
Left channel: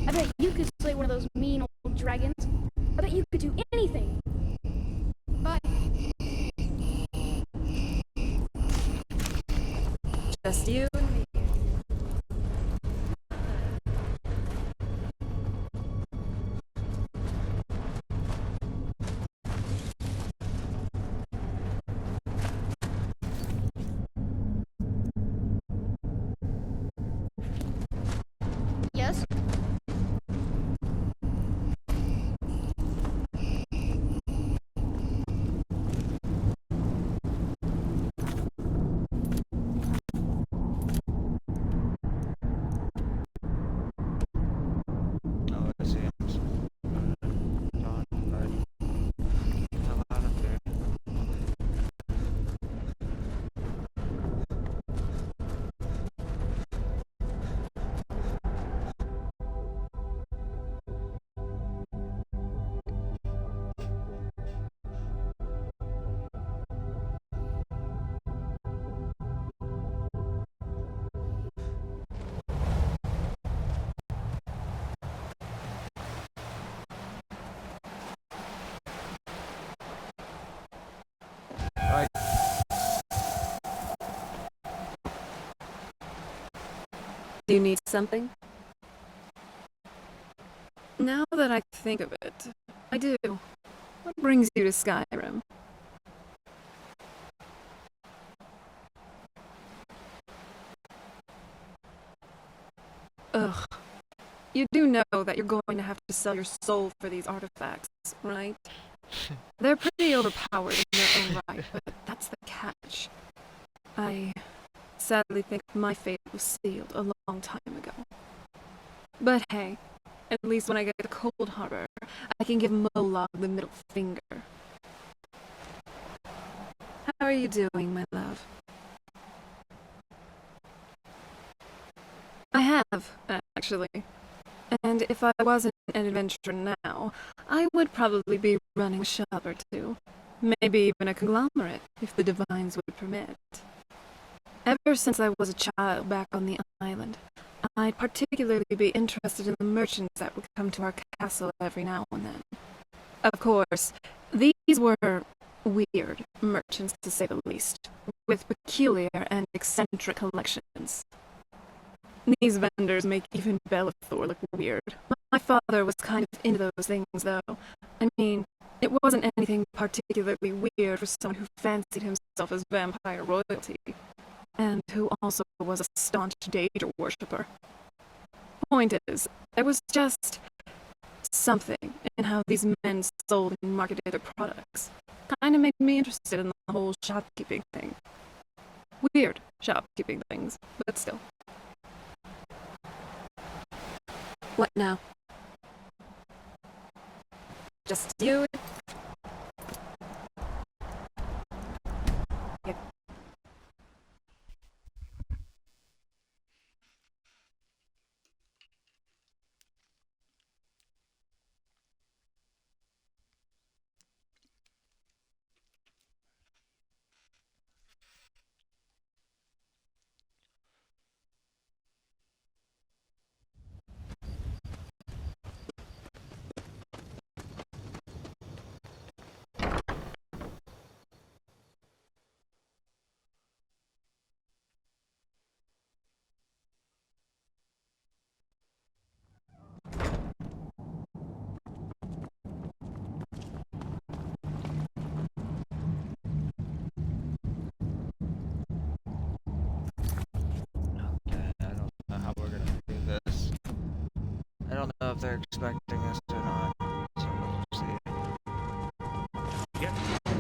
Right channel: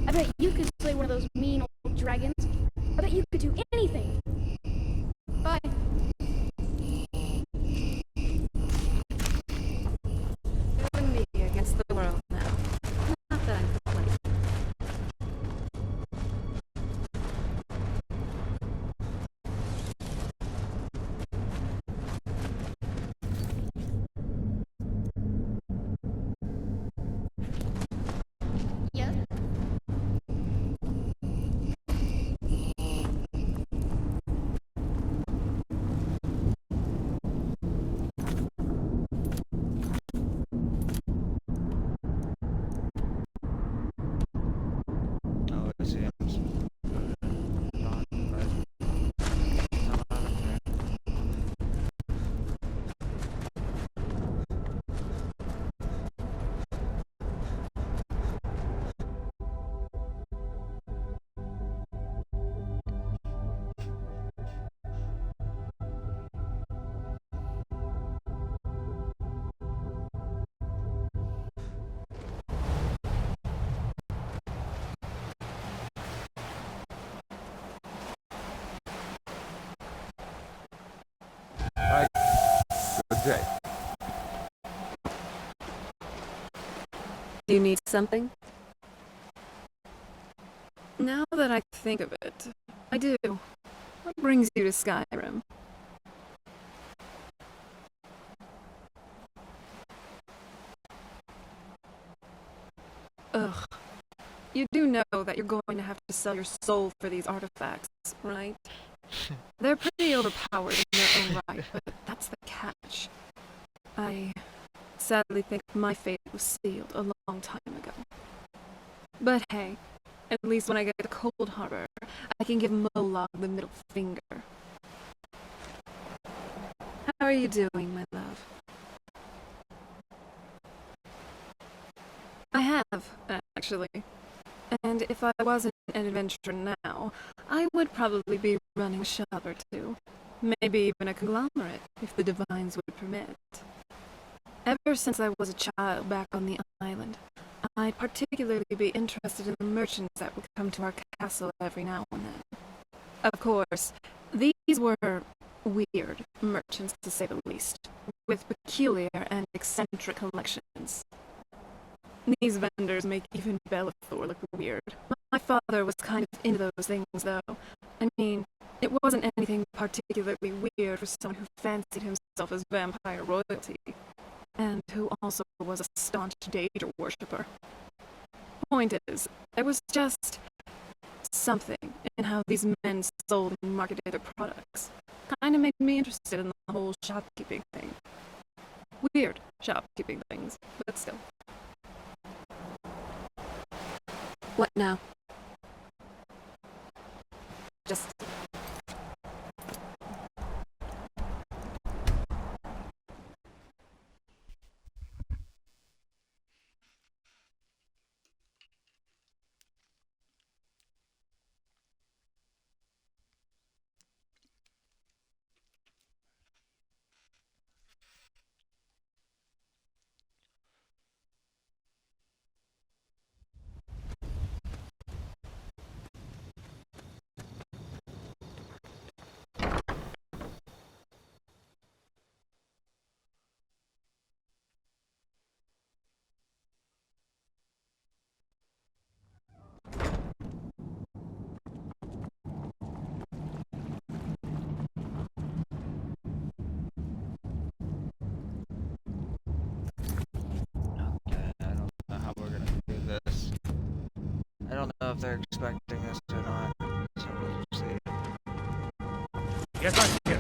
I bet you could slay one of those mean old dragons. I bet you could do anything. Bye. Just you and me against the world now. Not that I complain. Yes? Oh, I see. I'm supposed to go to Dawnguard. Hell out of there. Right. Good day. Do you need something? Now that I think of it, I do. What brings you to Skyrim? Ugh. You do know that you're going to have to sell your soul for these artifacts, right? They're pretty overpowered in their own right, but that's the catch. I sadly think my fate was sealed a long time ago. But hey, at least when I get to Cold Harbor, I can give Molag the middle finger. How are you doing, my love? I have, actually. And if I wasn't an adventurer now, I would probably be running a shop or two. Maybe even a conglomerate, if the divines would permit. Ever since I was a child back on the island, I'd particularly be interested in the merchants that would come to our castle every now and then. Of course, these were weird merchants, to say the least, with peculiar and eccentric collections. These vendors make even Bellathor look weird. My father was kind of into those things, though. I mean, it wasn't anything particularly weird for someone who fancied himself as vampire royalty, and who also was a staunch Daedra worshipper. Point is, there was just something in how these men sold and marketed their products. Kind of made me interested in the whole shopkeeping thing. Weird shopkeeping things, but still. What now? Just you? I don't know if they're expecting us or not, so we'll see. Get back here.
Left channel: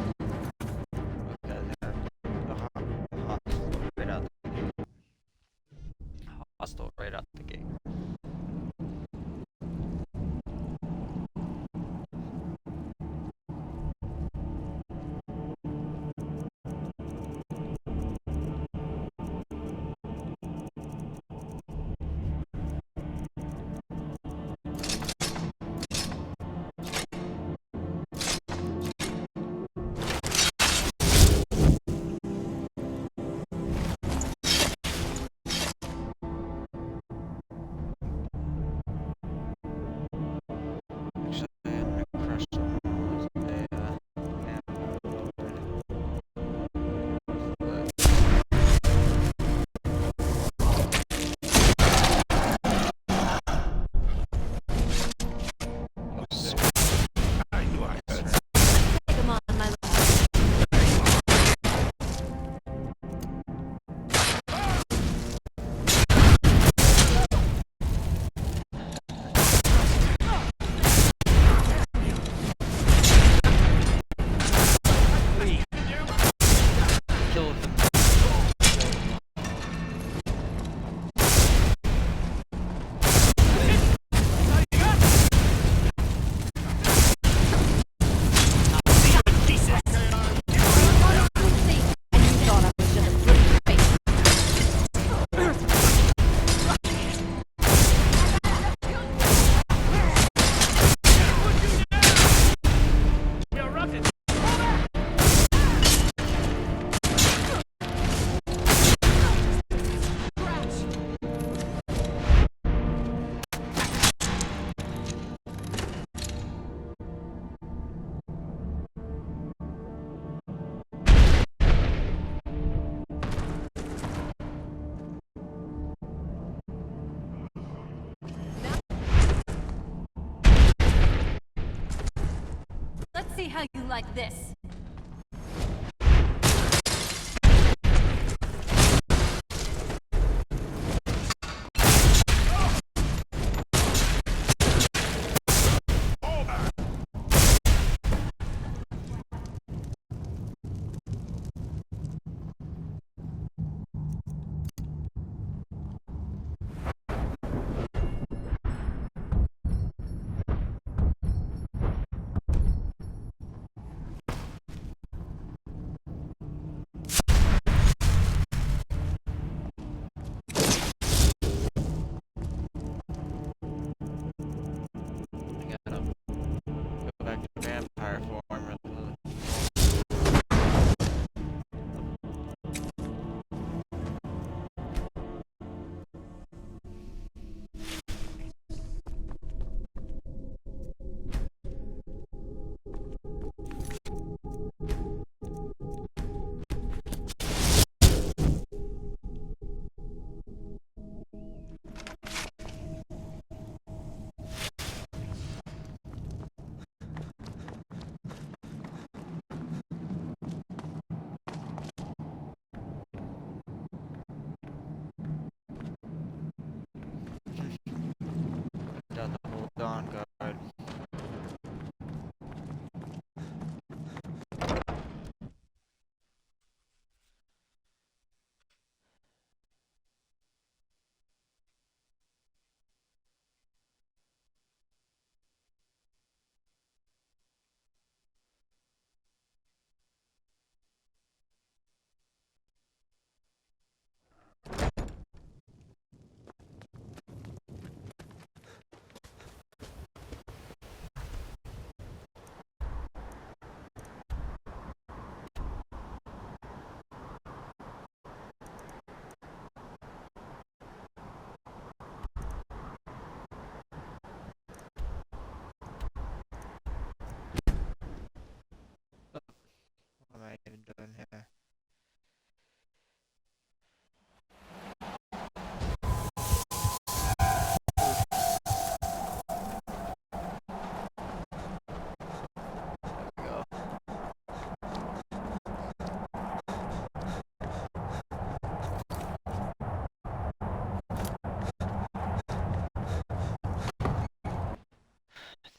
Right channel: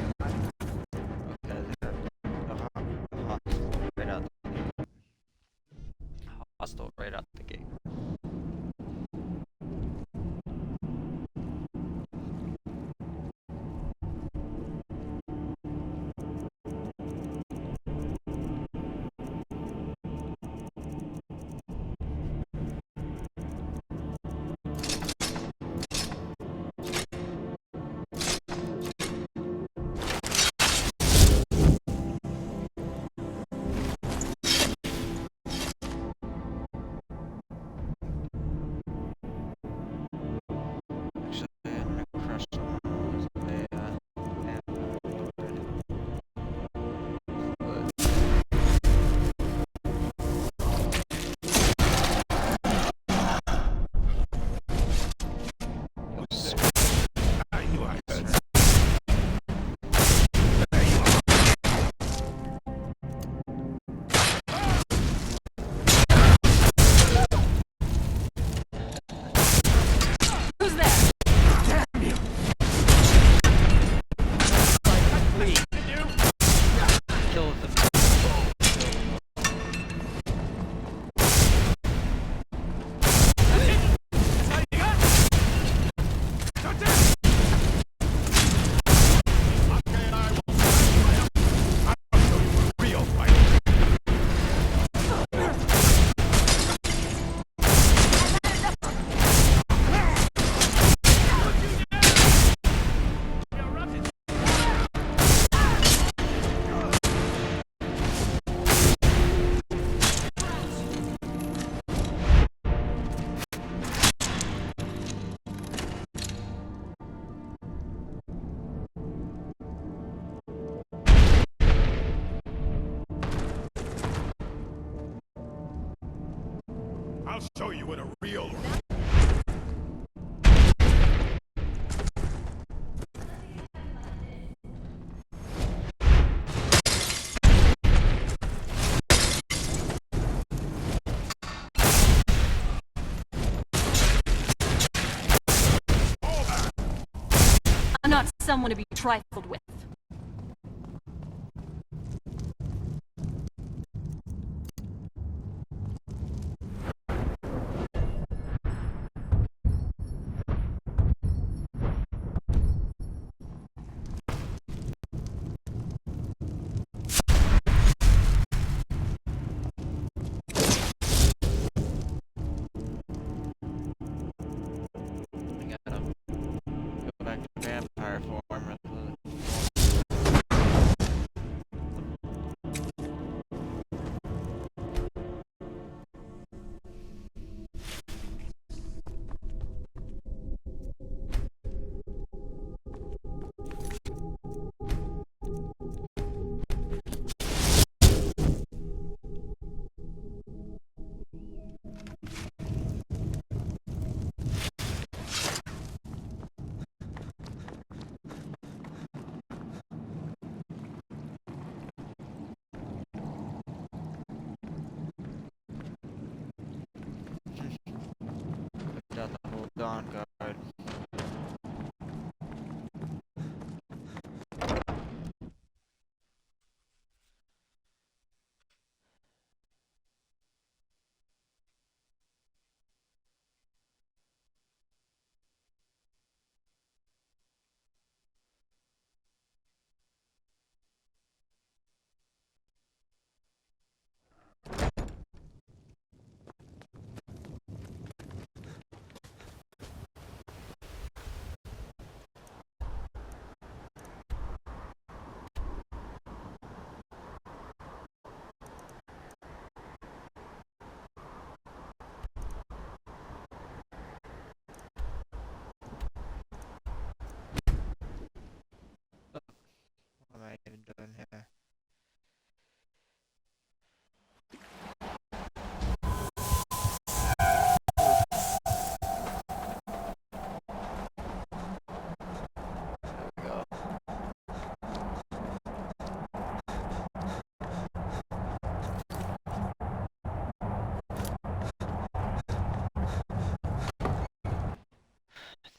killed them. I'll show you what a real... Let's see how you like this. I'm not someone to be trifled with. I gotta go back to vampire form. Got the whole Dawnguard. What am I even doing here? There we go.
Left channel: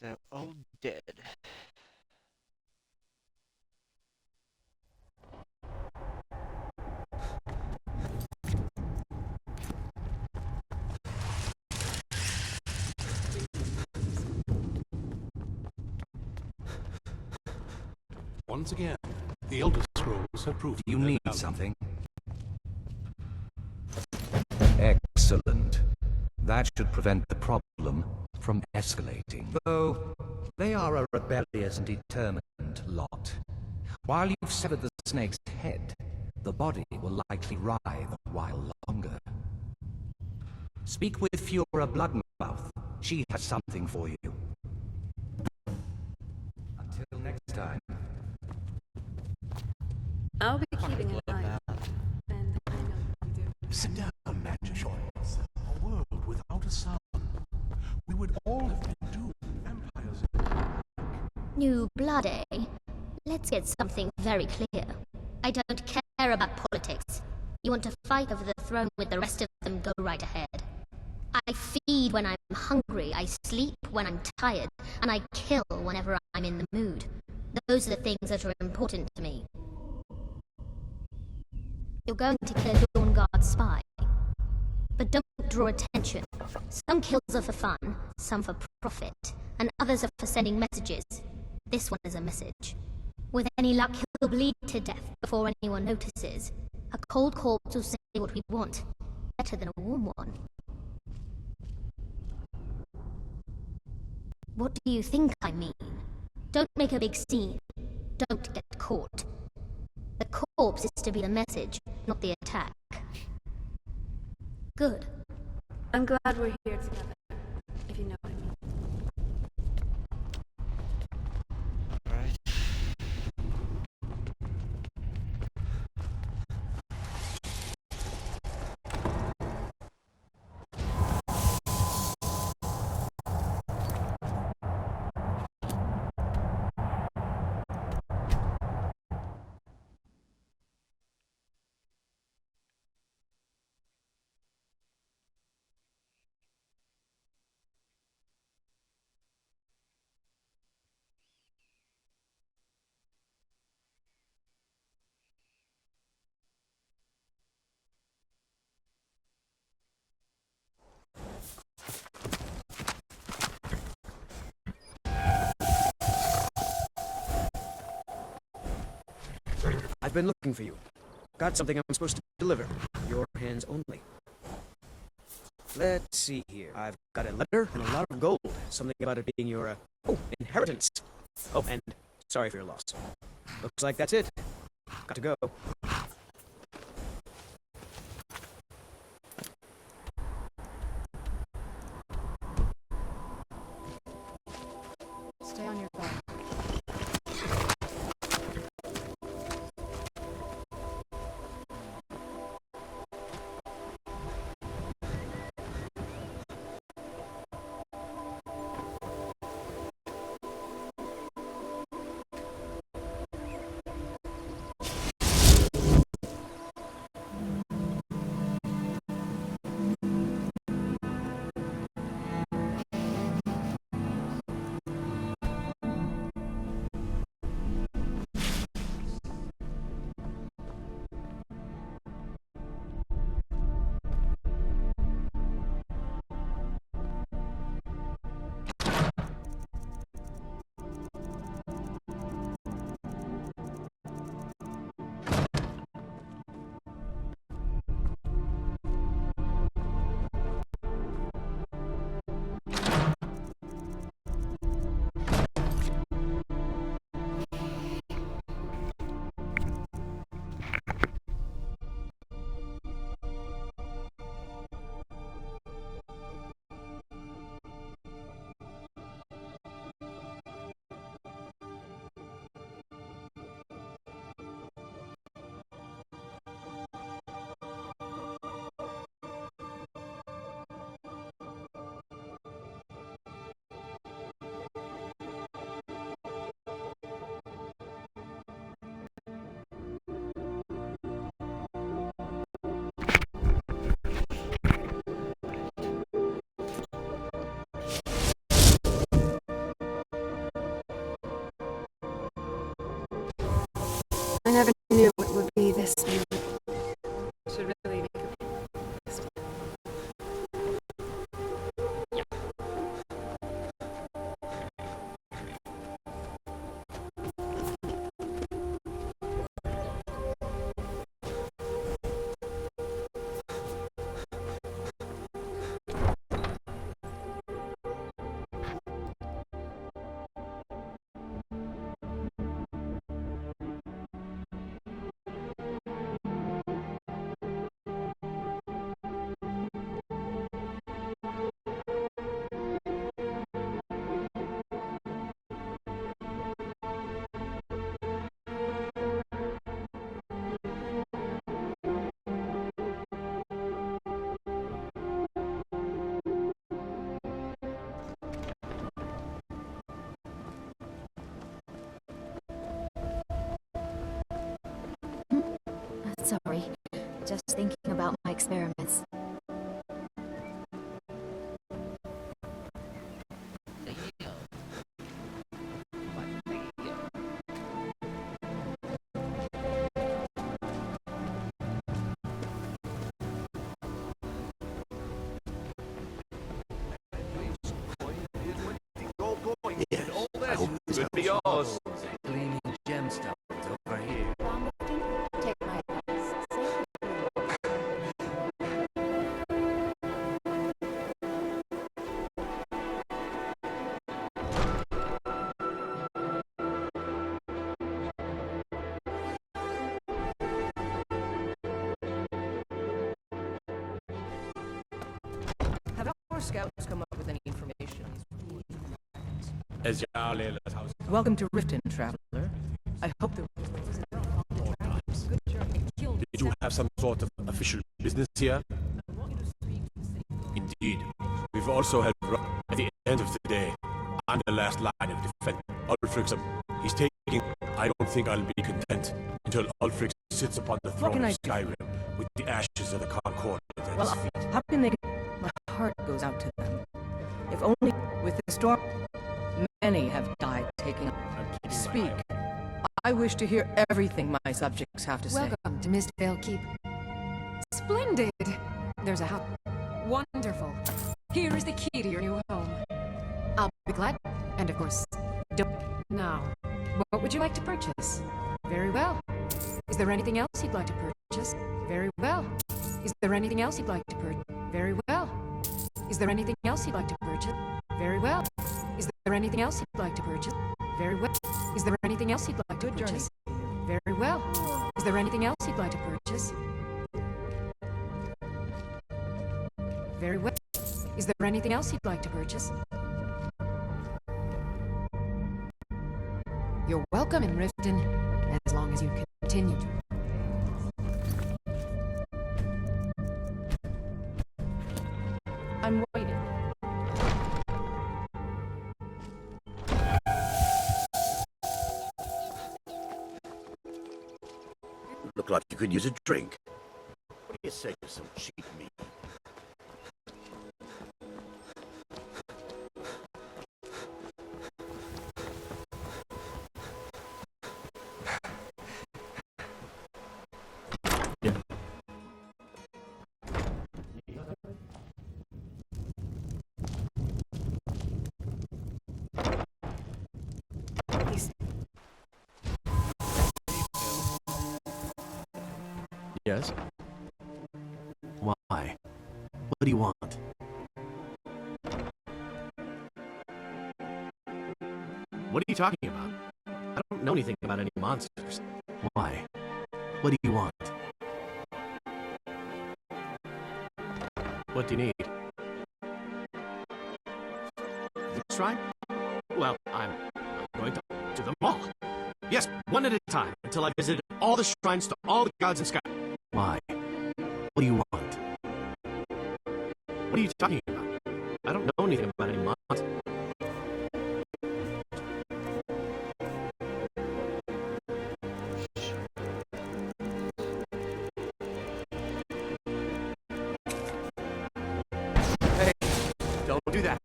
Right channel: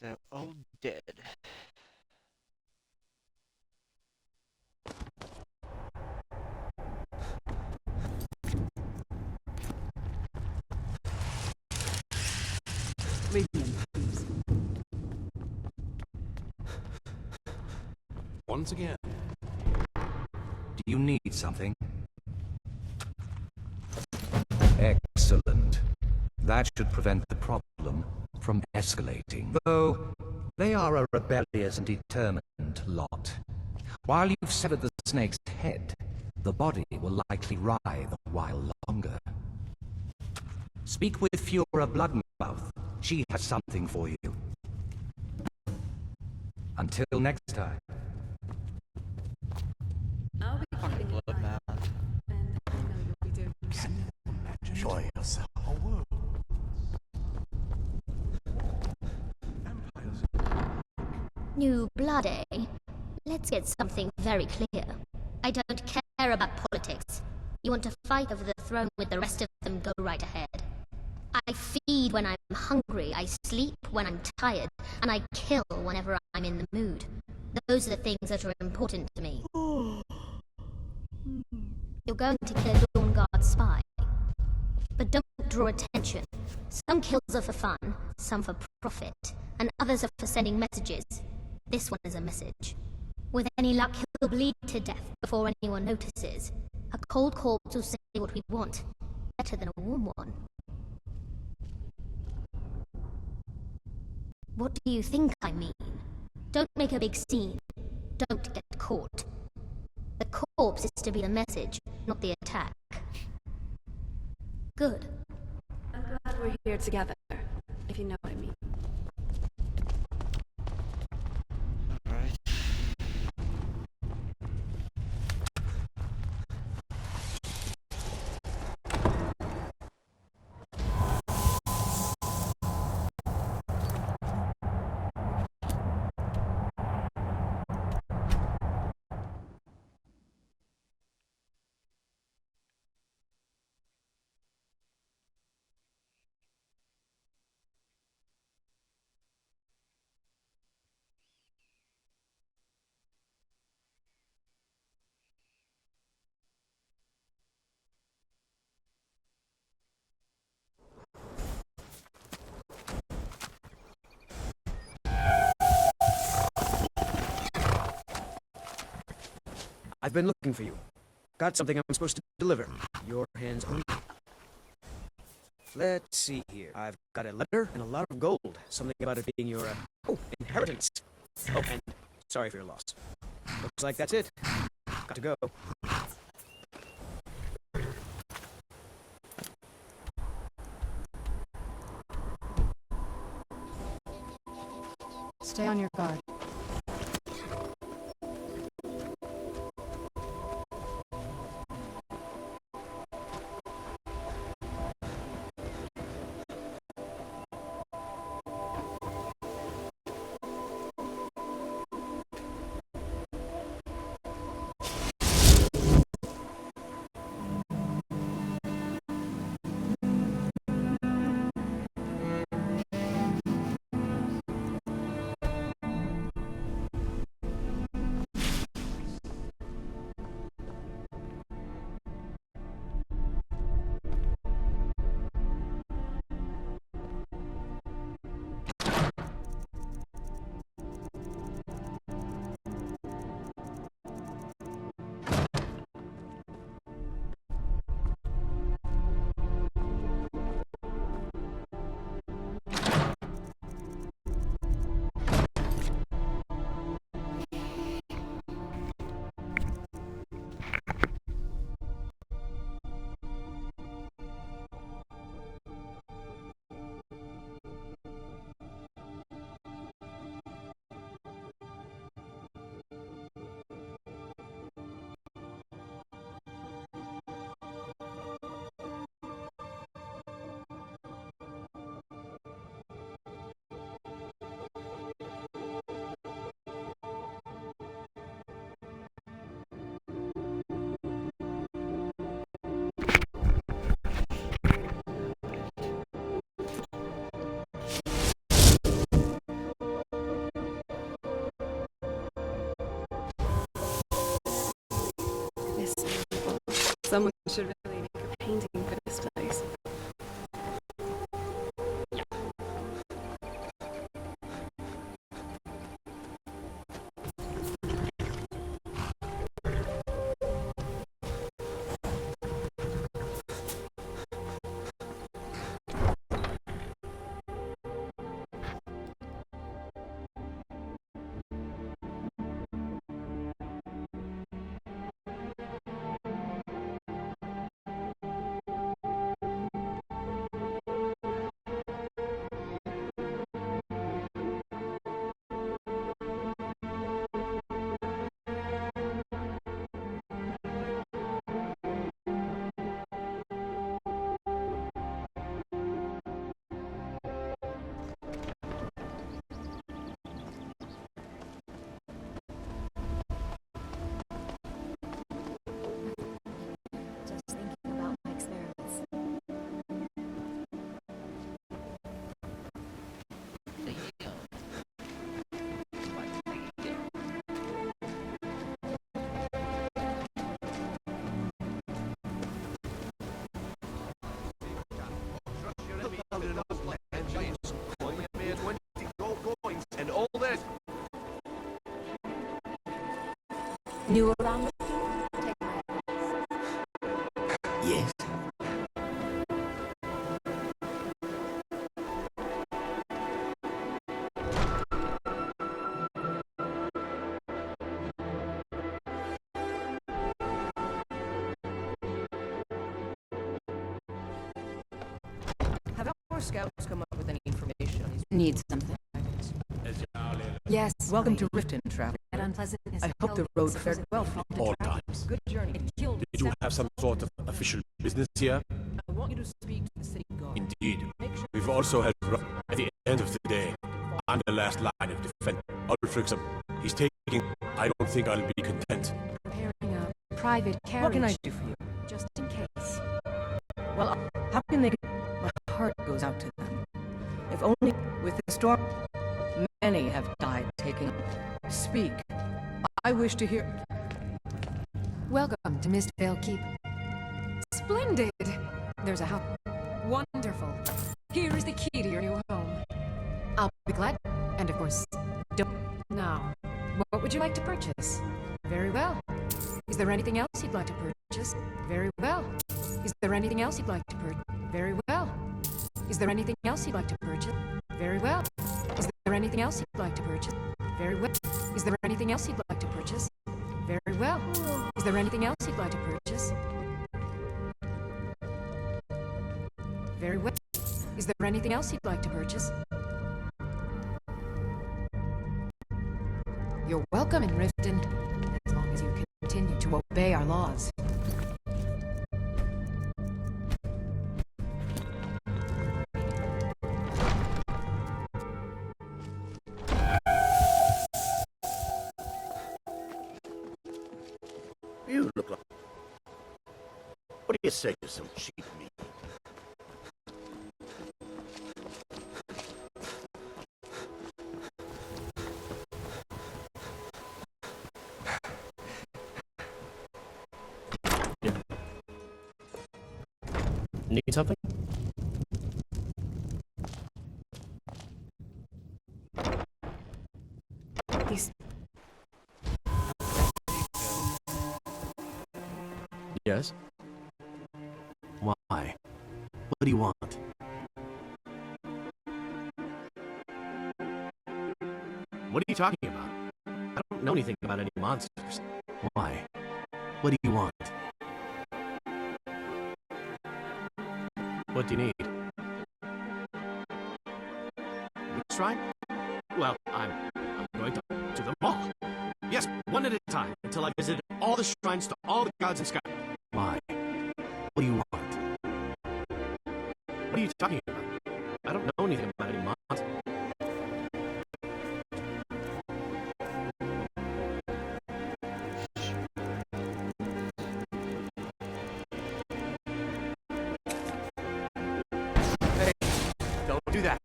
They're all dead. Once again, the Elder Scrolls have proved... Do you need something? Excellent. That should prevent the problem from escalating. Though, they are a rebellious and determined lot. While you've severed the snake's head, the body will likely writhe a while longer. Speak with Fiora Bloodmouth. She has something for you. Until next time. I'll be keeping an eye out, and I know you'll be doing. Sit down, imagine yourself a world without a sun. We would all do vampires. New blood, eh? Let's get something very clear. I don't care about politics. You want to fight over the throne with the rest of them, go right ahead. I feed when I'm hungry, I sleep when I'm tired, and I kill whenever I'm in the mood. Those are the things that are important to me. You're going to kill a Dawnguard spy. But don't draw attention. Some kills are for fun, some for profit, and others are for sending messages. This one is a message. With any luck, he'll bleed to death before anyone notices. A cold corpse will say what we want. Better than a warm one. What do you think I mean? Don't make a big scene. Don't get caught. The corpse is to be the message, not the attack. Good. I'm glad we're here together, if you know what I mean. Alright. I've been looking for you. Got something I'm supposed to deliver. Your hands on me. Let's see here. I've got a letter and a lot of gold. Something about it being your, inheritance. Oh, and sorry for your loss. Looks like that's it. Got to go. Stay on your guard. I never knew it would be this beautiful. Someone should really make a painting for this place. Sorry, just thinking about my experiments. our scouts come up with any information on these Need something. Yes. Welcome to Riften, traveler. I hope the road fared well for you. All times. Good journey. Did you have some sort of official business here? I want you to speak to the city guard. Indeed. We've also held at the end of the day. I'm the last line of defense. Ulfric's he's taking. I don't think I'll be content until Ulfric sits upon the What can I do? Skyrim with the ashes of the Concord. Well, how can they... My heart goes out to them. If only with the storm... Many have died taking... Speak. I wish to hear everything my subjects have to say. Welcome to Mistvale Keep. Splendid! There's a house. Wonderful. Here is the key to your new home. I'll be glad. And of course, don't... Now, what would you like to purchase? Very well. Is there anything else you'd like to purchase? Very well. Is there anything else you'd like to purchase? Very well. Is there anything else you'd like to purchase? Very well. Is there anything else you'd like to purchase? Very well. Is there anything else you'd like to purchase? Very well. Is there anything else you'd like to purchase? Very well. Is there anything else you'd like to purchase? You're welcome in Riften, as long as you continue to obey our laws. I'm waiting. You look like you could use a drink. What do you say to some cheap meat? Need something? He's... Yes? Why? What do you want? What are you talking about? I don't know anything about any monsters. Why? What do you want? What do you need? Which shrine? Well, I'm going to them all. Yes, one at a time, until I visit all the shrines to all the gods in Sky. Why? What do you want? What are you talking about? I don't know anything about any monsters. Hey, don't do that.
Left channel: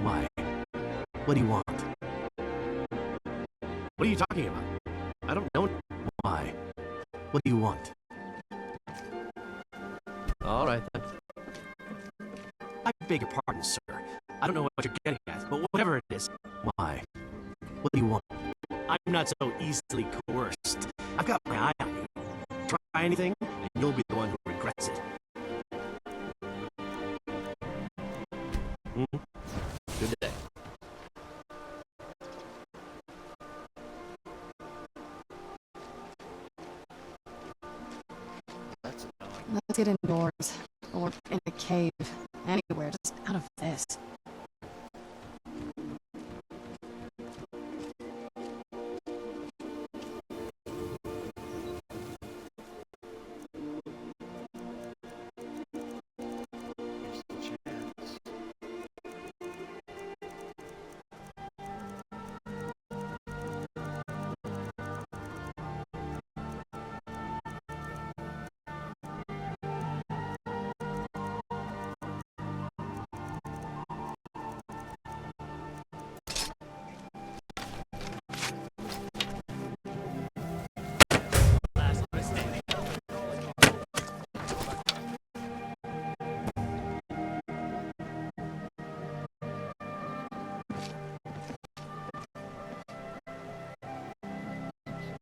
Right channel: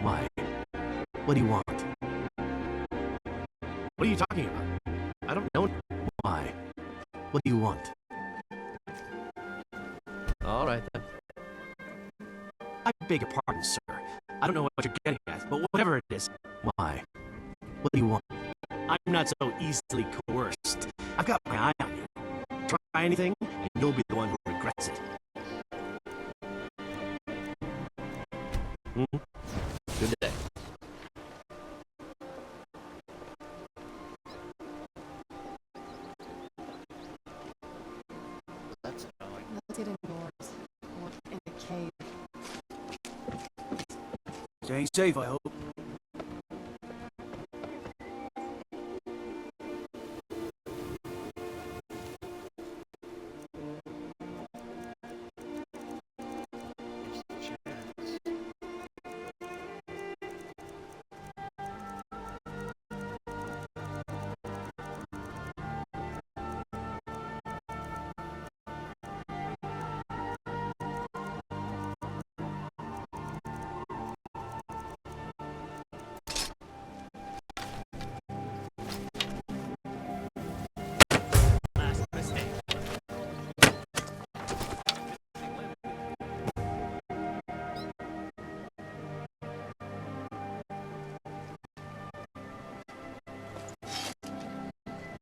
Why? What do you want? What are you talking about? I don't know. Why? What do you want? All right, then. I beg your pardon, sir. I don't know what you're getting at, but whatever it is. Why? What do you want? I'm not so easily coerced. I've got my eye on you. Try anything, and you'll be the one who regrets it. Good day. That's annoying. Let's get indoors. Or in a cave. Anywhere, just out of this. Stay safe, I hope. Here's the chance. Last mistake.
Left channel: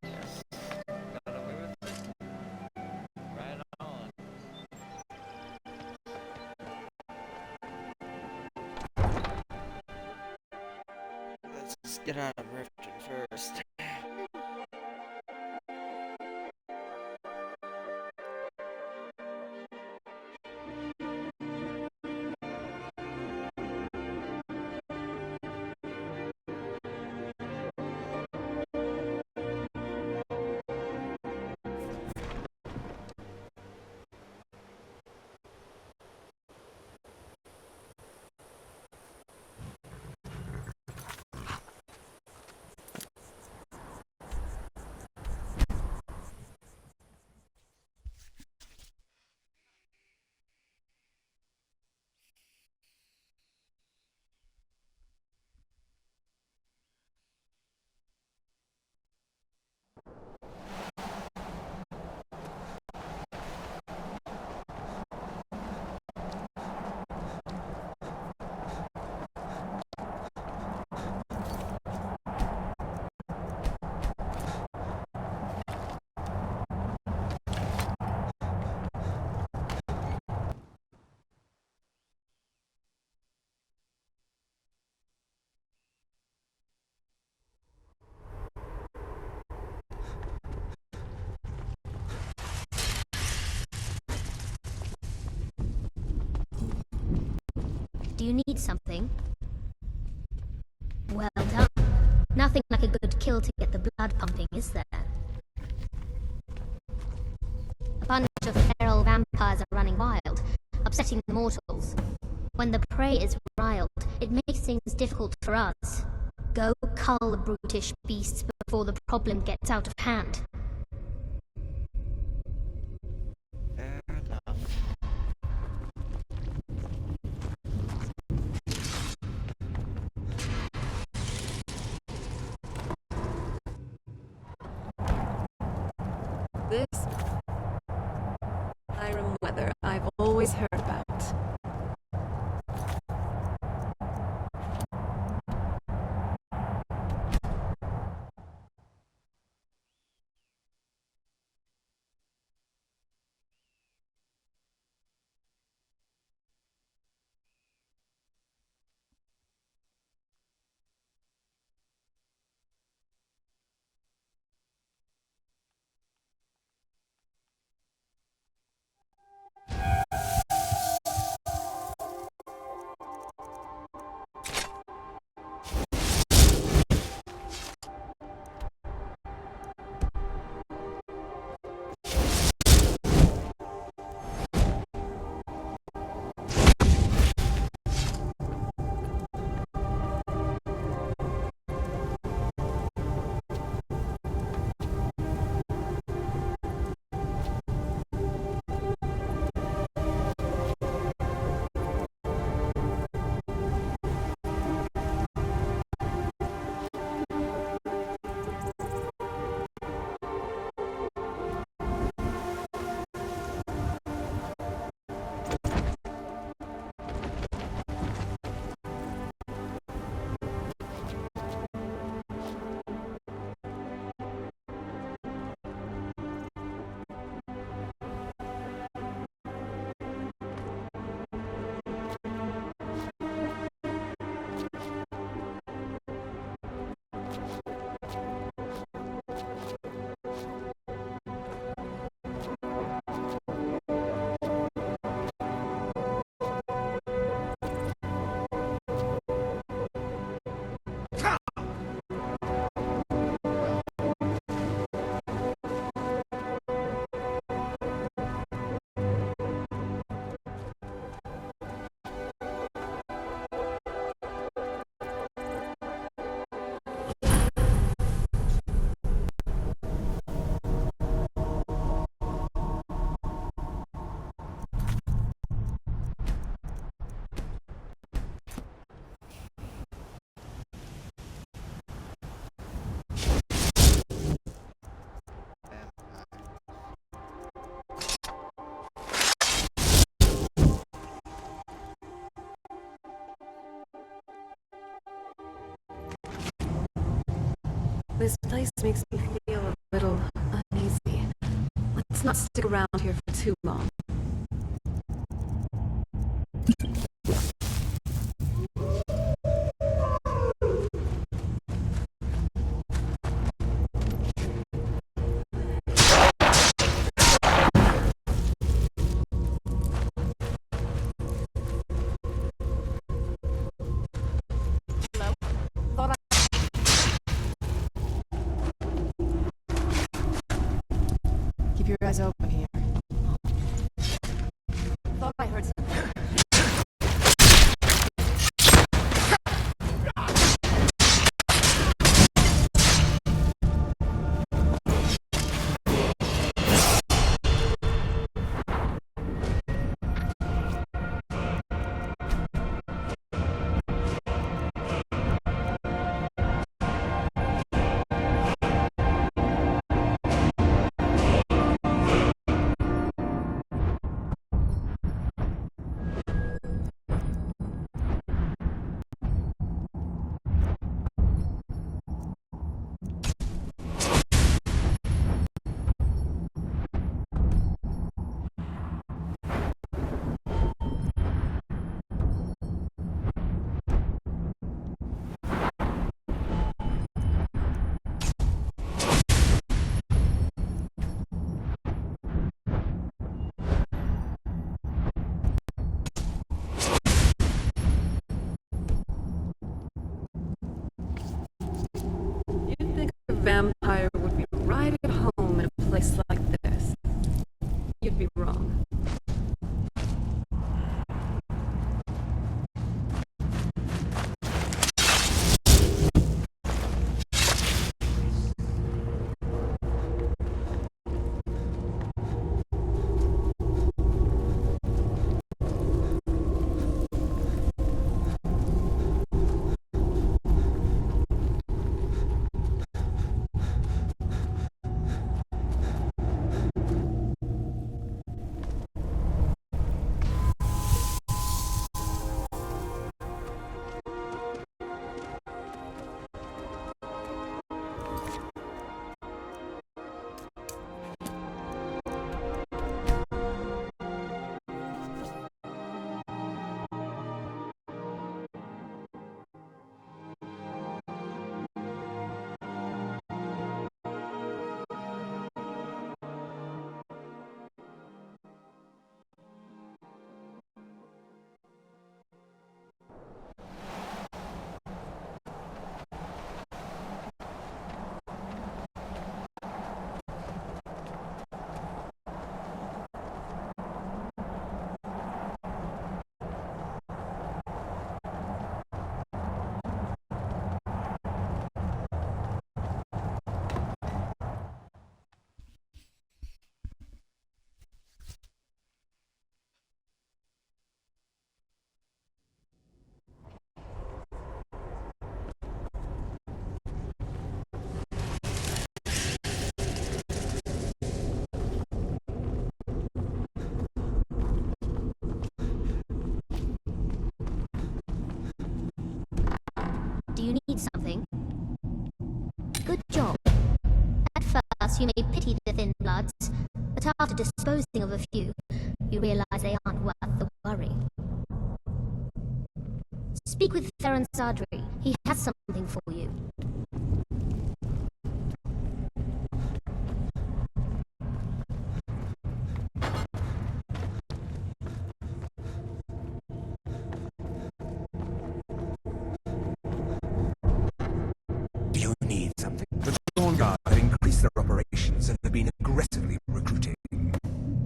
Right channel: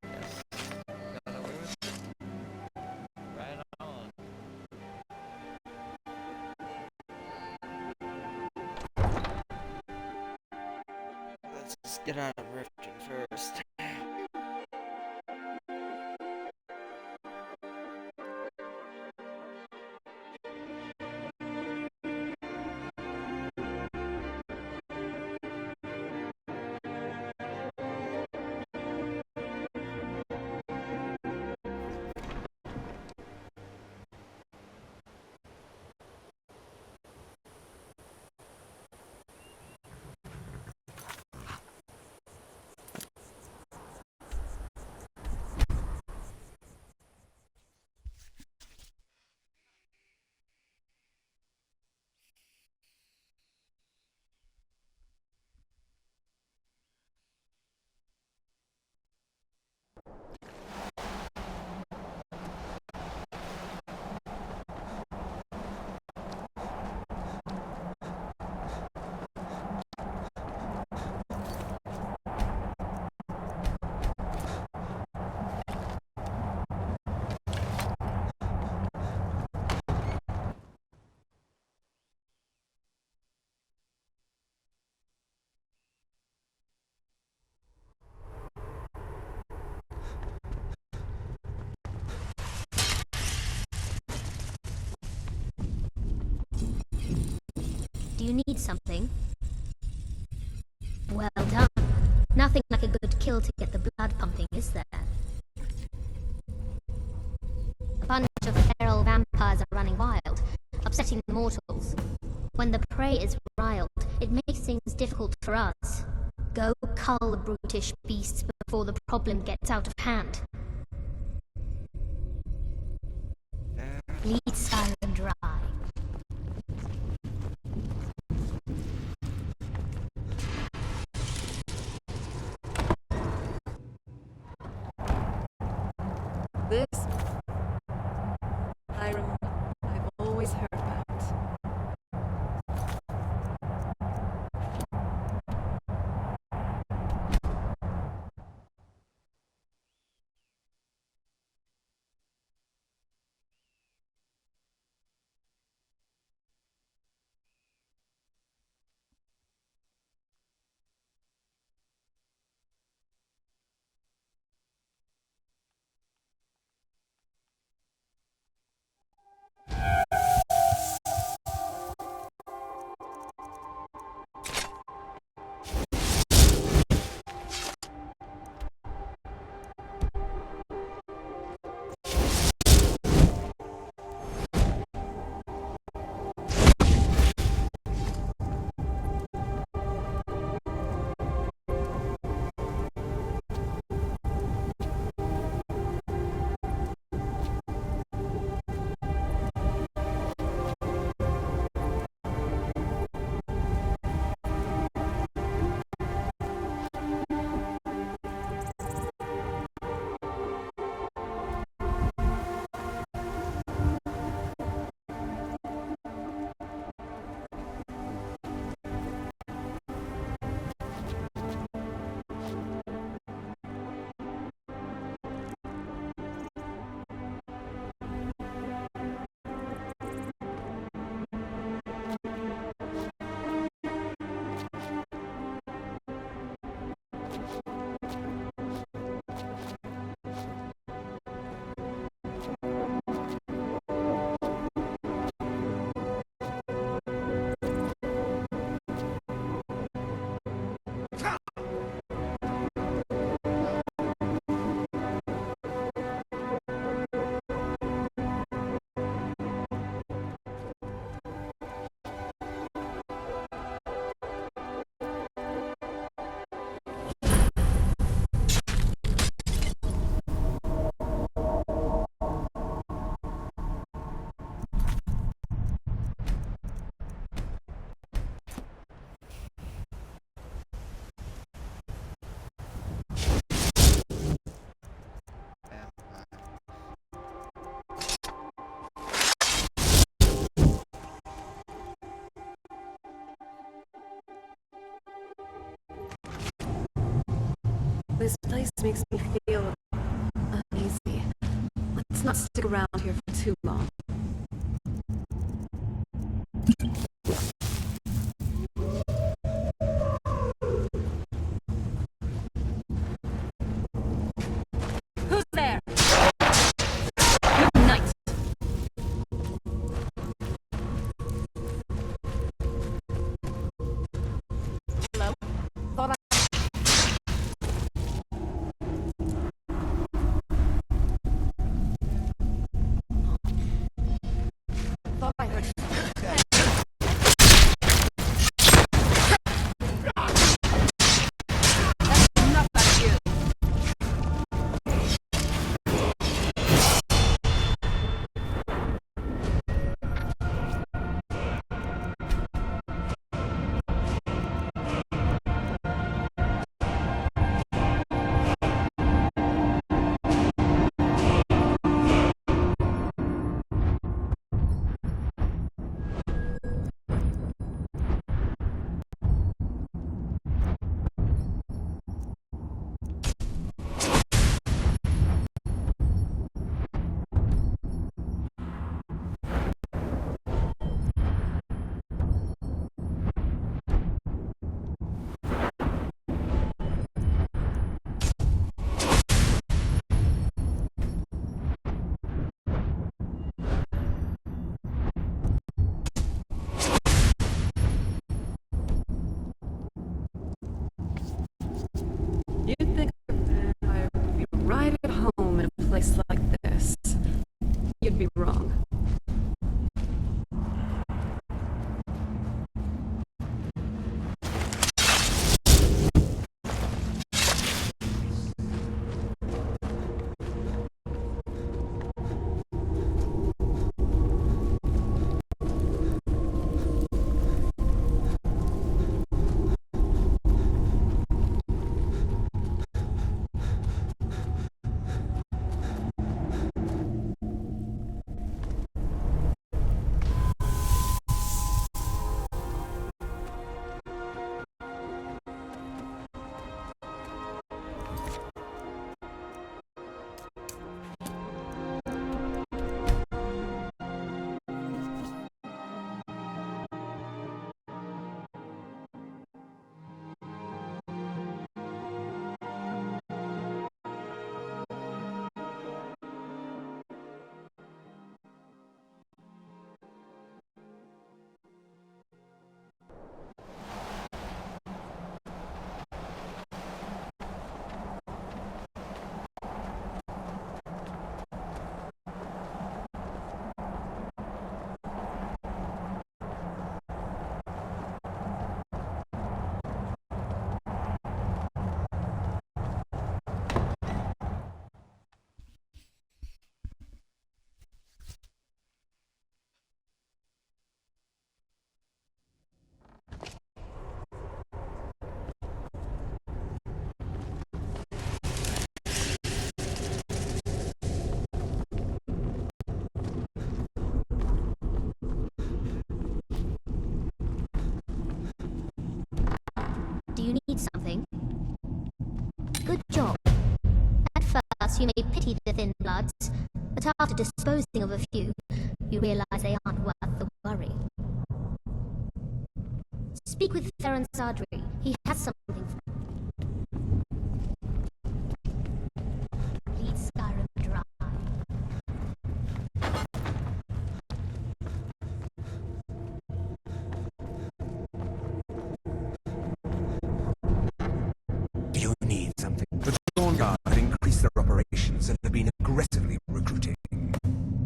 Yes. Got away with it. Right on. Let's just get out of Riften first. Do you need something? Well done. Nothing like a good kill to get the blood pumping, is there? A bunch of feral vampires are running wild, upsetting the mortals. When the prey is riled, it makes things difficult for us. Go cull the brutish beasts before the problem gets out of hand. Lead Skyrim dry. This Skyrim weather I've always heard about. This place makes me feel a little uneasy. Let's not stick around here for too long. Who's there? Hello? Thought I... Keep your eyes open here. Thought I heard... first, you may pity the thin bloods, but after disposing of a few, you realize they aren't worth the worry. Speak with Theron Sardri. He has something for you. Lead Skyrim dry. Do you need something? The Dawnguard have increased their operations and have been aggressively recruiting.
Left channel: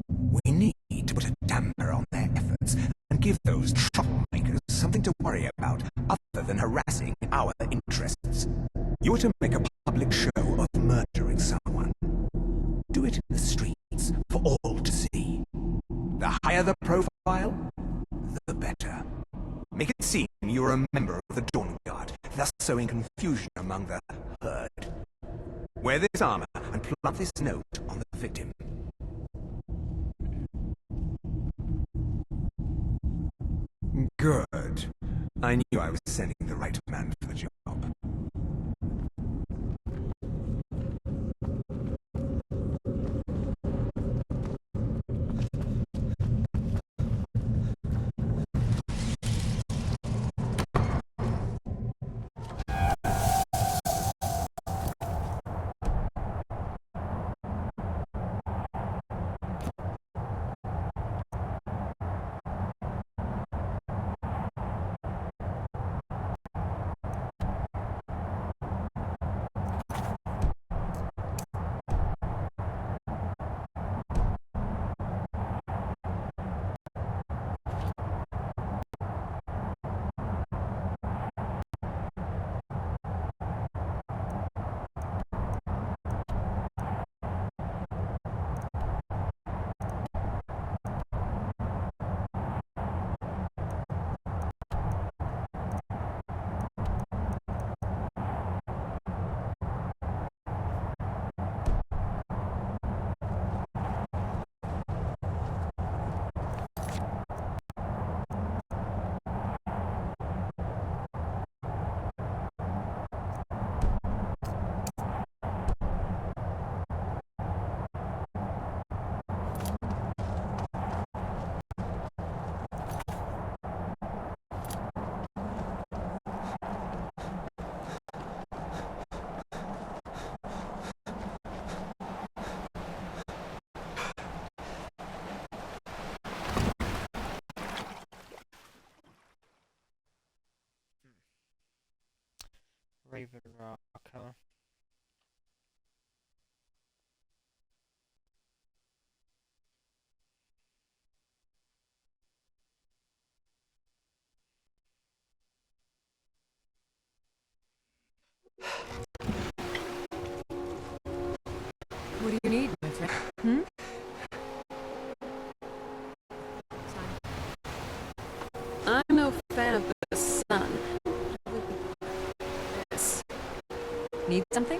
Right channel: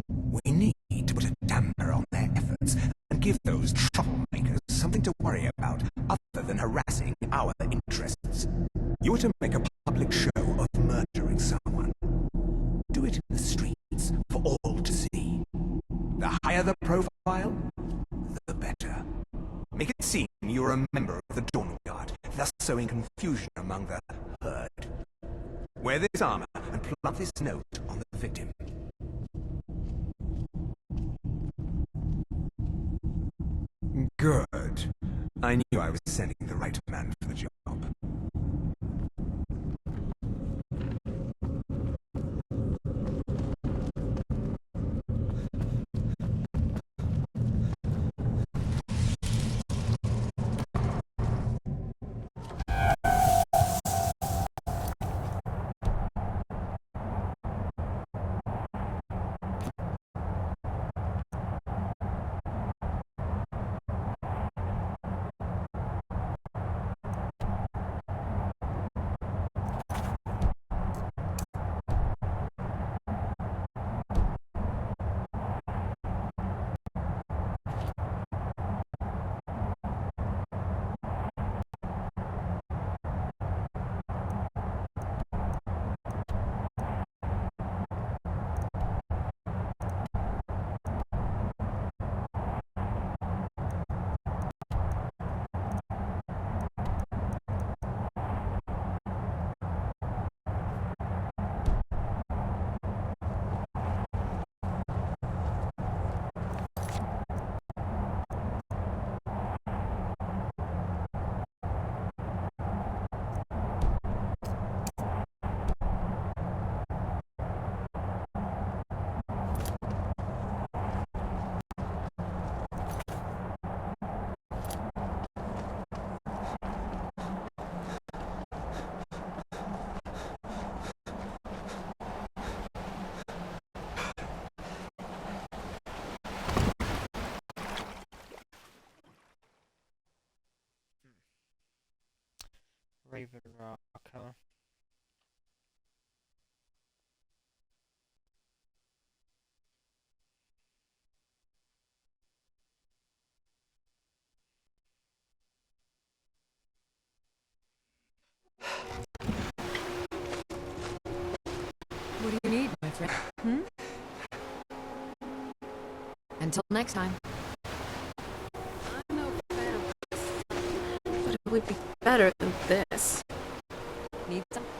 We need to put a damper on their efforts and give those troublemakers something to worry about other than harassing our interests. You are to make a public show of murdering someone. Do it in the streets for all to see. The higher the profile, the better. Make it seem you're a member of the Dawnguard, thus sowing confusion among the herd. Wear this armor and plant this note on the victim. Good. I knew I was sending the right man for the job. Raven Rock, huh? What do you need, my friend? Hmm? Until next time. I'm no fan of the sun, but it would be better than this. Need something?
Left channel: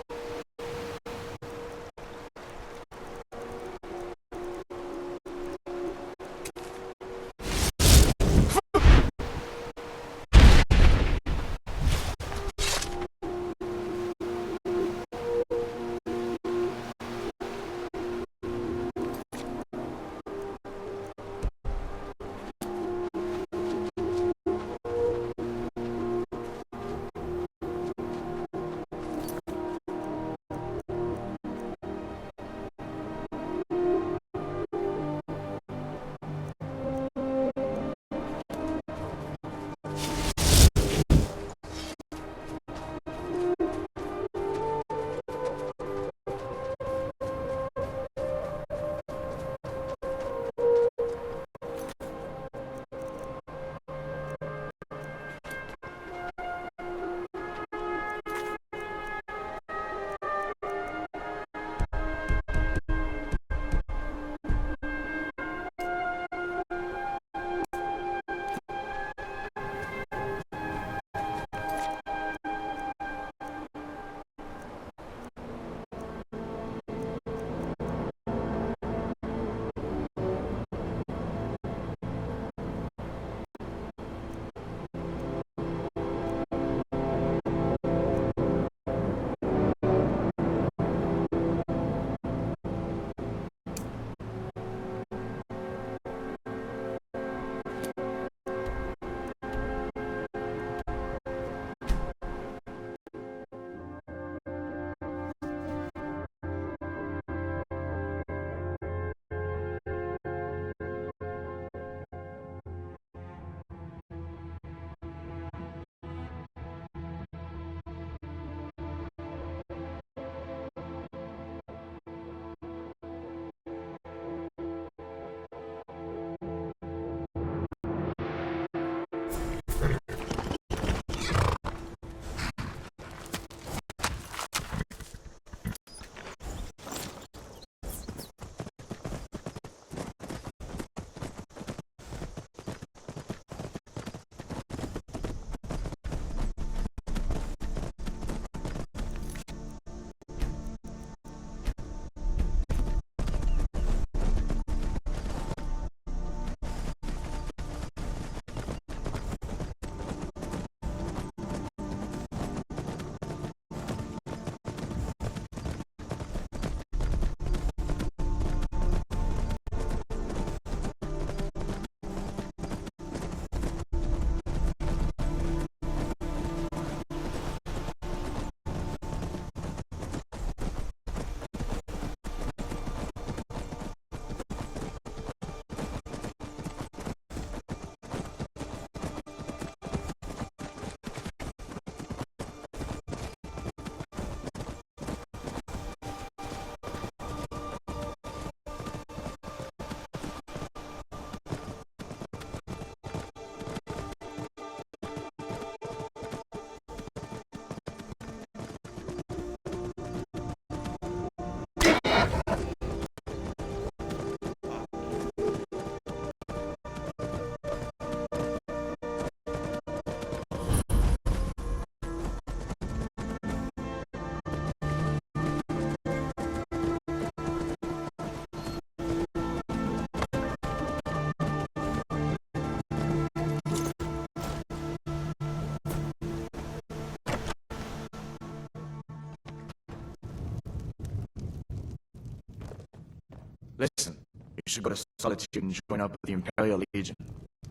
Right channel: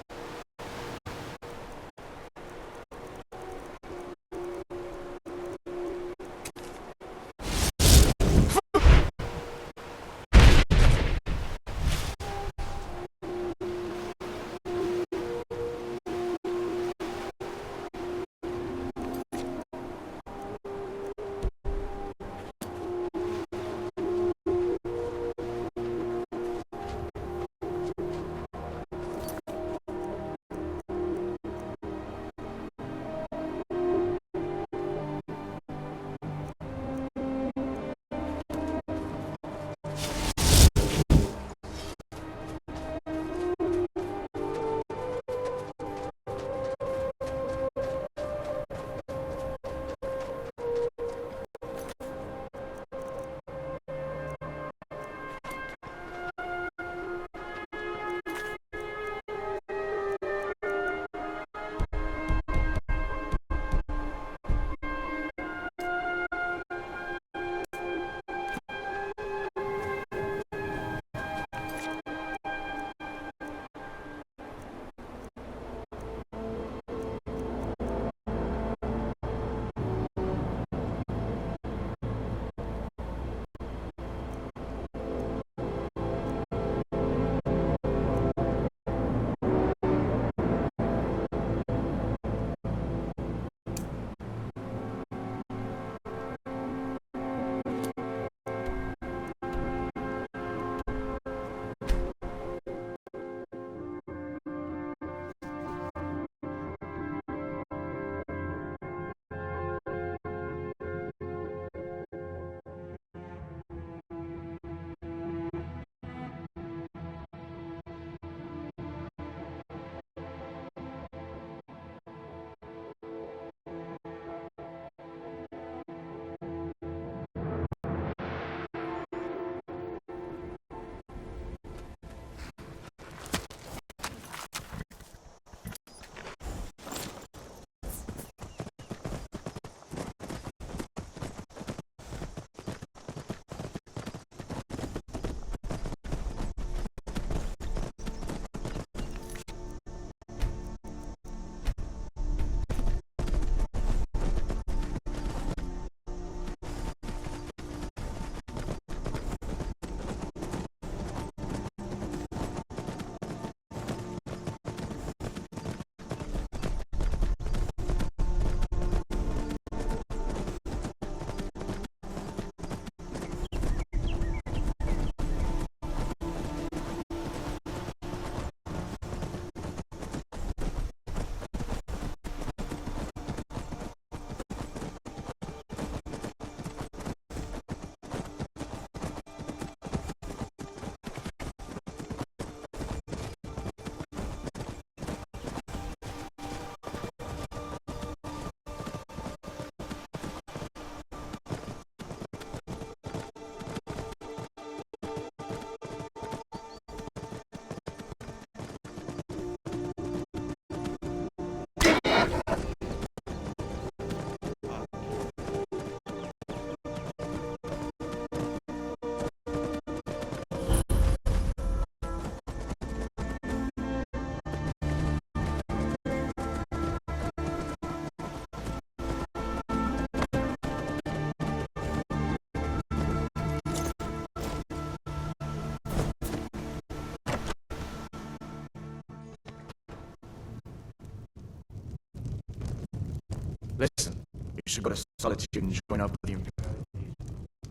You should go to Solitude and join up with the Imperial Legion.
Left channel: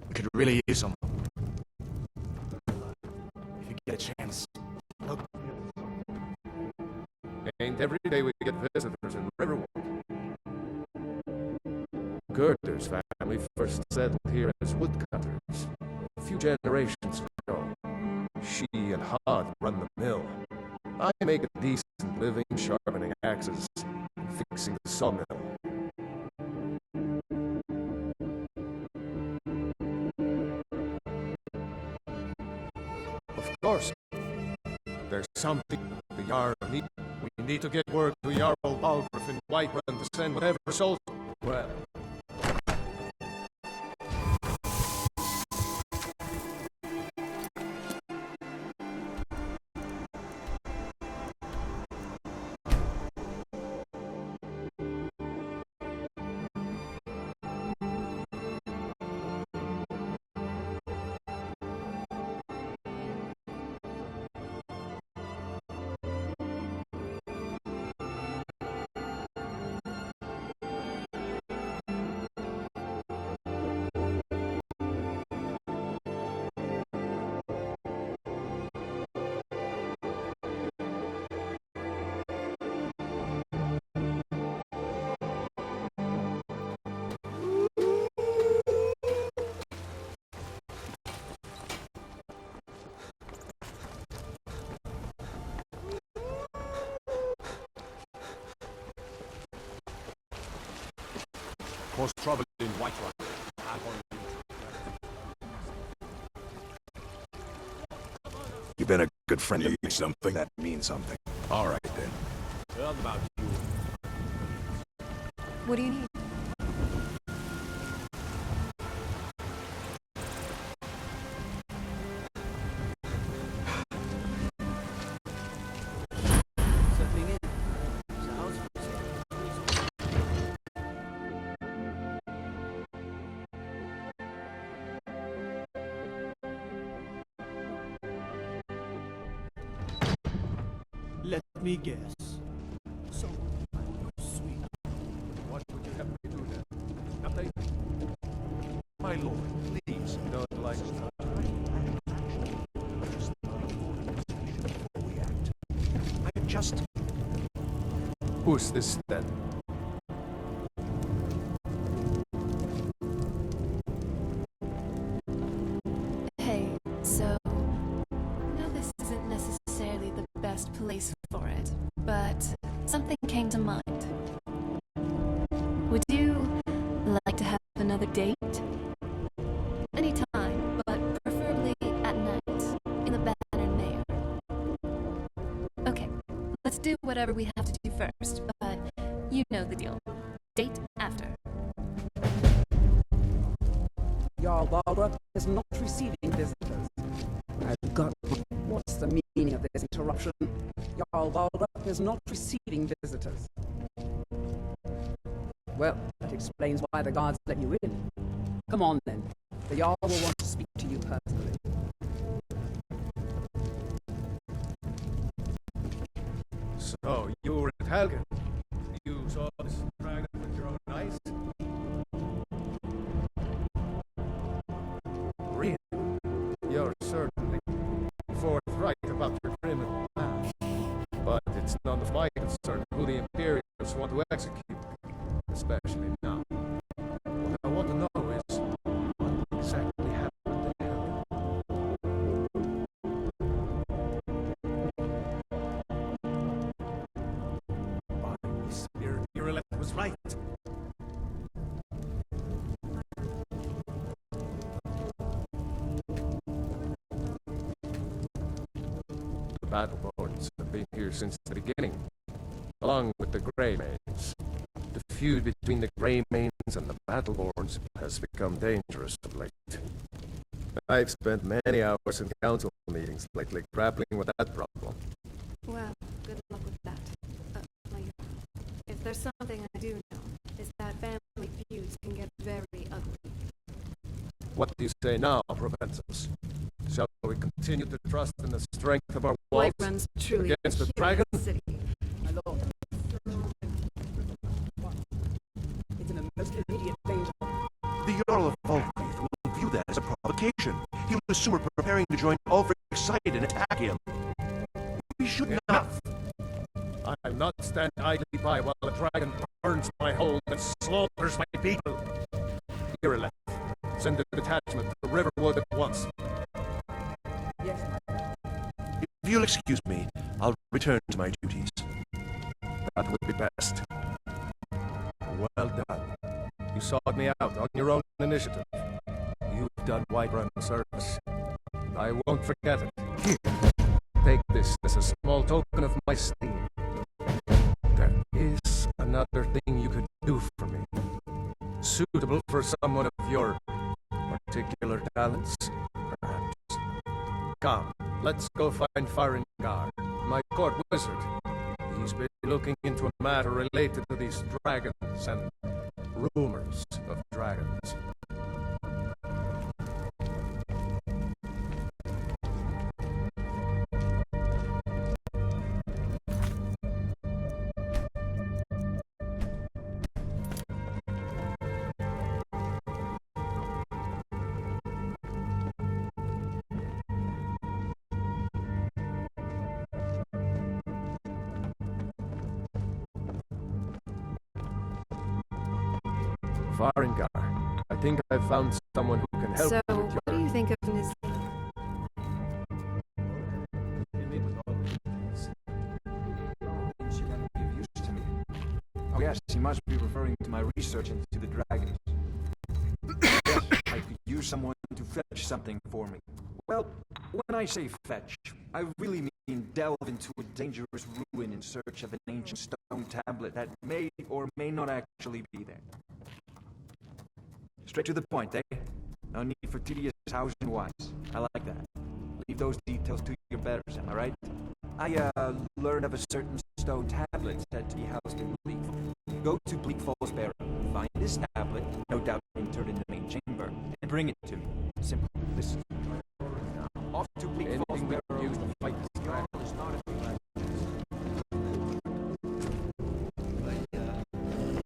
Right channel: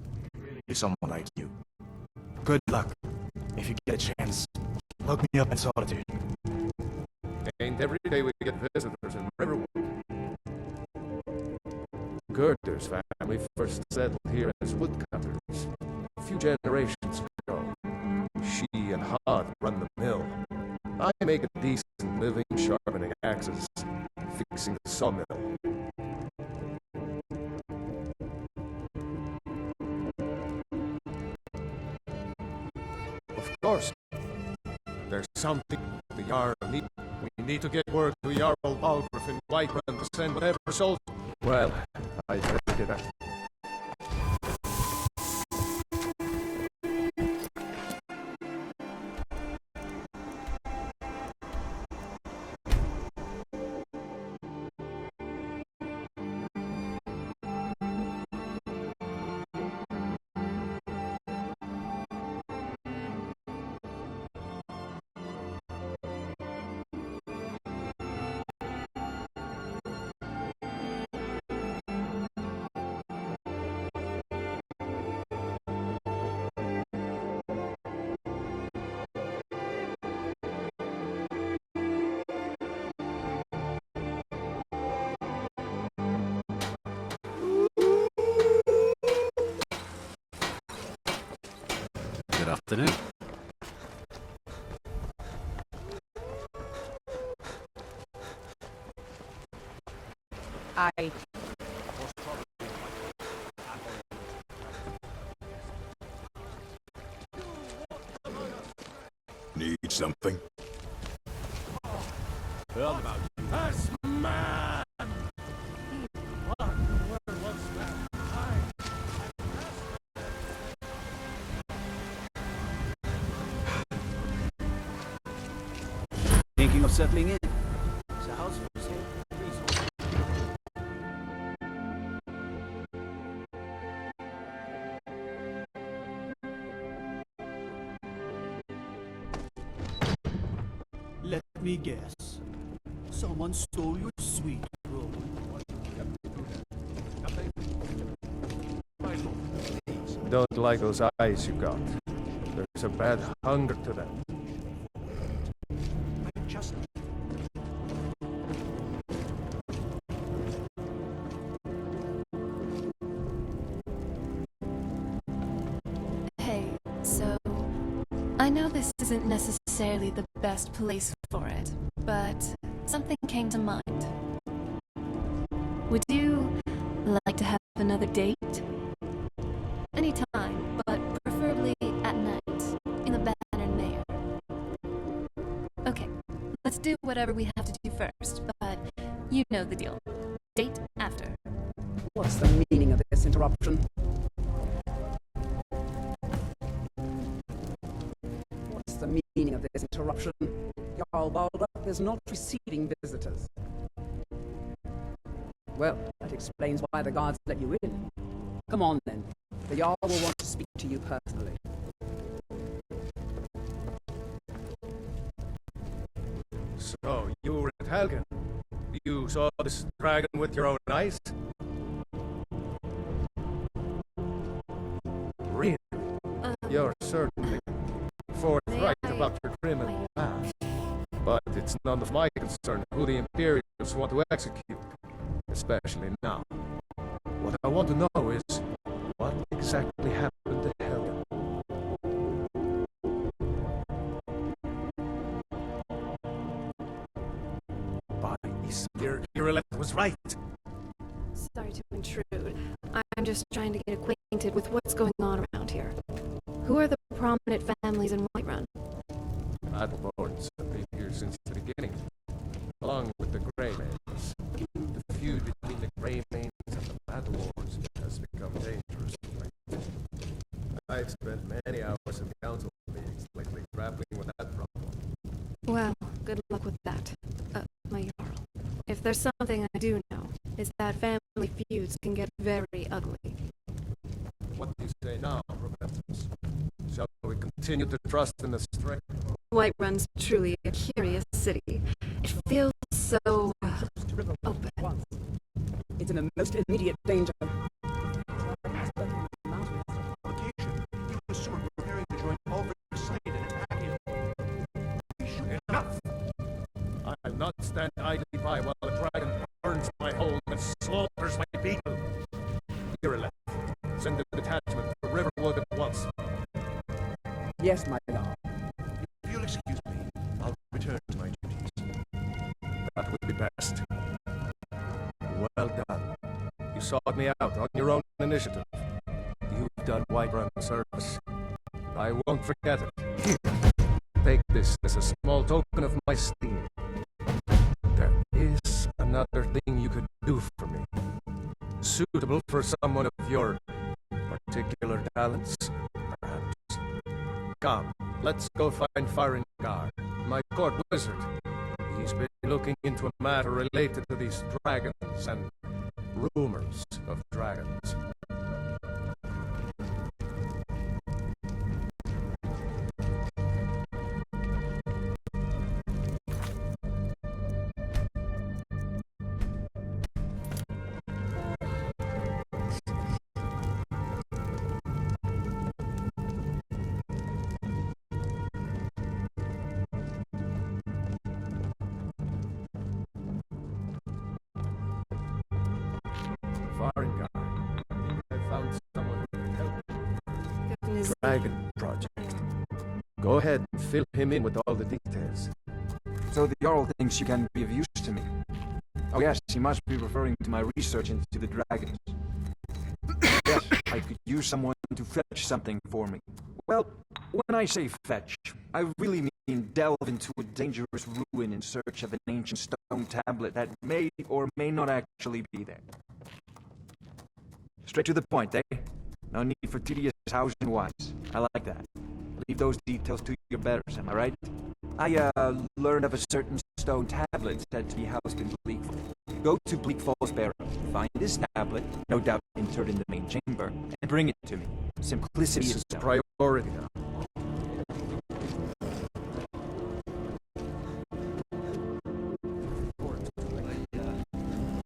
We could really use someone like you. Good luck. If you get a chance, look me up in Solitude. Ain't every day we get visitors in Riverwood. Gerder's family first settled here as woodcutters a few generations ago. She and Hod run the mill. I make a decent living sharpening axes and fixing the sawmill. Of course, there's something the Jarl needs. We need to get word to Jarl Balgruuf in Whiterun to send whatever soldiers. Well, I did that. Good afternoon. Cause trouble in Whiterun. You've been a good friend. Need something? That means something. All right, then. Heard about you. Man. What do you need? Thinking of settling in? It's a house for sale. Let me guess. Someone stole your sweet room. What would you have me do then? Nothing? My lord, please. Don't like those eyes you got. There's a bad hunger to them. I just... Who's this then? Hey, so I know this isn't necessarily the best place for it, but something came to mind. Would you like to have another date? Anytime, but preferably at night, in the Banner Mayor. Okay, let's do whatever we have to do first, but you know the deal. Date after. What's the meaning of this interruption? Jarl Balgruuf is not receiving visitors. I've got... What's the meaning of this interruption? Jarl Balgruuf is not receiving visitors. Well, that explains why the guards let you in. Come on, then. The Jarl will want to speak to you personally. So, you were at Helgen. You saw this dragon with your own eyes? Really? You're certainly forthright about your criminal past. But it's none of my concern who the Imperials want to execute. Especially now. What I want to know is, what exactly happened to Helgen? By Isabir, Irelet was right. Sorry to intrude. I'm just trying to get acquainted with what's going on around here. Who are the prominent families in Whiterun? The Battlelords have been here since the beginning, along with the Greymanes. The feud between the Greymanes and the Battlelords has become dangerous of late. I've spent many hours in council meetings lately grappling with that problem. Well, good luck with that, my Jarl. If there's something I do know, it's that family feuds can get very ugly. What do you say now, Proventus? Shall we continue to trust in the strength of our walls Whiterun's truly a against the curious dragon? city. It feels so open. It's in the most immediate danger. The Jarl of Ulfric will view that as a provocation. He'll assume we're preparing to join Ulfric's side and attack him. We should not. I'll not stand idly by while a dragon burns my hold and slaughters my people. Ireleth, send a detachment to Riverwood at once. Yes, my lord. If you'll excuse me, I'll return to my duties. That would be best. Well done. You sought me out on your own initiative. You've done Whiterun a service. I won't forget it. Here, take this as a small token of my esteem. There is another thing you could do for me. Suitable for someone of your particular talents, perhaps. Come, let's go find Farengar, my court wizard. He's been looking into a matter related to these dragons and rumors of dragons. Farengar, I think I've found someone who can help So, you with what do you think of Niz? dragon project. Go ahead and fill him in with all the details. So the Jarl thinks you can be of use to me. Oh yes, he must be referring to my research into the dragons. Yes, I could use someone to fetch something for me. Well, when I say fetch, I really mean delve into a dangerous ruin in search of an ancient stone tablet that may or may not actually be there. Straight to the point, eh? No need for tedious hows and whys. I like that. Leave those details to your betters, am I right? I, learned of a certain stone tablet said to be housed in Bleakfall. Go to Bleakfall's Barrow, find this tablet, no doubt interred in the main chamber, and bring it to me. Simplicity This is is priority now. Off to anything we can use to fight these dragons.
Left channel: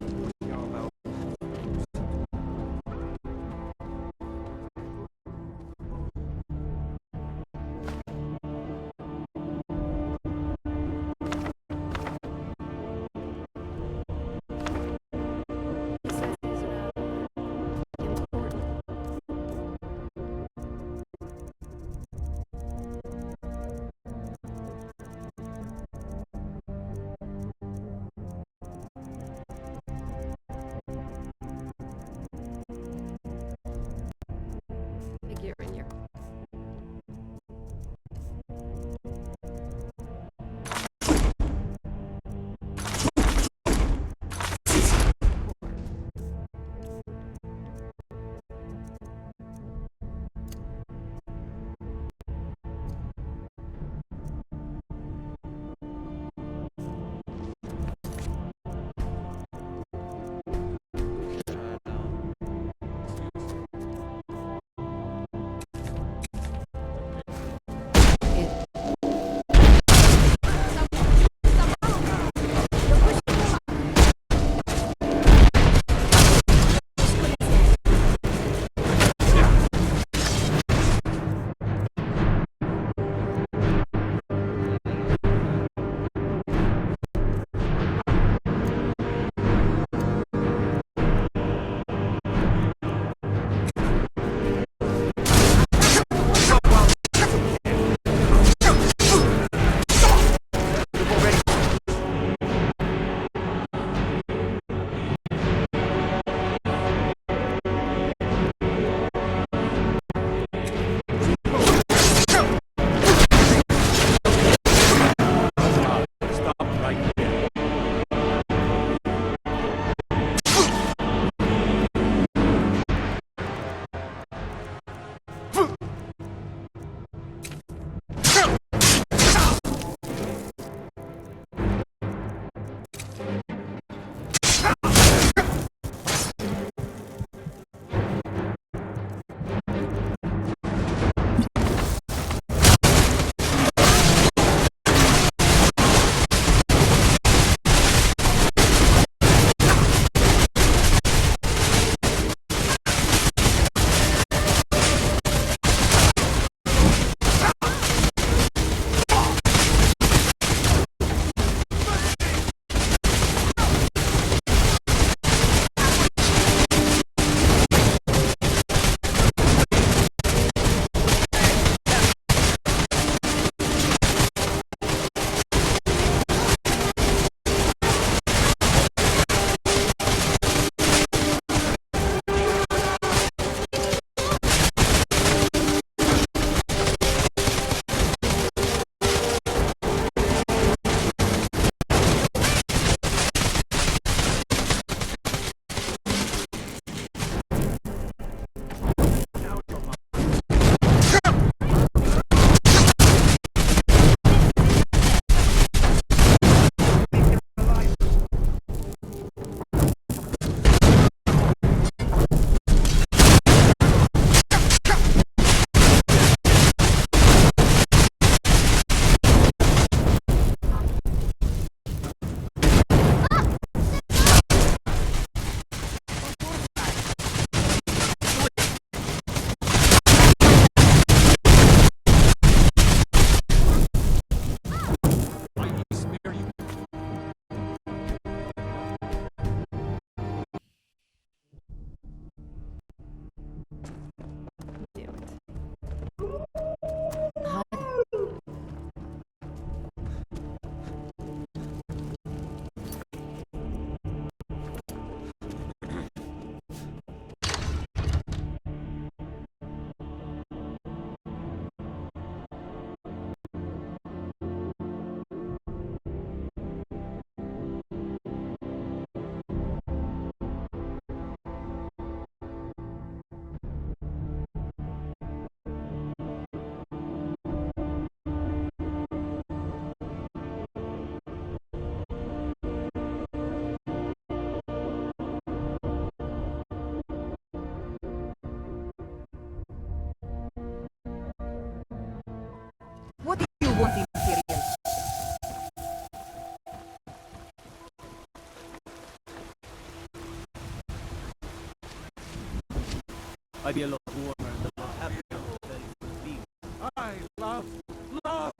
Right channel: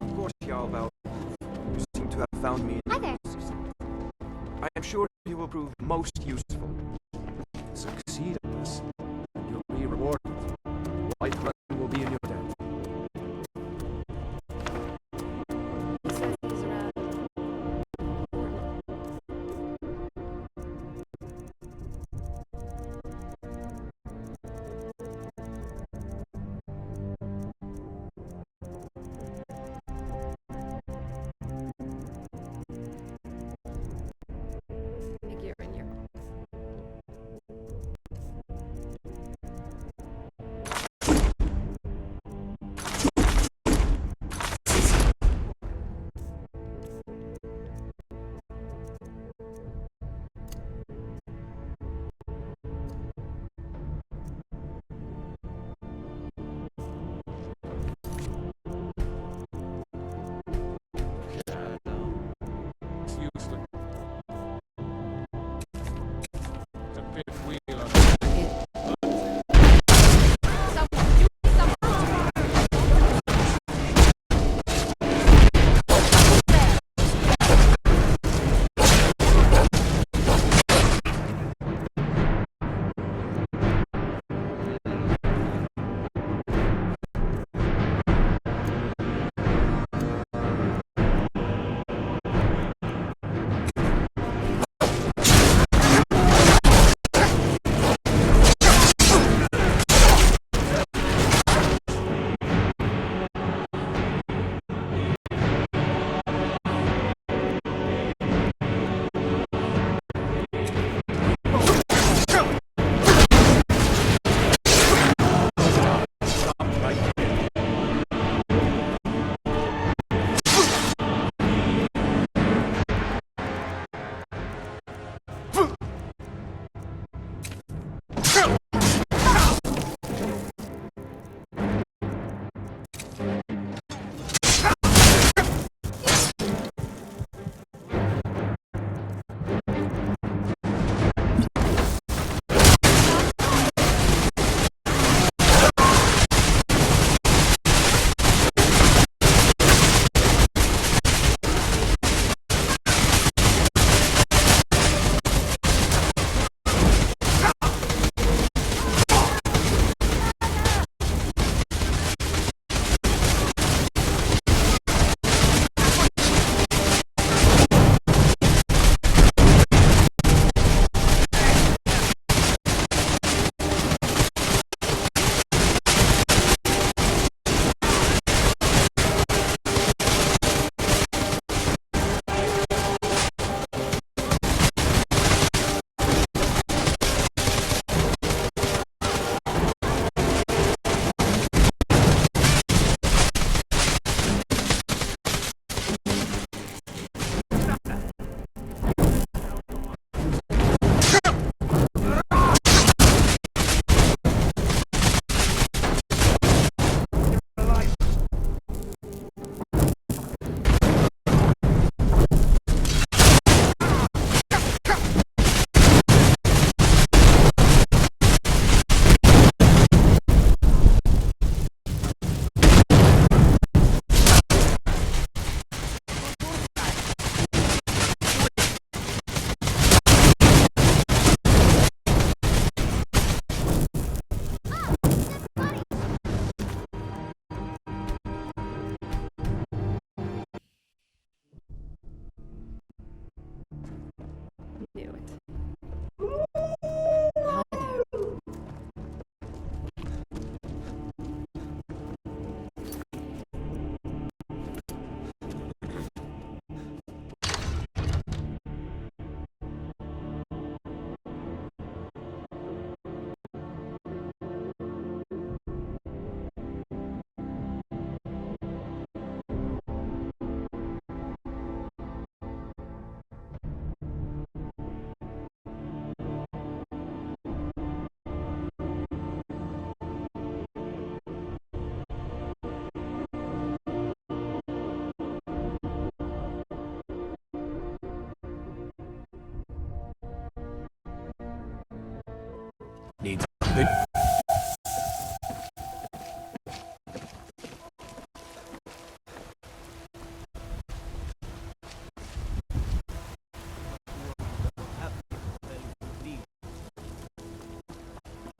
Of course, Jarl, you seem to have found me. Hi there. I am sure you will prove most useful. Succeed in this. You'll be rewarded. Whiterun will be in your debt. He says he's around. Important. Figure in your I'd be a lot warmer and a lot happier if the belly would be. I love love.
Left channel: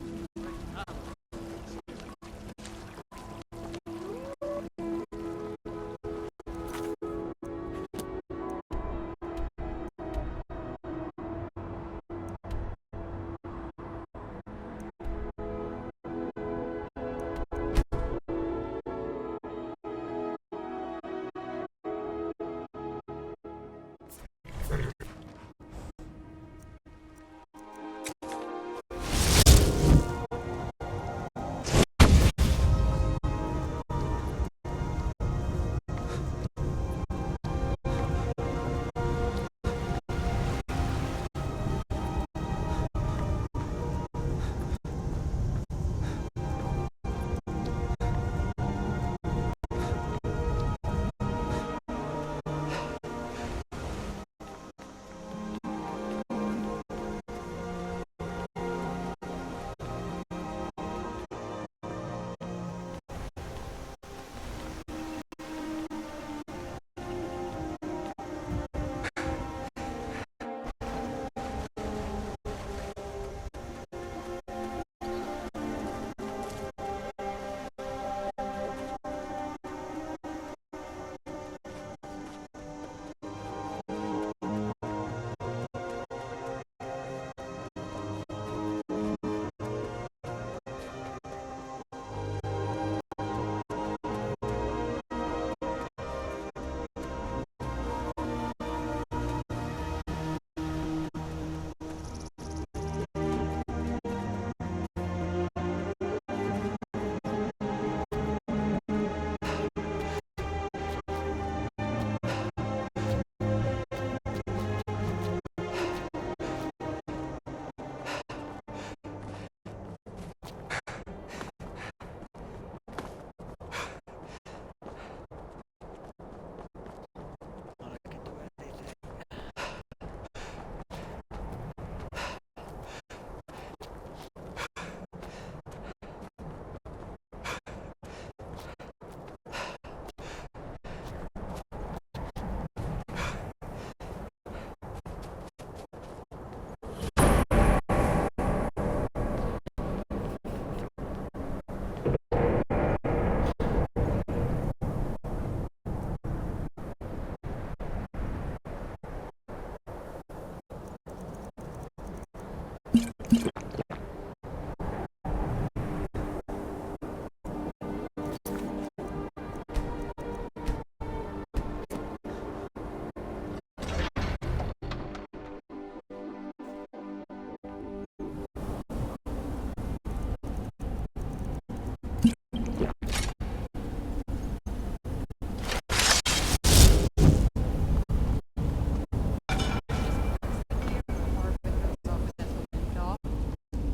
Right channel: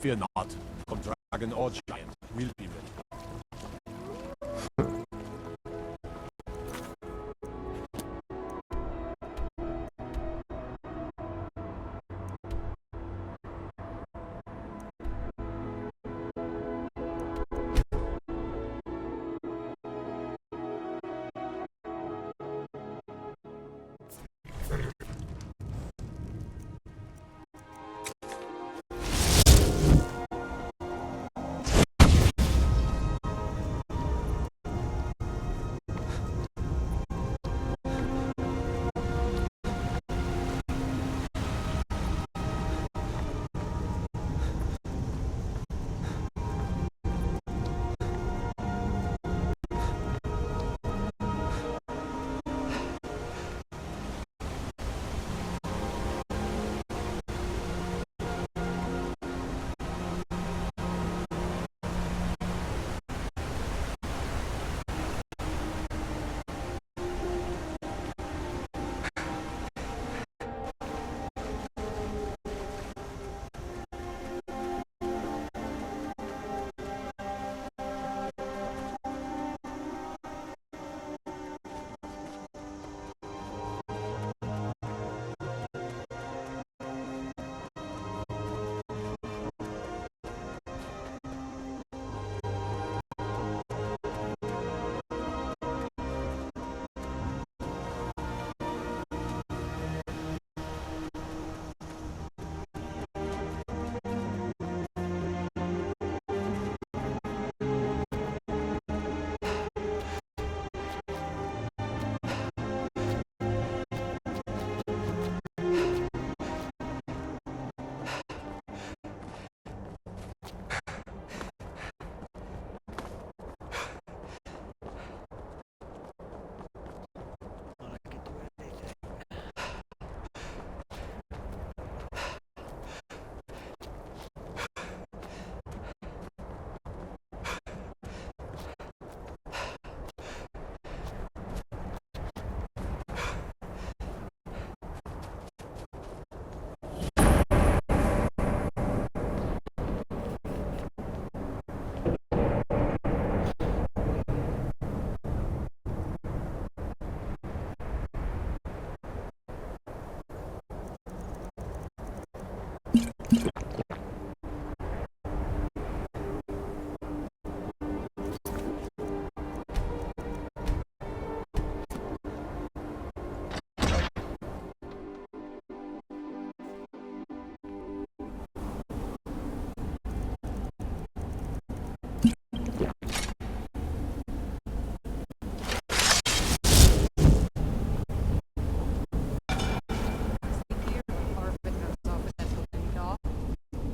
Fear not, come dragon or giant, will be.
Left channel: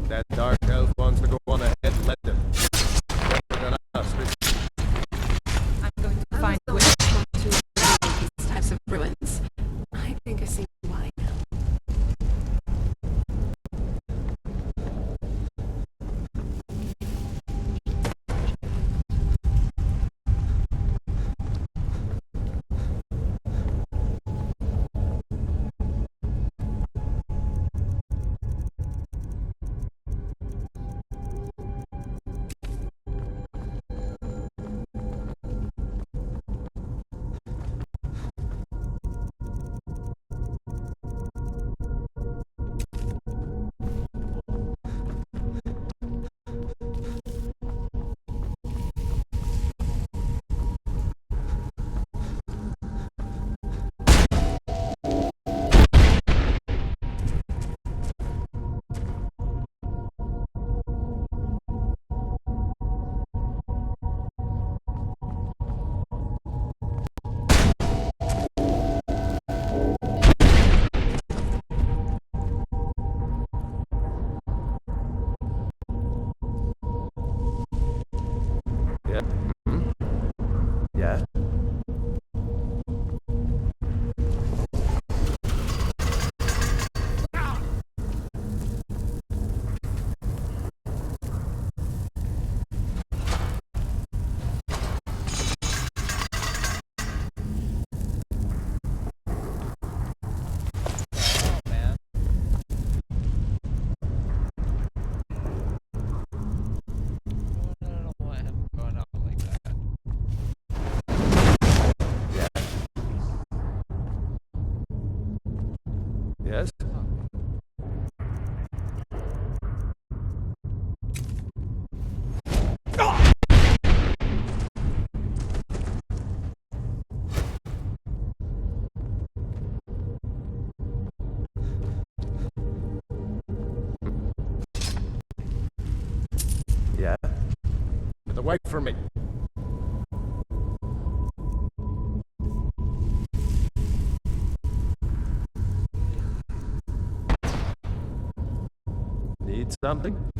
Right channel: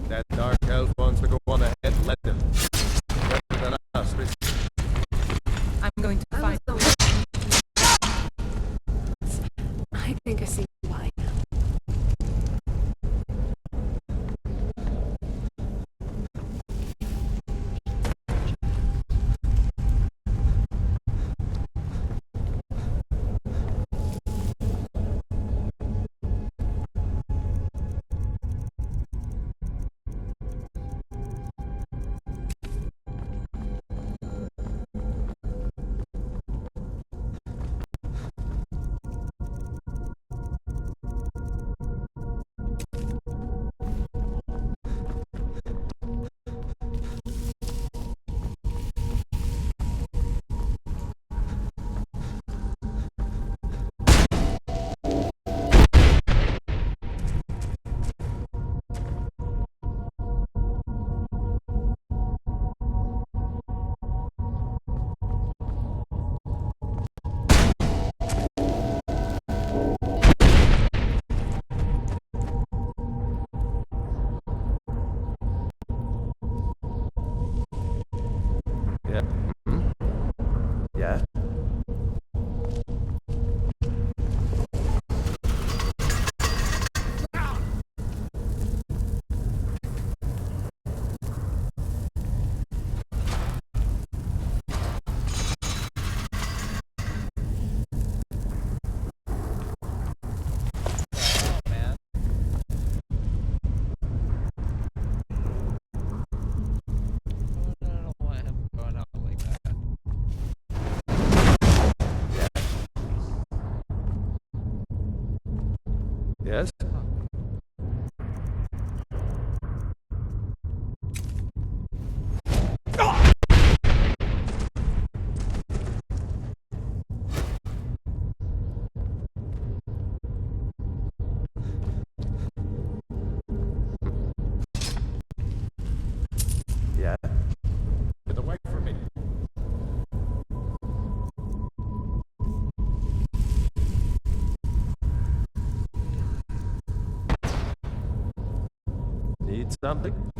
That dark elf wants to go on ahead, let them. Better than us. I'm going to find a way not to these types of ruins. I think I see why now. Yeah. Hmm? Yeah? Yes? Yeah? Get away from me. Need something?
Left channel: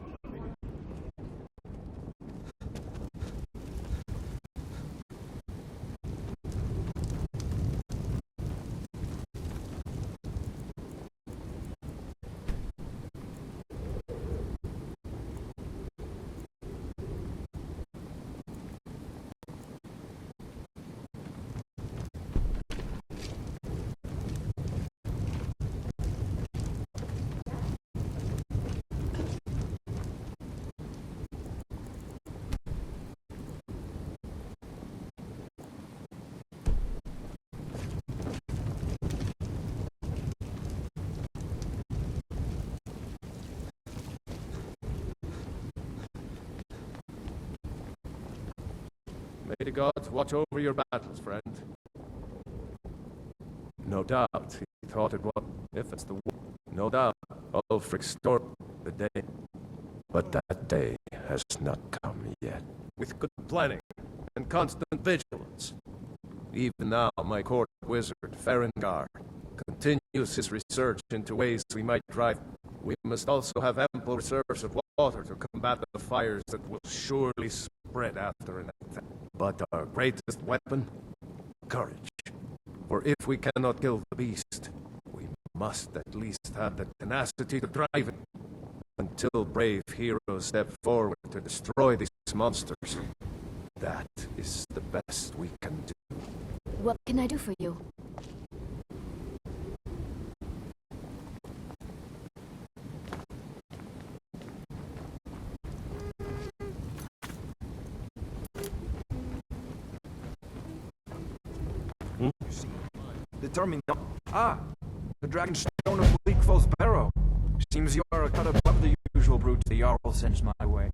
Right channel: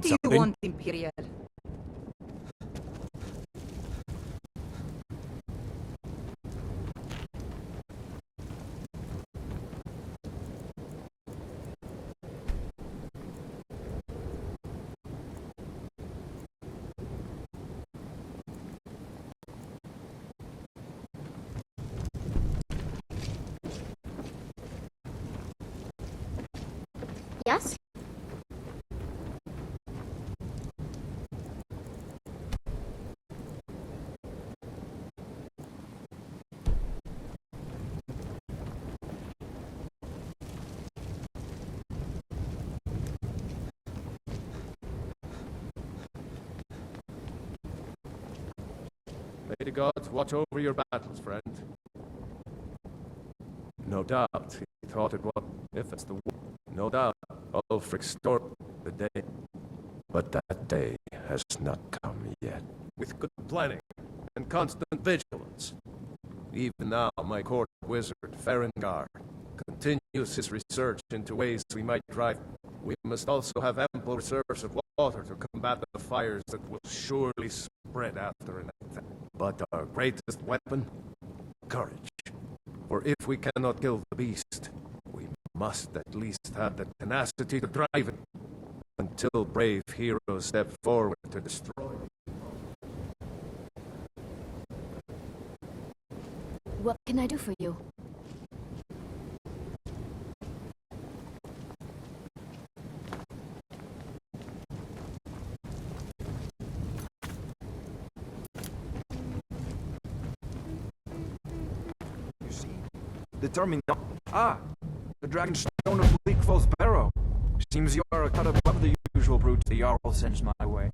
need do you something? want, Imperial? Yes? May the gods watch over your battles, friend. No doubt, he thought it was, if it's the war. No doubt, Ulfric stormed the day. But that day has not come yet. With good planning and constant vigilance. Even now, my court wizard, Farengar, continues his research into ways we might drive. We must also have ample reserves of water to combat the fires that will surely spread after an attack. But our greatest weapon? Courage. For if we cannot kill the beast, we must at least have the tenacity to drive it. Until brave heroes step forward to destroy these monsters. That is the best we can do. What can I do for you? You see? Determined. Ah! The dragon stone of Bleak Falls Barrow. Seems you are a cut above the usual brutes the Jarl sends my way.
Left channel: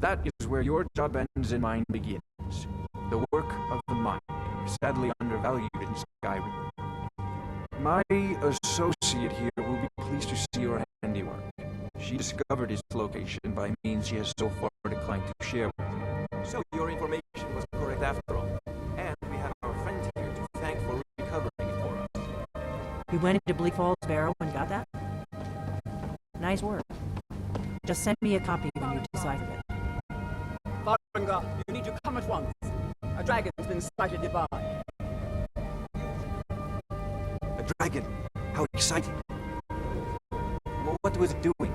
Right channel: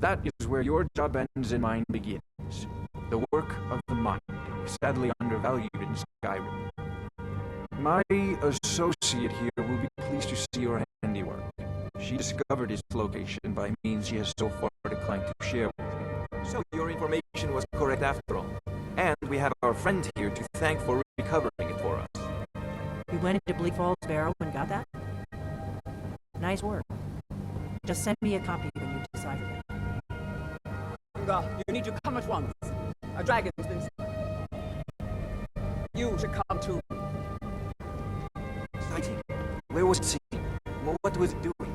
That is where your job ends and mine begins. The work of the mind, sadly undervalued in Skyrim. My associate here will be pleased to see your handiwork. She discovered its location by means she has so far declined to share with me. So your information was correct after all. And we have our friend here to thank for recovering it for us. You went into Bleak Falls Barrow and got that? Nice work. Just send me a copy when you deciphered it. Dawnguard, you need to come at once. A dragon's been sighted nearby. You should come too. A dragon? How exciting. Where was it seen? What was it doing?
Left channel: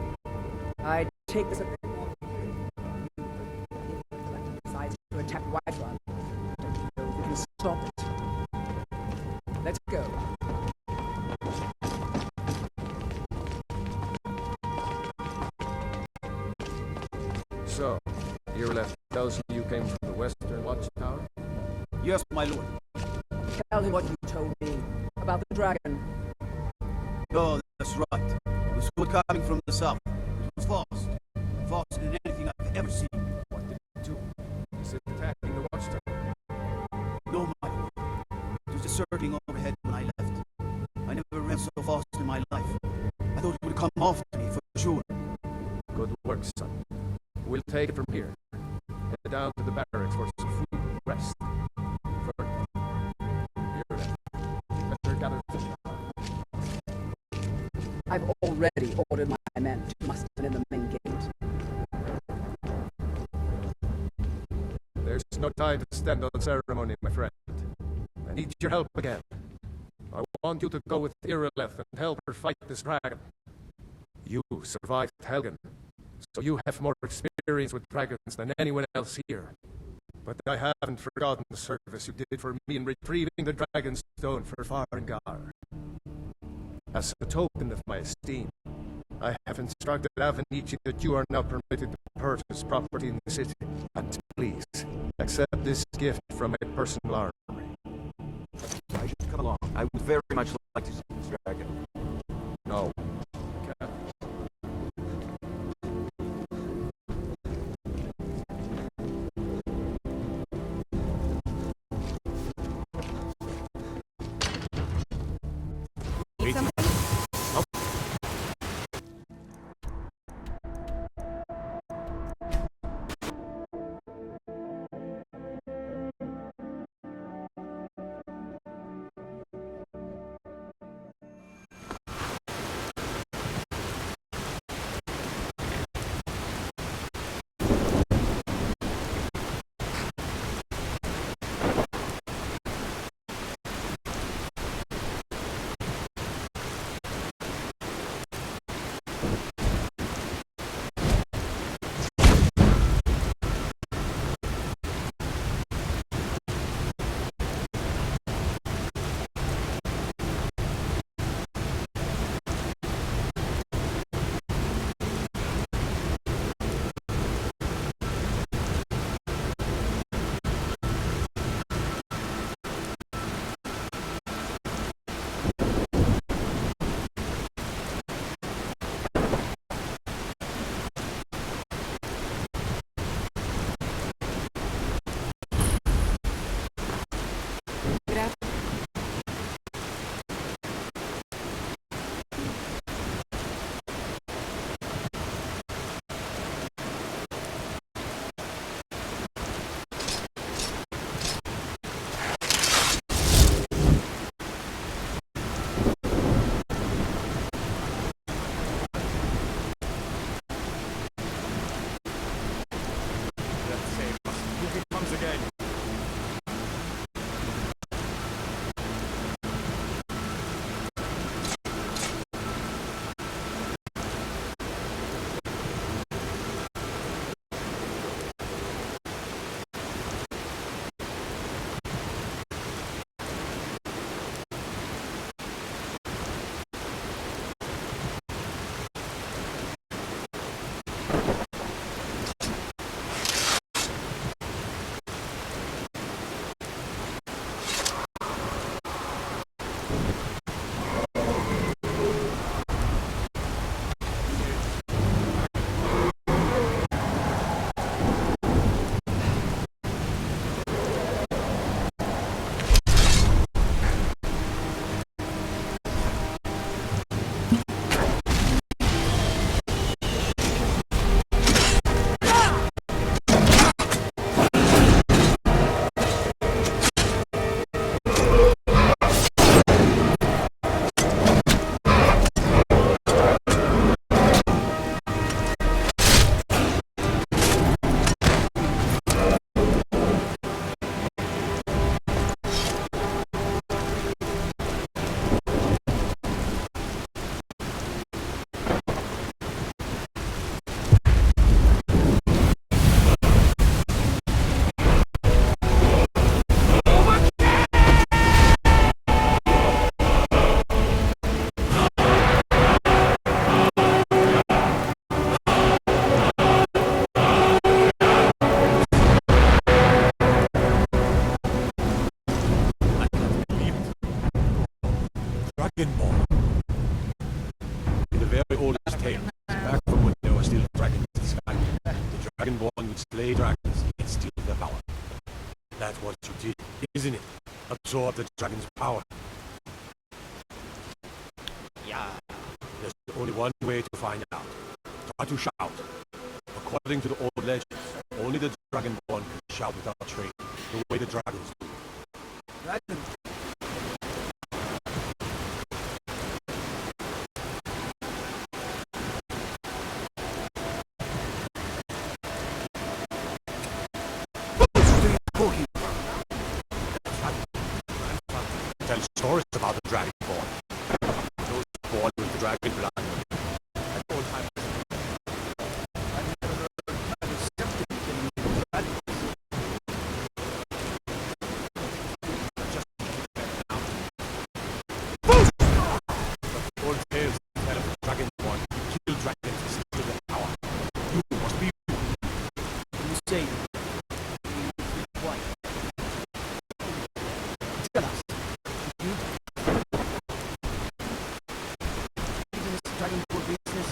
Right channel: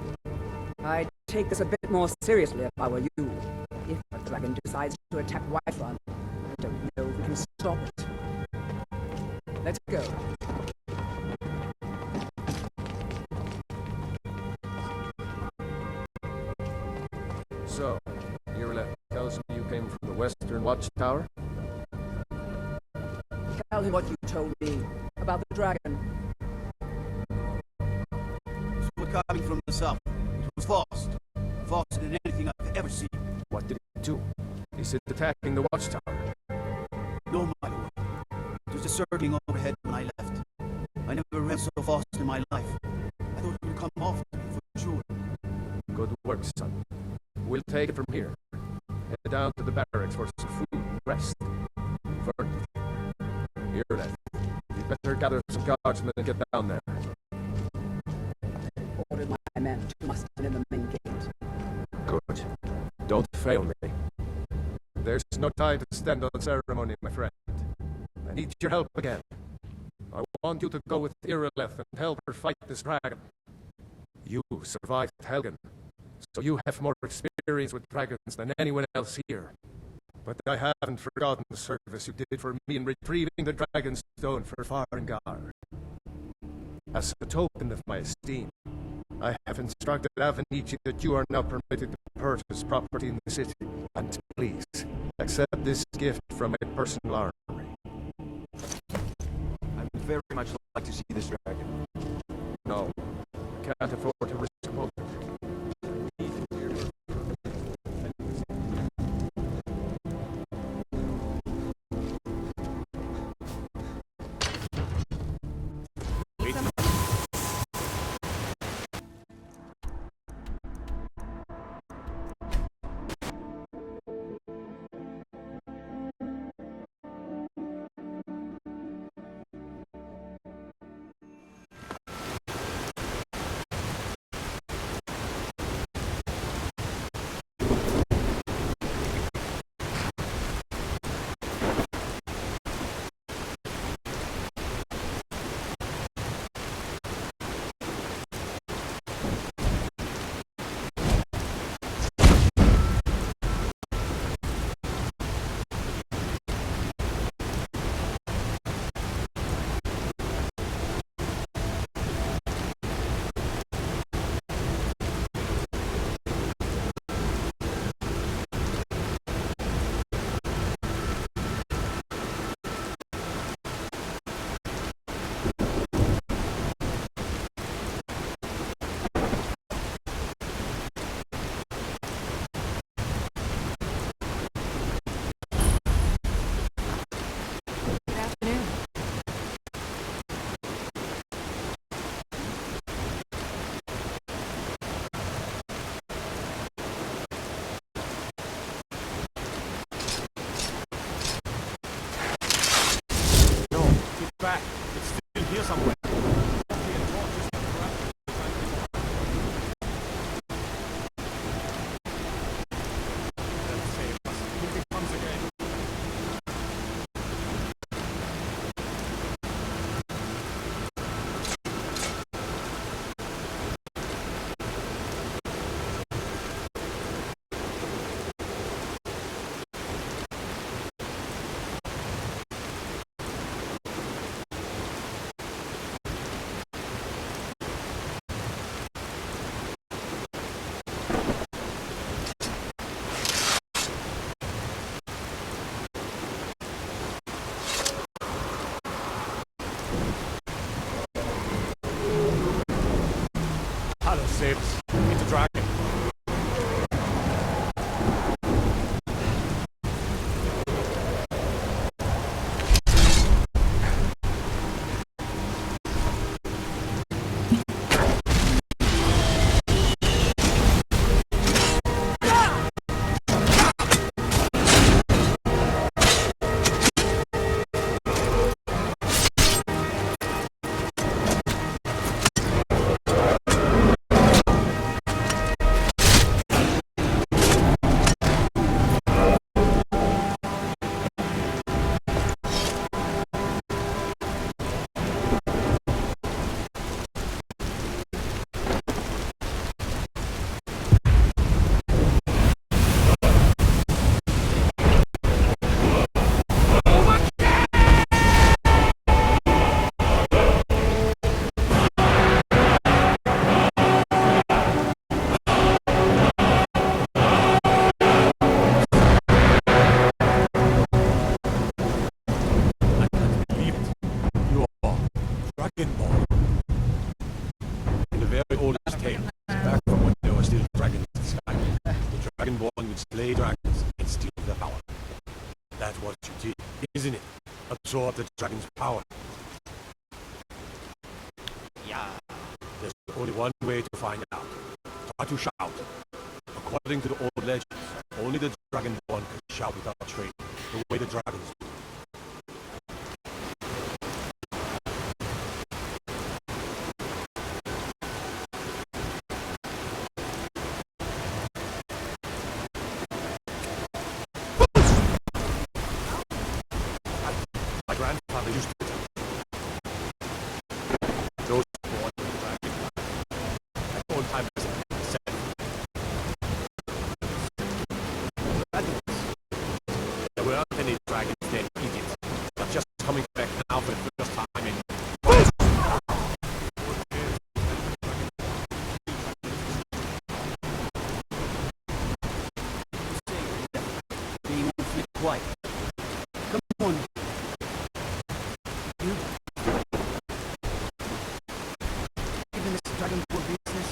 I'd take this a bit more seriously if I were you. If a dragon decides to attack Whiterun, I don't know if we can stop it. Let's go. So, Irileth tells me you came from the Western Watchtower? Yes, my lord. Tell him what you told me about the dragon. Oh, that's right. It was coming from the south. It was fast. Faster than anything I've ever seen. What did it do? Is it attacking the Watchtower? No, my lord. It was just circling overhead when I left. I never ran so fast in my life. I thought it would come after me for sure. Good work, son. We'll take it from here. Head down to the barracks for some food and rest. First, Irileth, you better gather some guards and then get down there. I've already ordered my men to muster in the main gate. Good. Don't fail me. There's no time to stand on ceremony, my friend. I need your help again. I want you to go with Irileth and help her fight this dragon. You survived Helgen, so you have more experience with dragons than anyone else here. But I haven't forgotten the service you did for me in retrieving the dragon stone for Farengar. As a token of my esteem, I have instructed Avenici that you are now permitted to purchase property in the city. And please, accept this gift from my personal armory. Come along. I would very much like to see this dragon. No, I can't afford to risk both. Dragonborn. In the very oldest tales, back from when there were still dragons in Skyrim, the Dragonborn would slay dragons and steal their power. That's what you did, isn't it? Absorb the dragon's power. Yeah. There's only one way to find out. Try to shout. According to the old legends, only the Dragonborn can shout without training, the way the dragons do. My grandfather used to tell stories about the Dragonborn. Those born with the dragon blood. At old times, there were any dragons named Egypt, but just coming back now for the first time in... The old tales tell of the Dragonborn who killed dragons to steal their power. Must be... You say that being awfully quiet. Come on, tell us. You... Even this Dragonborn business...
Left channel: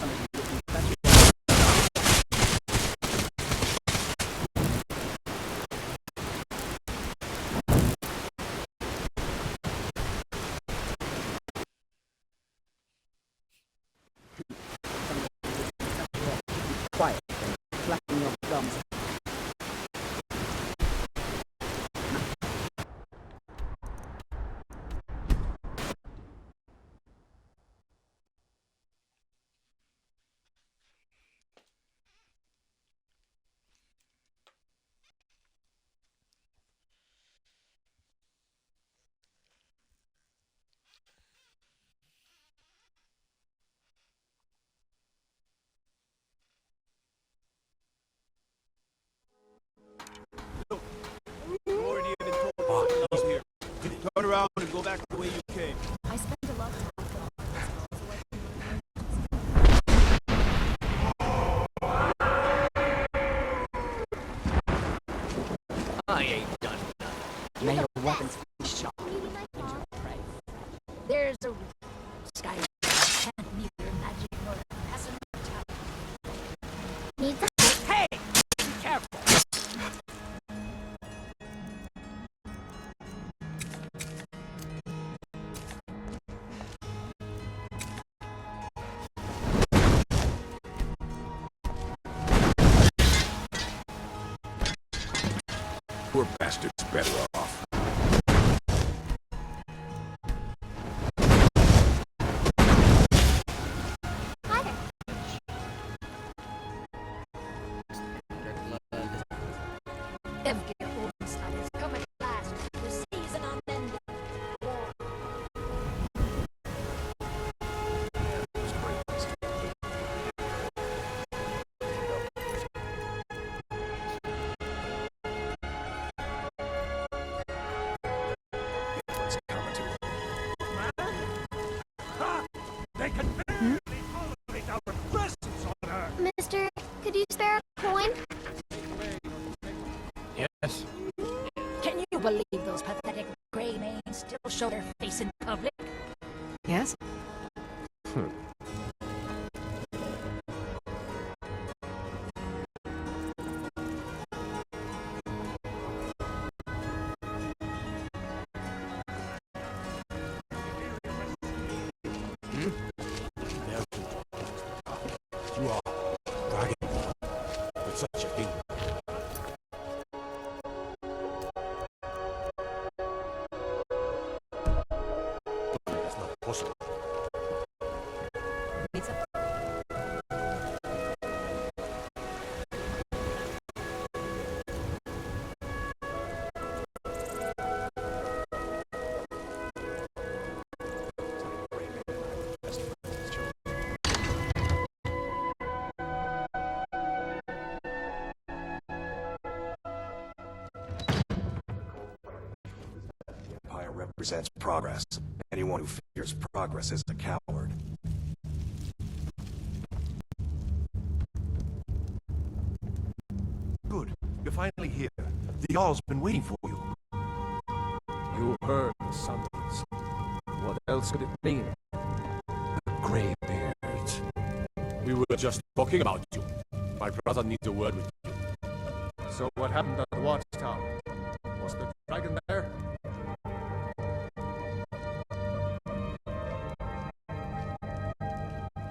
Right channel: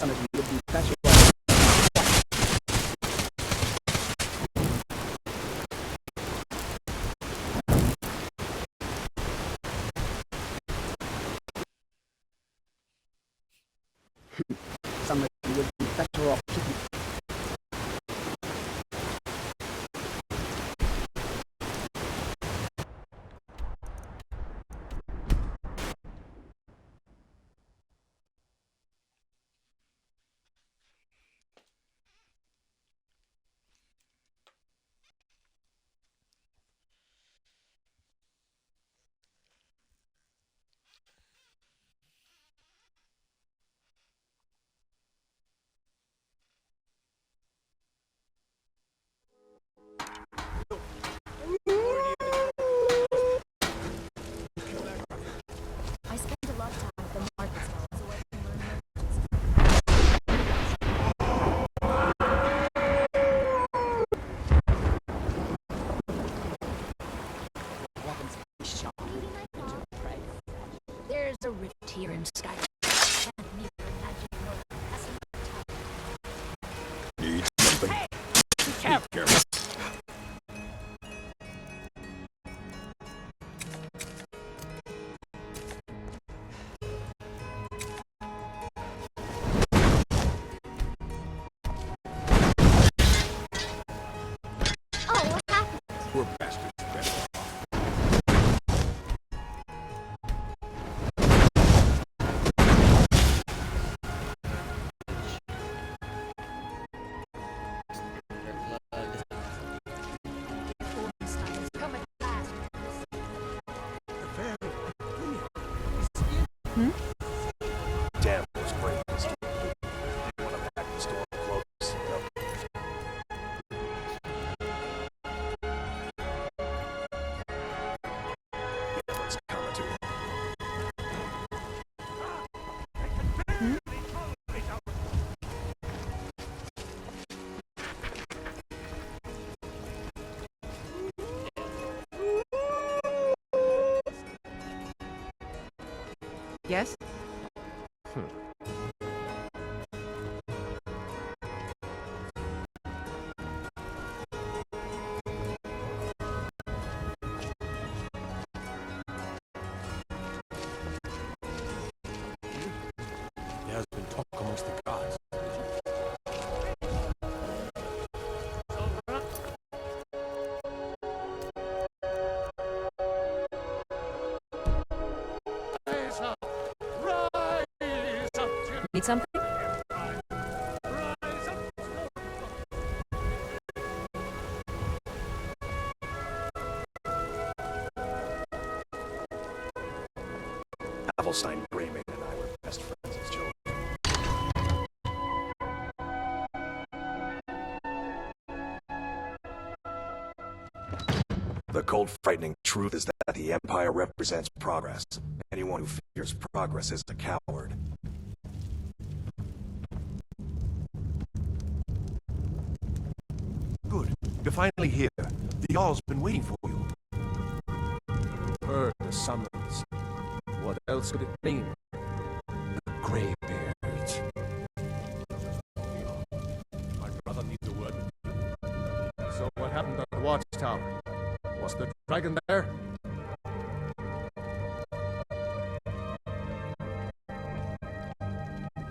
Some of you would be better off. Some of you would be better off keeping quiet, flapping your thumbs. Turn around and go back the way you came. I spent a lot of time from Marcus so I can learn I ain't done. May your weapons be sharp and your prey fresh. There's a rift here in Skyrim. Can't neither magic nor passing time. Hey! Be careful! Poor bastard's better off. Oldenstein has come at last. The season on end. Damn those great mysteries. They want to ride this storm close. Yeah, what's coming to him? They can barely tolerate our presence on Earth. Mister, could you spare a coin? Yes. Can you believe those pathetic gray maids still show their face in public? Yes? There's been talk amongst the gods that you are dying. That's such a thing. Need something? Avelstein, Greyman, and I were best friends as children. The cold, frightening truth is that the Empire represents progress. Anyone who fears progress is a coward. You're finally here. The Jarl's been waiting for you. You heard the summons. What else could it mean? The Greybeards. We were just talking about you. My brother needs a word with you. So what happened at the watchtower? Was the dragon there?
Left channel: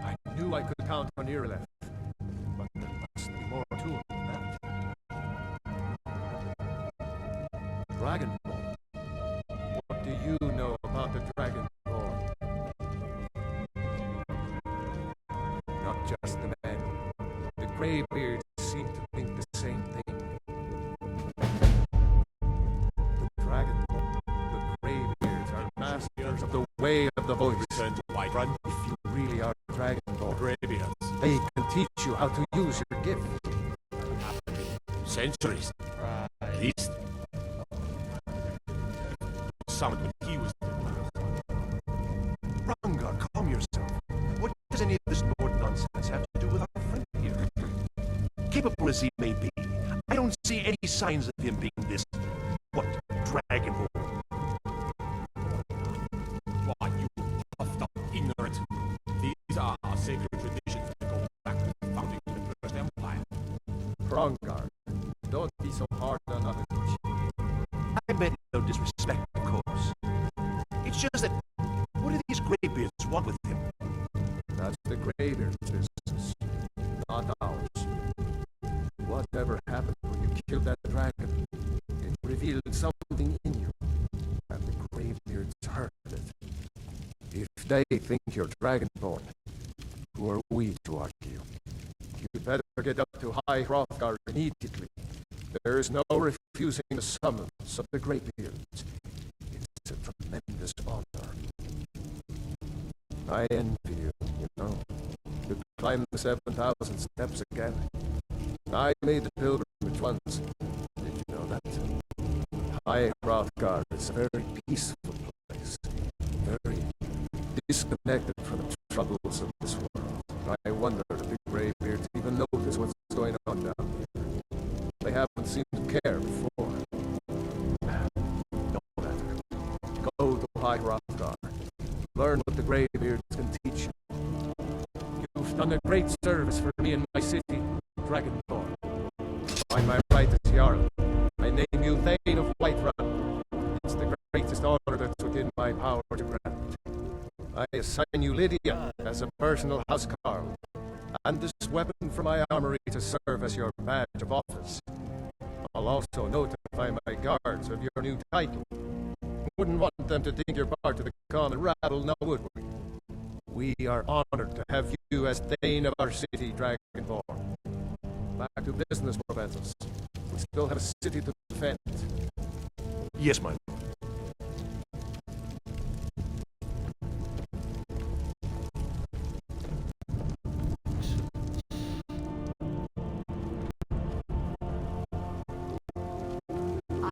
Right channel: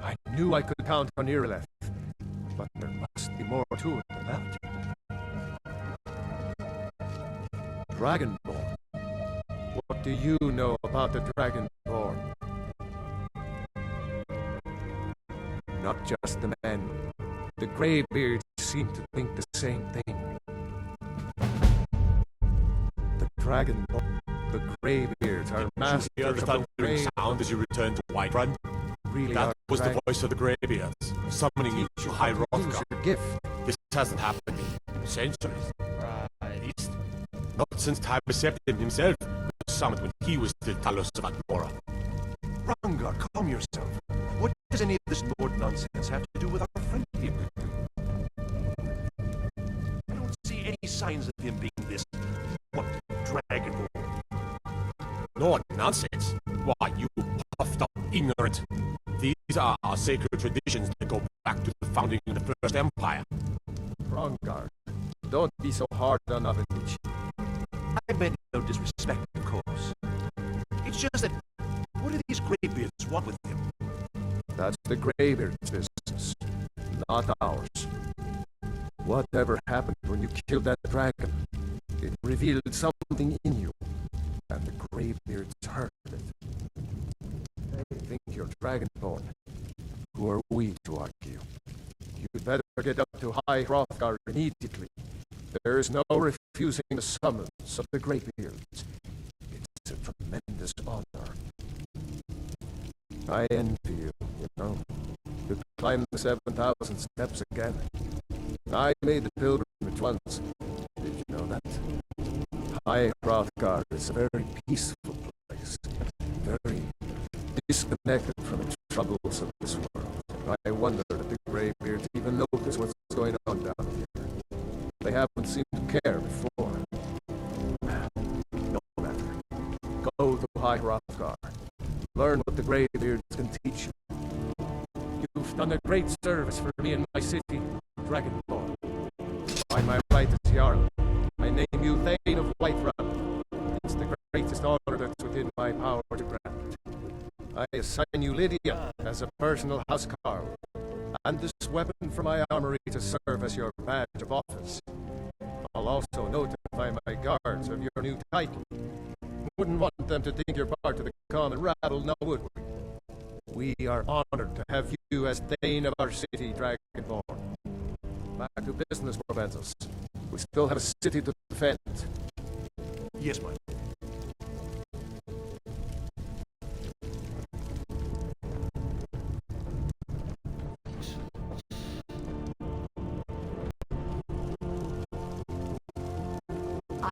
I knew I could count on Irileth, but there must be more to it than that. Dragonborn. What do you know about the Dragonborn? Not just the men. The Greybeards seem to think the same thing. The Dragonborn, the Greybeards are masters of the way of the you return to Whiterun. If you really That are was the voice of the Greybeards. They can teach you how to use your gift. This hasn't happened in centuries. At least, not since Tybeseptim himself was summoned when he was still Talos of Atmora. Dawnguard, calm yourself. What does any of this Nord nonsense have to do with our friend here? Capable as he may be, I don't see any signs of him being this, what, Dragonborn. Nord nonsense? Why, you puffed up ignorant. These are our sacred traditions that go back to the founding of the First Empire. Dawnguard, don't be so hard on Avenich. I meant no disrespect, of course. It's just that, what do these Greybeards want with him? That's the Greybeard's business, not ours. Whatever happened when you killed that dragon, it revealed something in you, and the Greybeards heard it. If they think you're Dragonborn, who are we to argue? You'd better get up to High Hrothgar immediately. There is no refusing the summons of the Greybeards. It's a tremendous honor. I envy you, you know. To climb the 7,000 steps again. I made the pilgrimage once. Did you know that? High Hrothgar is a very peaceful place. Very disconnected from the troubles of this world. I wonder if the Greybeards even notice what's going on down here. They haven't seemed to care before. No matter. Go to High Hrothgar. Learn what the Greybeards can teach you. You've done a great service for me and my city, Dragonborn. By my right as Jarl, I name you Thane of Whiterun. It's the greatest honor that's within my power to grant. I assign you Lydia as a personal housecarl, and this weapon from my armory to serve as your badge of office. I'll also notify my guards of your new title. Wouldn't want them to think you're part of the common rabble, now would we? We are honored to have you as Thane of our city, Dragonborn. Back to business, Proventus. We still have a city to defend. Yes, my lord.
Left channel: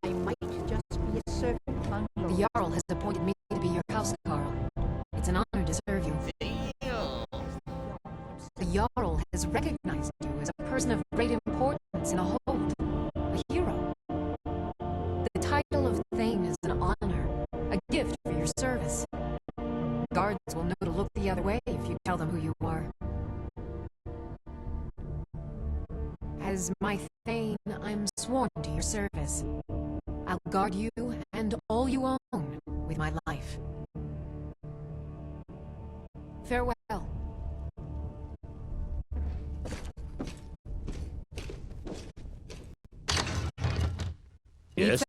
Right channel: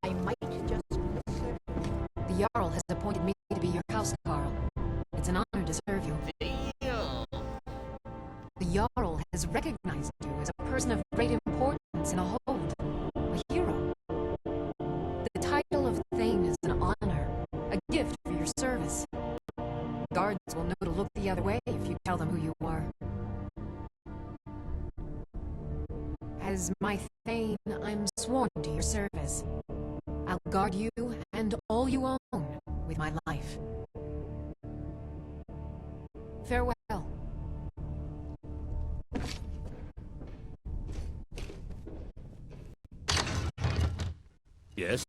I might just be a servant on your... The Jarl has appointed me to be your housecarl. It's an honor to serve you. The Jarl has recognized you as a person of great importance in a hold, a hero. The title of Thane is an honor, a gift for your service. Guards will know to look the other way if you tell them who you are. As my Thane, I'm sworn to your service. I'll guard you and all you own with my life. Farewell. Yes?